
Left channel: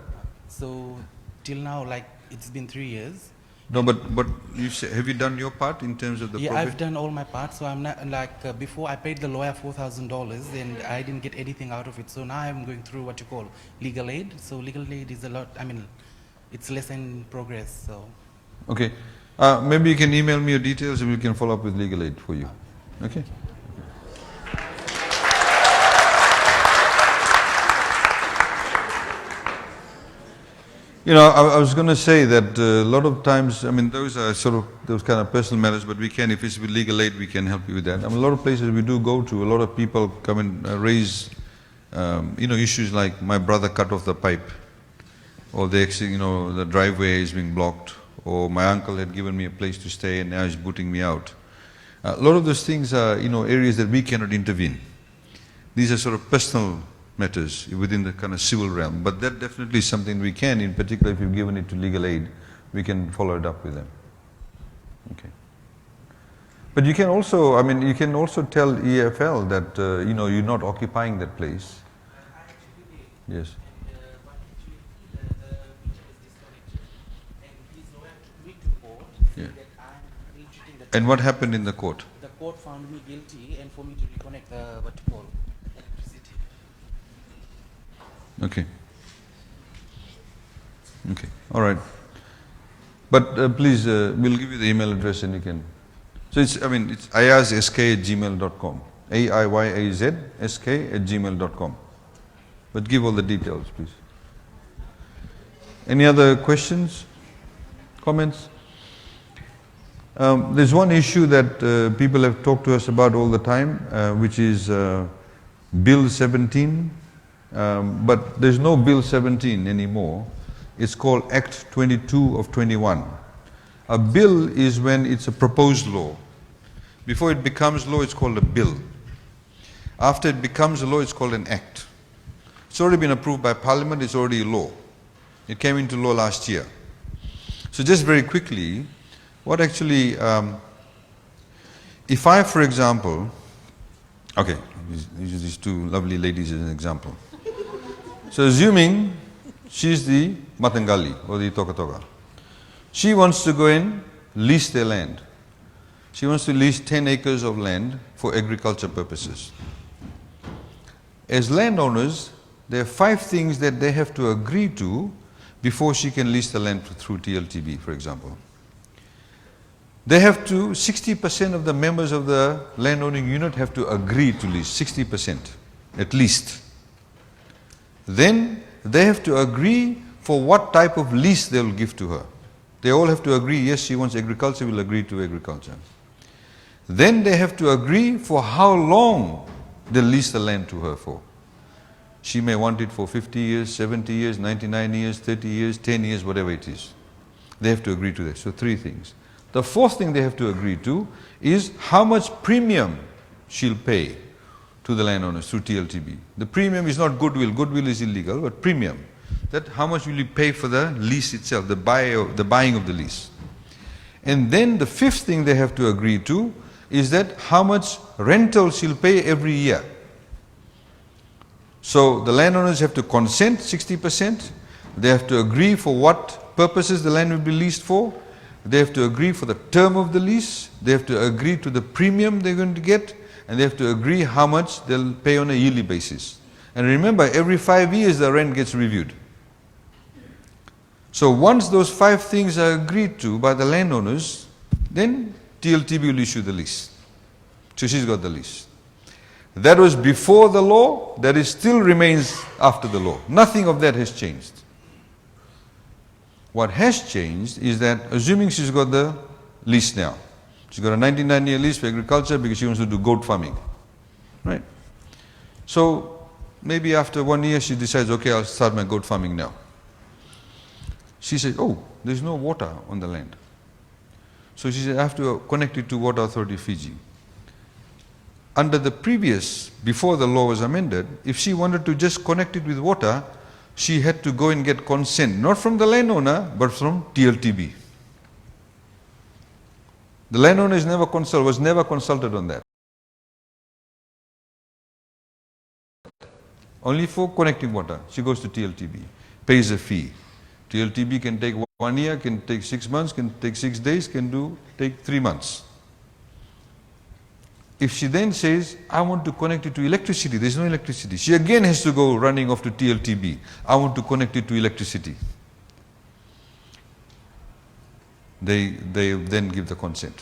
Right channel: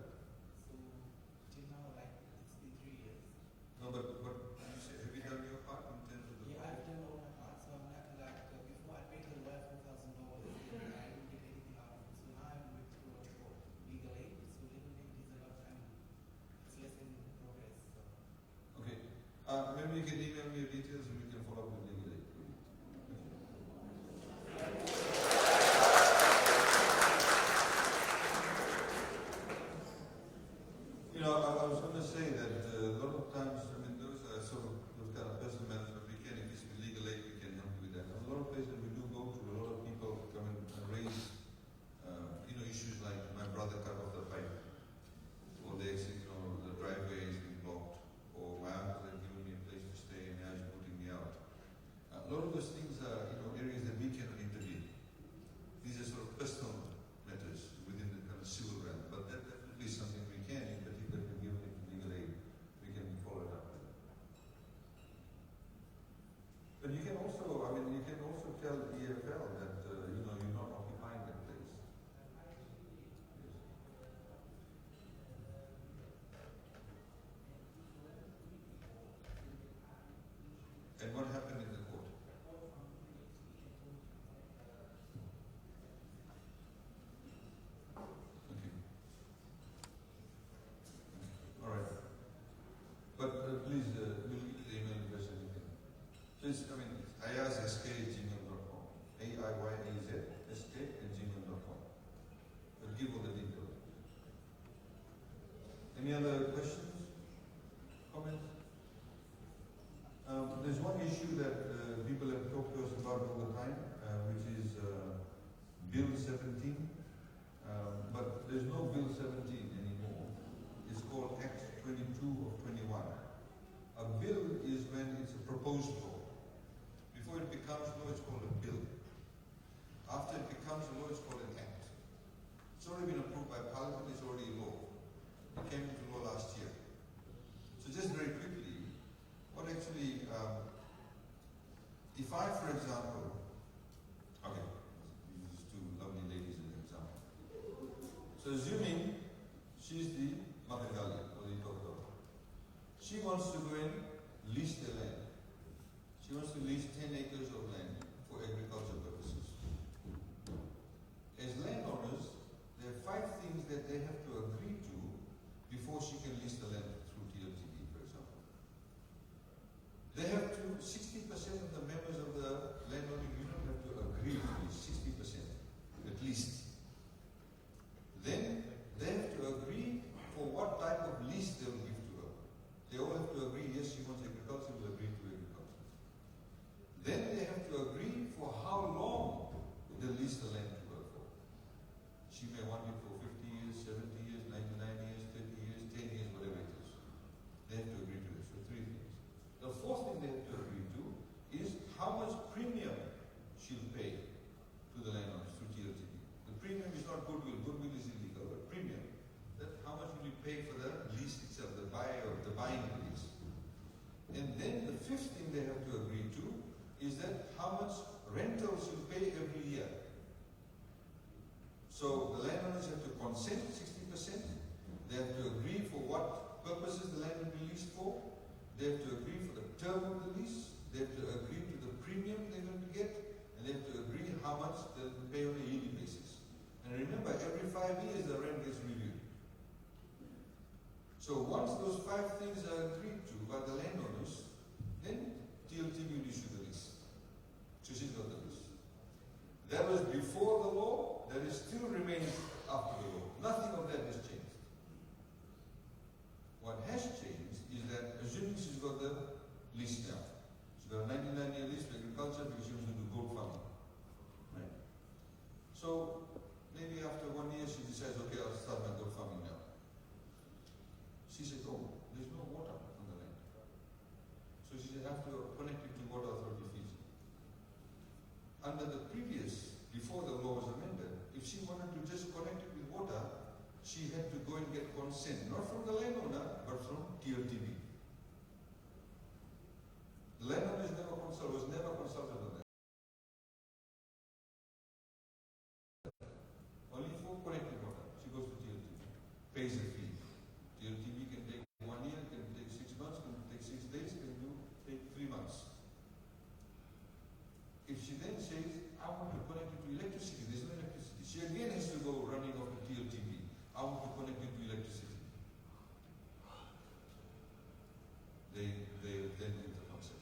So till now, like it's been 3 years. No, but you say, have you done your part in terms of the Yeah, probate? I've done all my parts. So I'm not like before I paid the lawyer $4,000 and I didn't get anything out of it. So now I'm going through what you call legal aid. So legal aid is a lot. I mean, it's less in progress. So Okay. Maybe you can email me your details and we can follow up with legal aid for you. Okay? You know, I was going to say that a lot of times, I mean, those are sort of those kind of personal matters, but we can, if it's with legal aid, we can help you with that. I mean, a lot of places we do go to, a lot of people come and raise, you know, issues like my brother cut off the pipe, or the driveway is being blocked, or my uncle had given me a place to stay and now he's booting me out. A lot of those things are, you know, areas that we cannot intervene. These are sort of personal matters within the kind of civil realm, but that definitely is something we can, in particular if you've given it to legal aid, we can follow it up with them. Okay. But you can also, I mean, you can also tell EFL that, you know, you're not occupying that place. Yes. Yeah. And what happened in the court? the court found me guilty and for me to reconnect what you call electricity. Okay. Okay. All right. But please, we'll give you the email address and you can. So it's, I mean, it's aiyazsk@gmail.com. AIYAZSK@gmail.com. But give all the details, please. Any other questions? Comments? There's one issue that people have talked to us about all the time, which is Bill 17. But there's no Bill 17 anymore. It's called Act 22 of 21. A bill is when it's a proposed law. Before it becomes law, it's called a bill. After it becomes a law, it's called an act. It's already been approved by Parliament, it's already a law. It came into law last year. So just very quickly, what actually, if I, for example, okay, use these two lovely ladies as an example. So assuming she's the Matangali or the Toka. She wants to go and lease their land. She wants to lease 10 acres of land for agriculture purposes. As landowners, there are 5 things that they have to agree to before she can lease the land through TLTB, for example. They have to, 60% of the members of the landowning unit have to agree to lease, 60% at least. Then they have to agree for what type of lease they will give to her. They all have to agree, yes, she wants agriculture, we'll agree to agriculture. Then they have to agree for how long they'll lease the land to her for. She may want it for 50 years, 70 years, 99 years, 30 years, 10 years, whatever it is. They have to agree to that. So 3 things. The 4th thing they have to agree to is how much premium she'll pay to the landowners through TLTB. The premium is not goodwill. Goodwill is illegal, but premium. That how much will you pay for the lease itself, the buying of the lease. And then the 5th thing they have to agree to is that how much rental she'll pay every year. So the landowners have to consent 60%. They have to agree for what purposes the land will be leased for. They have to agree for the term of the lease. They have to agree to the premium they're going to get. And they have to agree how much they'll pay on a yearly basis. And remember, every 5 years the rent gets reviewed. So once those 5 things are agreed to by the landowners, then TLTB will issue the lease. So she's got the lease. That was before the law, that is still remains after the law. Nothing of that has changed. What has changed is that, assuming she's got the lease now, she's got a 99-year lease for agriculture because she wants to do goat farming, right? So maybe after 1 year she decides, okay, I'll start my goat farming now. She says, oh, there's no water on the land. So she said, I have to connect it to Water Authority Fiji. Under the previous, before the law was amended, if she wanted to just connect it with water, she had to go and get consent, not from the landowner, but from TLTB. The landowner was never consulted on that. only for connecting water. She goes to TLTB, pays a fee. TLTB can take 1 year, can take 6 months, can take 6 days, can take 3 months. If she then says, I want to connect it to electricity, there's no electricity. She again has to go running off to TLTB. I want to connect it to electricity. They then give the consent.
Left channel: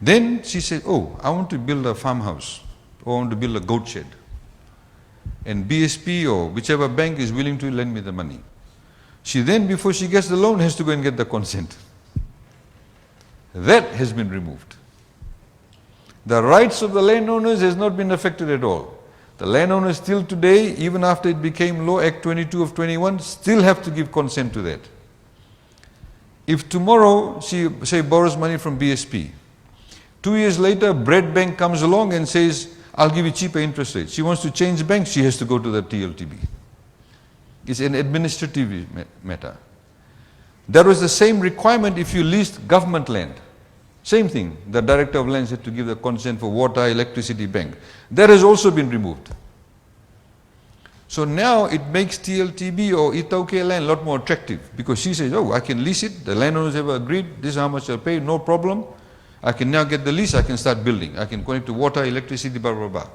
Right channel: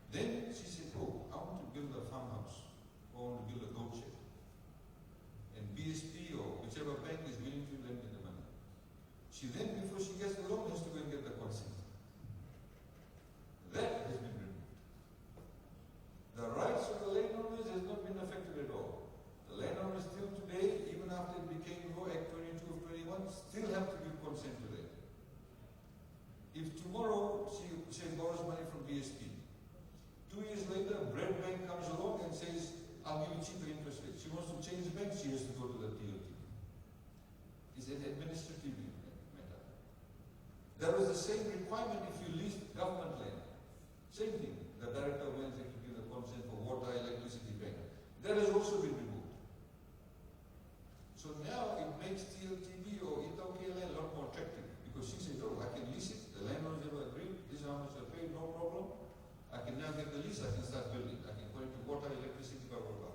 Then she says, oh, I want to build a farmhouse, or I want to build a goat shed. And BSP or whichever bank is willing to lend me the money. She then, before she gets the loan, has to go and get the consent. That has been removed. The rights of the landowners has not been affected at all. The landowners still today, even after it became law, Act 22 of 21, still have to give consent to that. If tomorrow she, say, borrows money from BSP, 2 years later, Bread Bank comes along and says, I'll give you cheaper interest rates. She wants to change bank, she has to go to the TLTB. It's an administrative matter. There was the same requirement if you leased government land. Same thing, the Director of Lands had to give the consent for water, electricity, bank. That has also been removed. So now it makes TLTB or Itauke land a lot more attractive because she says, oh, I can lease it, the landowners have agreed, this is how much I'll pay, no problem. I can now get the lease, I can start building. I can connect to water, electricity, blah, blah, blah.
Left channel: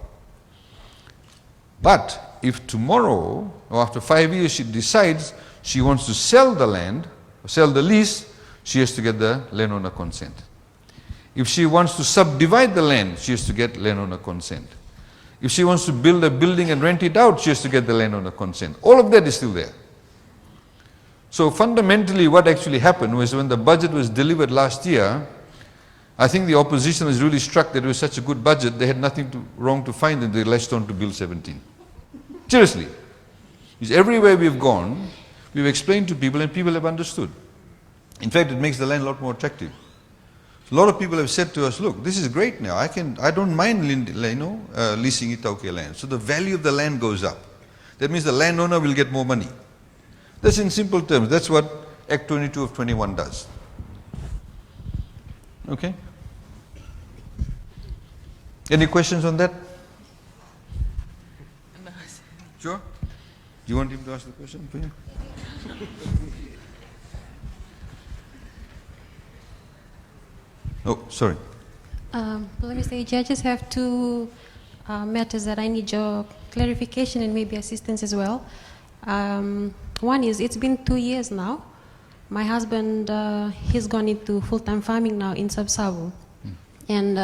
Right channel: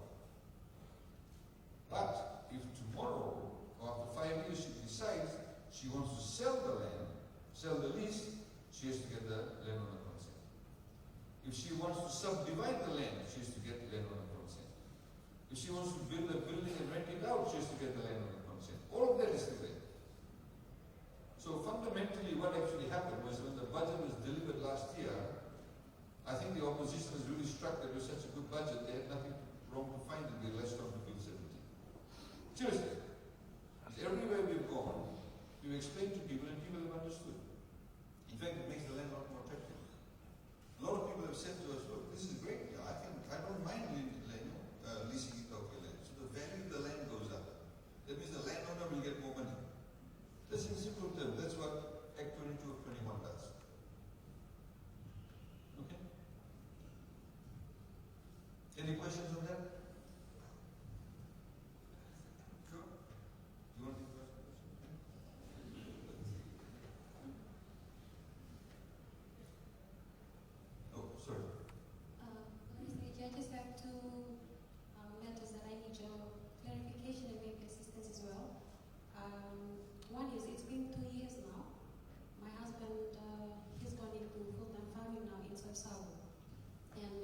But if tomorrow or after 5 years she decides she wants to sell the land, sell the lease, she has to get the landowner consent. If she wants to subdivide the land, she has to get landowner consent. If she wants to build a building and rent it out, she has to get the landowner consent. All of that is still there. So fundamentally what actually happened was when the budget was delivered last year, I think the opposition was really struck that it was such a good budget, they had nothing wrong to find and they latched on to Bill 17. Seriously. Because everywhere we've gone, we've explained to people and people have understood. In fact, it makes the land a lot more attractive. A lot of people have said to us, look, this is great now. I don't mind leasing Itauke land. So the value of the land goes up. That means the landowner will get more money. That's in simple terms. That's what Act 22 of 21 does. Okay? Any questions on that? Sure? Do you want him to ask the question for you? Oh, sorry. Mr. Aiyaz, I just have two matters that I need your clarification and maybe assistance as well. One is, it's been 2 years now. My husband, he's gone into full-time farming now in Sub-Sabu. And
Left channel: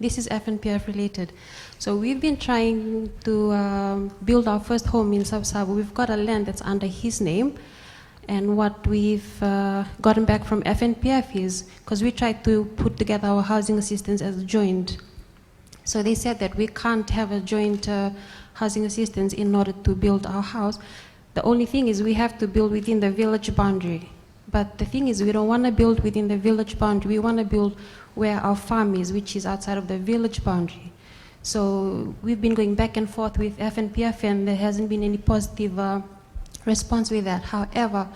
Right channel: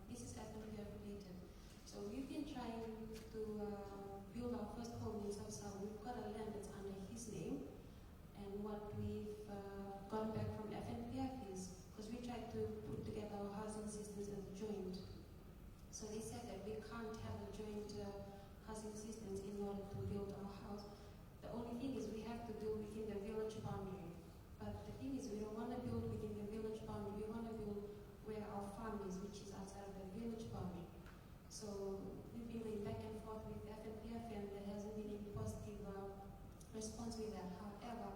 this is FNPF related. So we've been trying to build our first home in Sub-Sabu. We've got a land that's under his name. And what we've gotten back from FNPF is, because we tried to put together our housing assistance as a joint. So they said that we can't have a joint housing assistance in order to build our house. The only thing is we have to build within the village boundary. But the thing is we don't want to build within the village boundary. We want to build where our farm is, which is outside of the village boundary. So we've been going back and forth with FNPF and there hasn't been any positive response with that. However,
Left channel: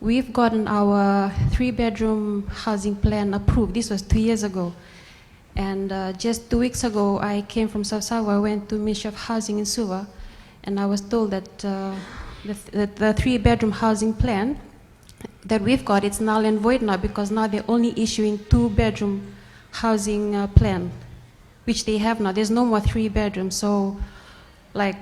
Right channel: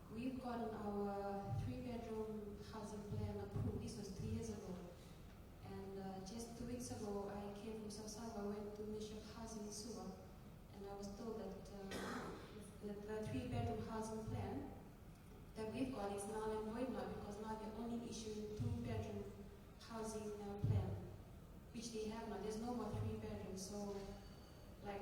we've gotten our 3-bedroom housing plan approved. This was 2 years ago. And just 2 weeks ago, I came from Sub-Sabu. I went to Ministry of Housing in Suva, and I was told that the 3-bedroom housing plan that we've got, it's null and void now because now they're only issuing 2-bedroom housing plan, which they have now. There's no more 3 bedrooms. So, like,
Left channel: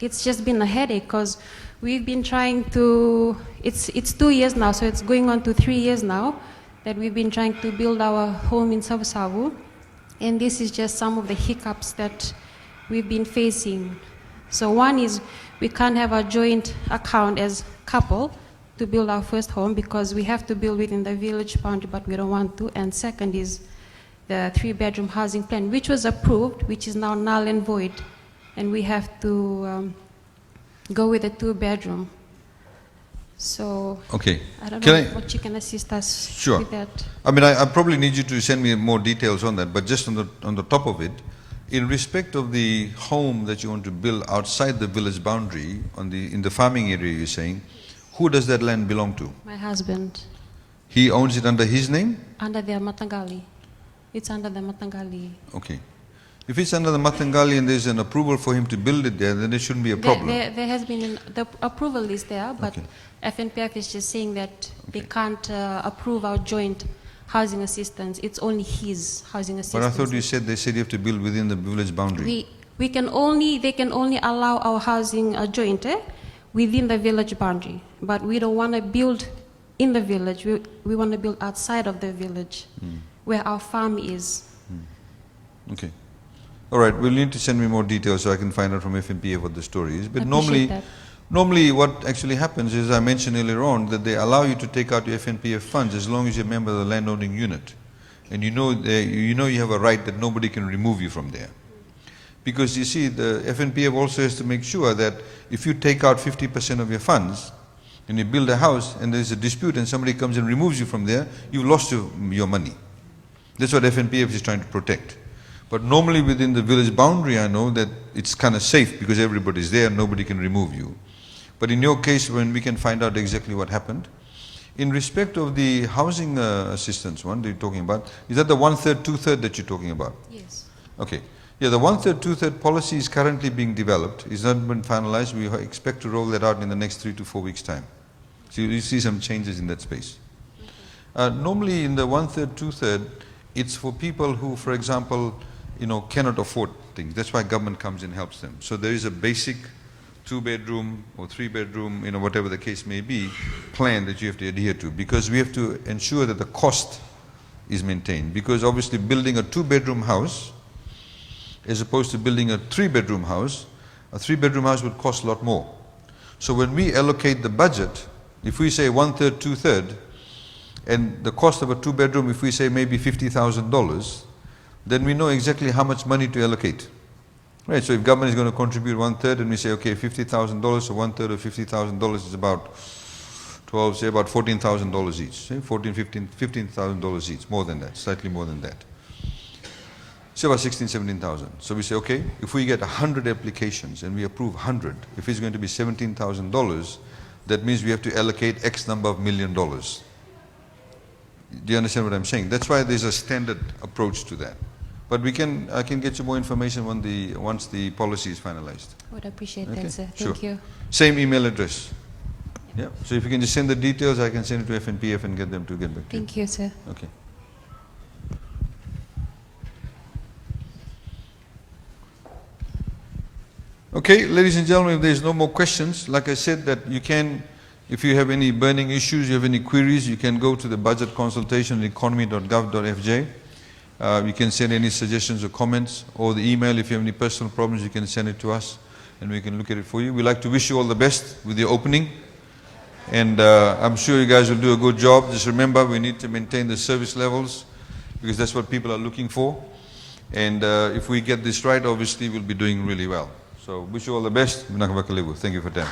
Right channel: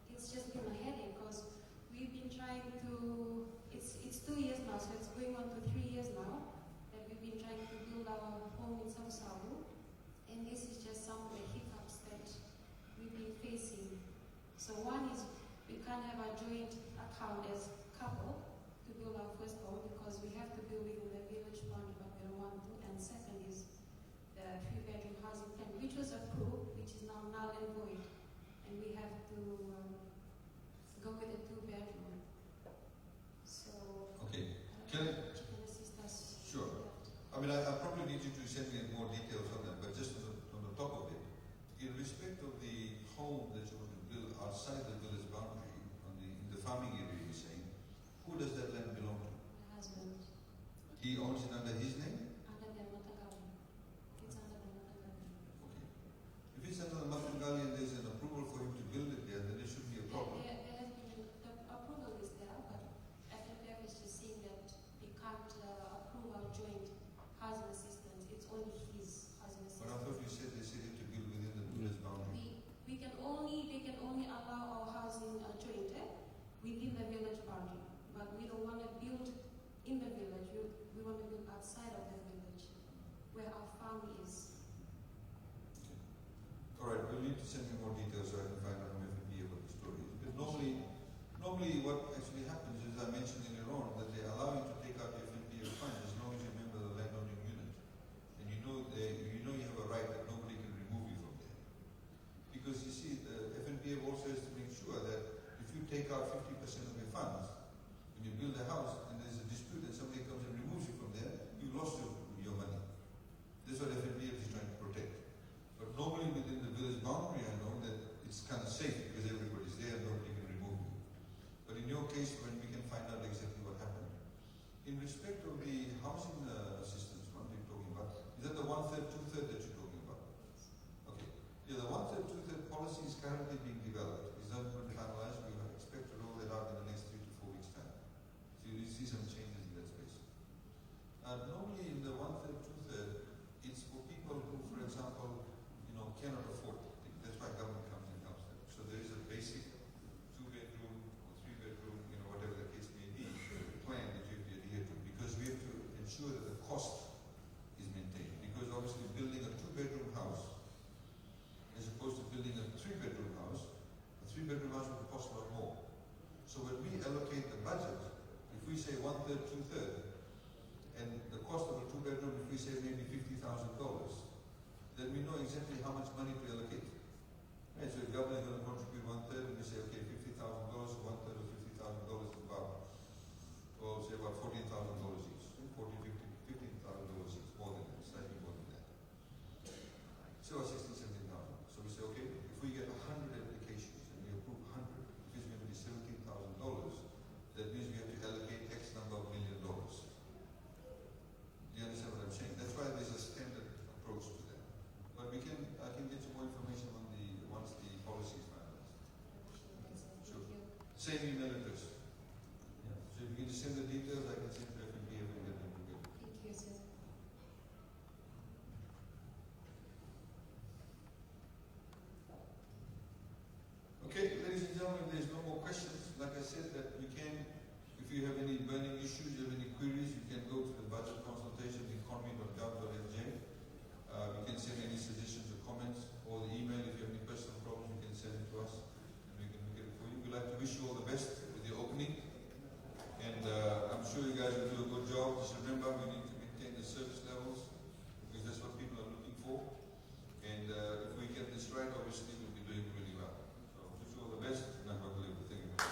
it's just been a headache because we've been trying to, it's 2 years now, so it's going on to 3 years now that we've been trying to build our home in Sub-Sabu. And this is just some of the hiccups that we've been facing. So one is we can't have a joint account as couple to build our first home because we have to build within the village boundary, but we don't want to. And second is the 3-bedroom housing plan, which was approved, which is now null and void. And we have to go with a 2-bedroom. So okay. I don't know what you can assist us with that. I mean, I probably need you to send me more details on that, but just on the top of it, in respect of the home that you want to build outside the village boundary, in the farming area you're saying, who does that land belong to? My husband. He owns it under his name? Under the Matangali. It's under the Matangali. Okay. If it's under the Matangali and there's an approval for him to build it there, then there shouldn't be a problem. There has been, the approval is there, but Okay. FNPF is just saying that we can't approve our joint housing assistance. It's only his housing But assistance. I thought they said you have to build within the village boundary. They can only allow our housing joint within the village boundary, but we don't want to build in the village. We want to build outside of the village, where our farm is. Okay. All right, we'll need to send me more details so I can find out from FNPA what the story is. But Appreciate that. normally what actually happens is, I mentioned earlier on, that they allow you to take out your FNPF funds as long as you're a member of the landowning unit. And you know you have a right that nobody can remove you from there. Because you see, the FNPF also has to make sure that if you take out 50% of your funds and you build a house and there's a dispute and somebody comes and removes you from there, you've lost your money. That's what FNPF is trying to protect. But normally within the village boundary, I know that it's kind of safe because everybody's there and nobody can remove you. But in your case, when we can find out exactly what happened. In respect of the housing assistance one that you're talking about, is that the 1/3, 2/3 that you're talking about? Yes. Okay. Yeah, the 1/3, 2/3 policy is currently being developed. It's not been finalized. We expect to roll that out in the next 3 to 4 weeks' time. So you see some changes in that space. Normally in the 1/3, 2/3, it's for people who, for example, cannot afford things. That's why government comes and helps them. So there is a basic 2-bedroom or 3-bedroom, whatever the case may be, plan that you have to adhere to, because we have to ensure that the cost is maintained. Because obviously building a 2-bedroom house as opposed to building a 3-bedroom house, a 3-bedroom house would cost a lot more. So when we allocate the budget, if we say 1/3, 2/3, and the cost of a 2-bedroom, if we say maybe $50,000, then we know exactly how much money to allocate. Right, so if government is going to contribute 1/3 and we say, okay, $50,000, so 1/3 of $50,000 is about 12, say about $14,000 each, say $15,000 each, more than that, slightly more than that. Say about 16, 17,000. So we say, okay, if we get 100 applications and we approve 100, if it's going to be $17,000, that means we have to allocate X number of $1 million. Do you understand what I'm saying? That's why there's a standard approach to that. But I can get you more information once the policy is finalized. I would appreciate Okay, that, sir. sure. Thank you. Same email address. Yeah. So if you can just send the details, I can send it to FNPF and get them to get back to you. Thank you, sir. Okay. Okay, ladies and gentlemen, if there's no more questions, like I said, that you can, if you have any burning issues, you have any queries, you can go to the budget consultation economy.gov.fj. You can send any suggestions or comments, or the email. If you have any personal problems, you can send it to us and we can look at it for you. We'd like to wish you all the best with your opening, and I'm sure you guys will do a good job. Just remember, we need to maintain the service levels because that's what people are looking for, and if we get this right, obviously we'll be doing really well. So wish you all the best. Thank you for that.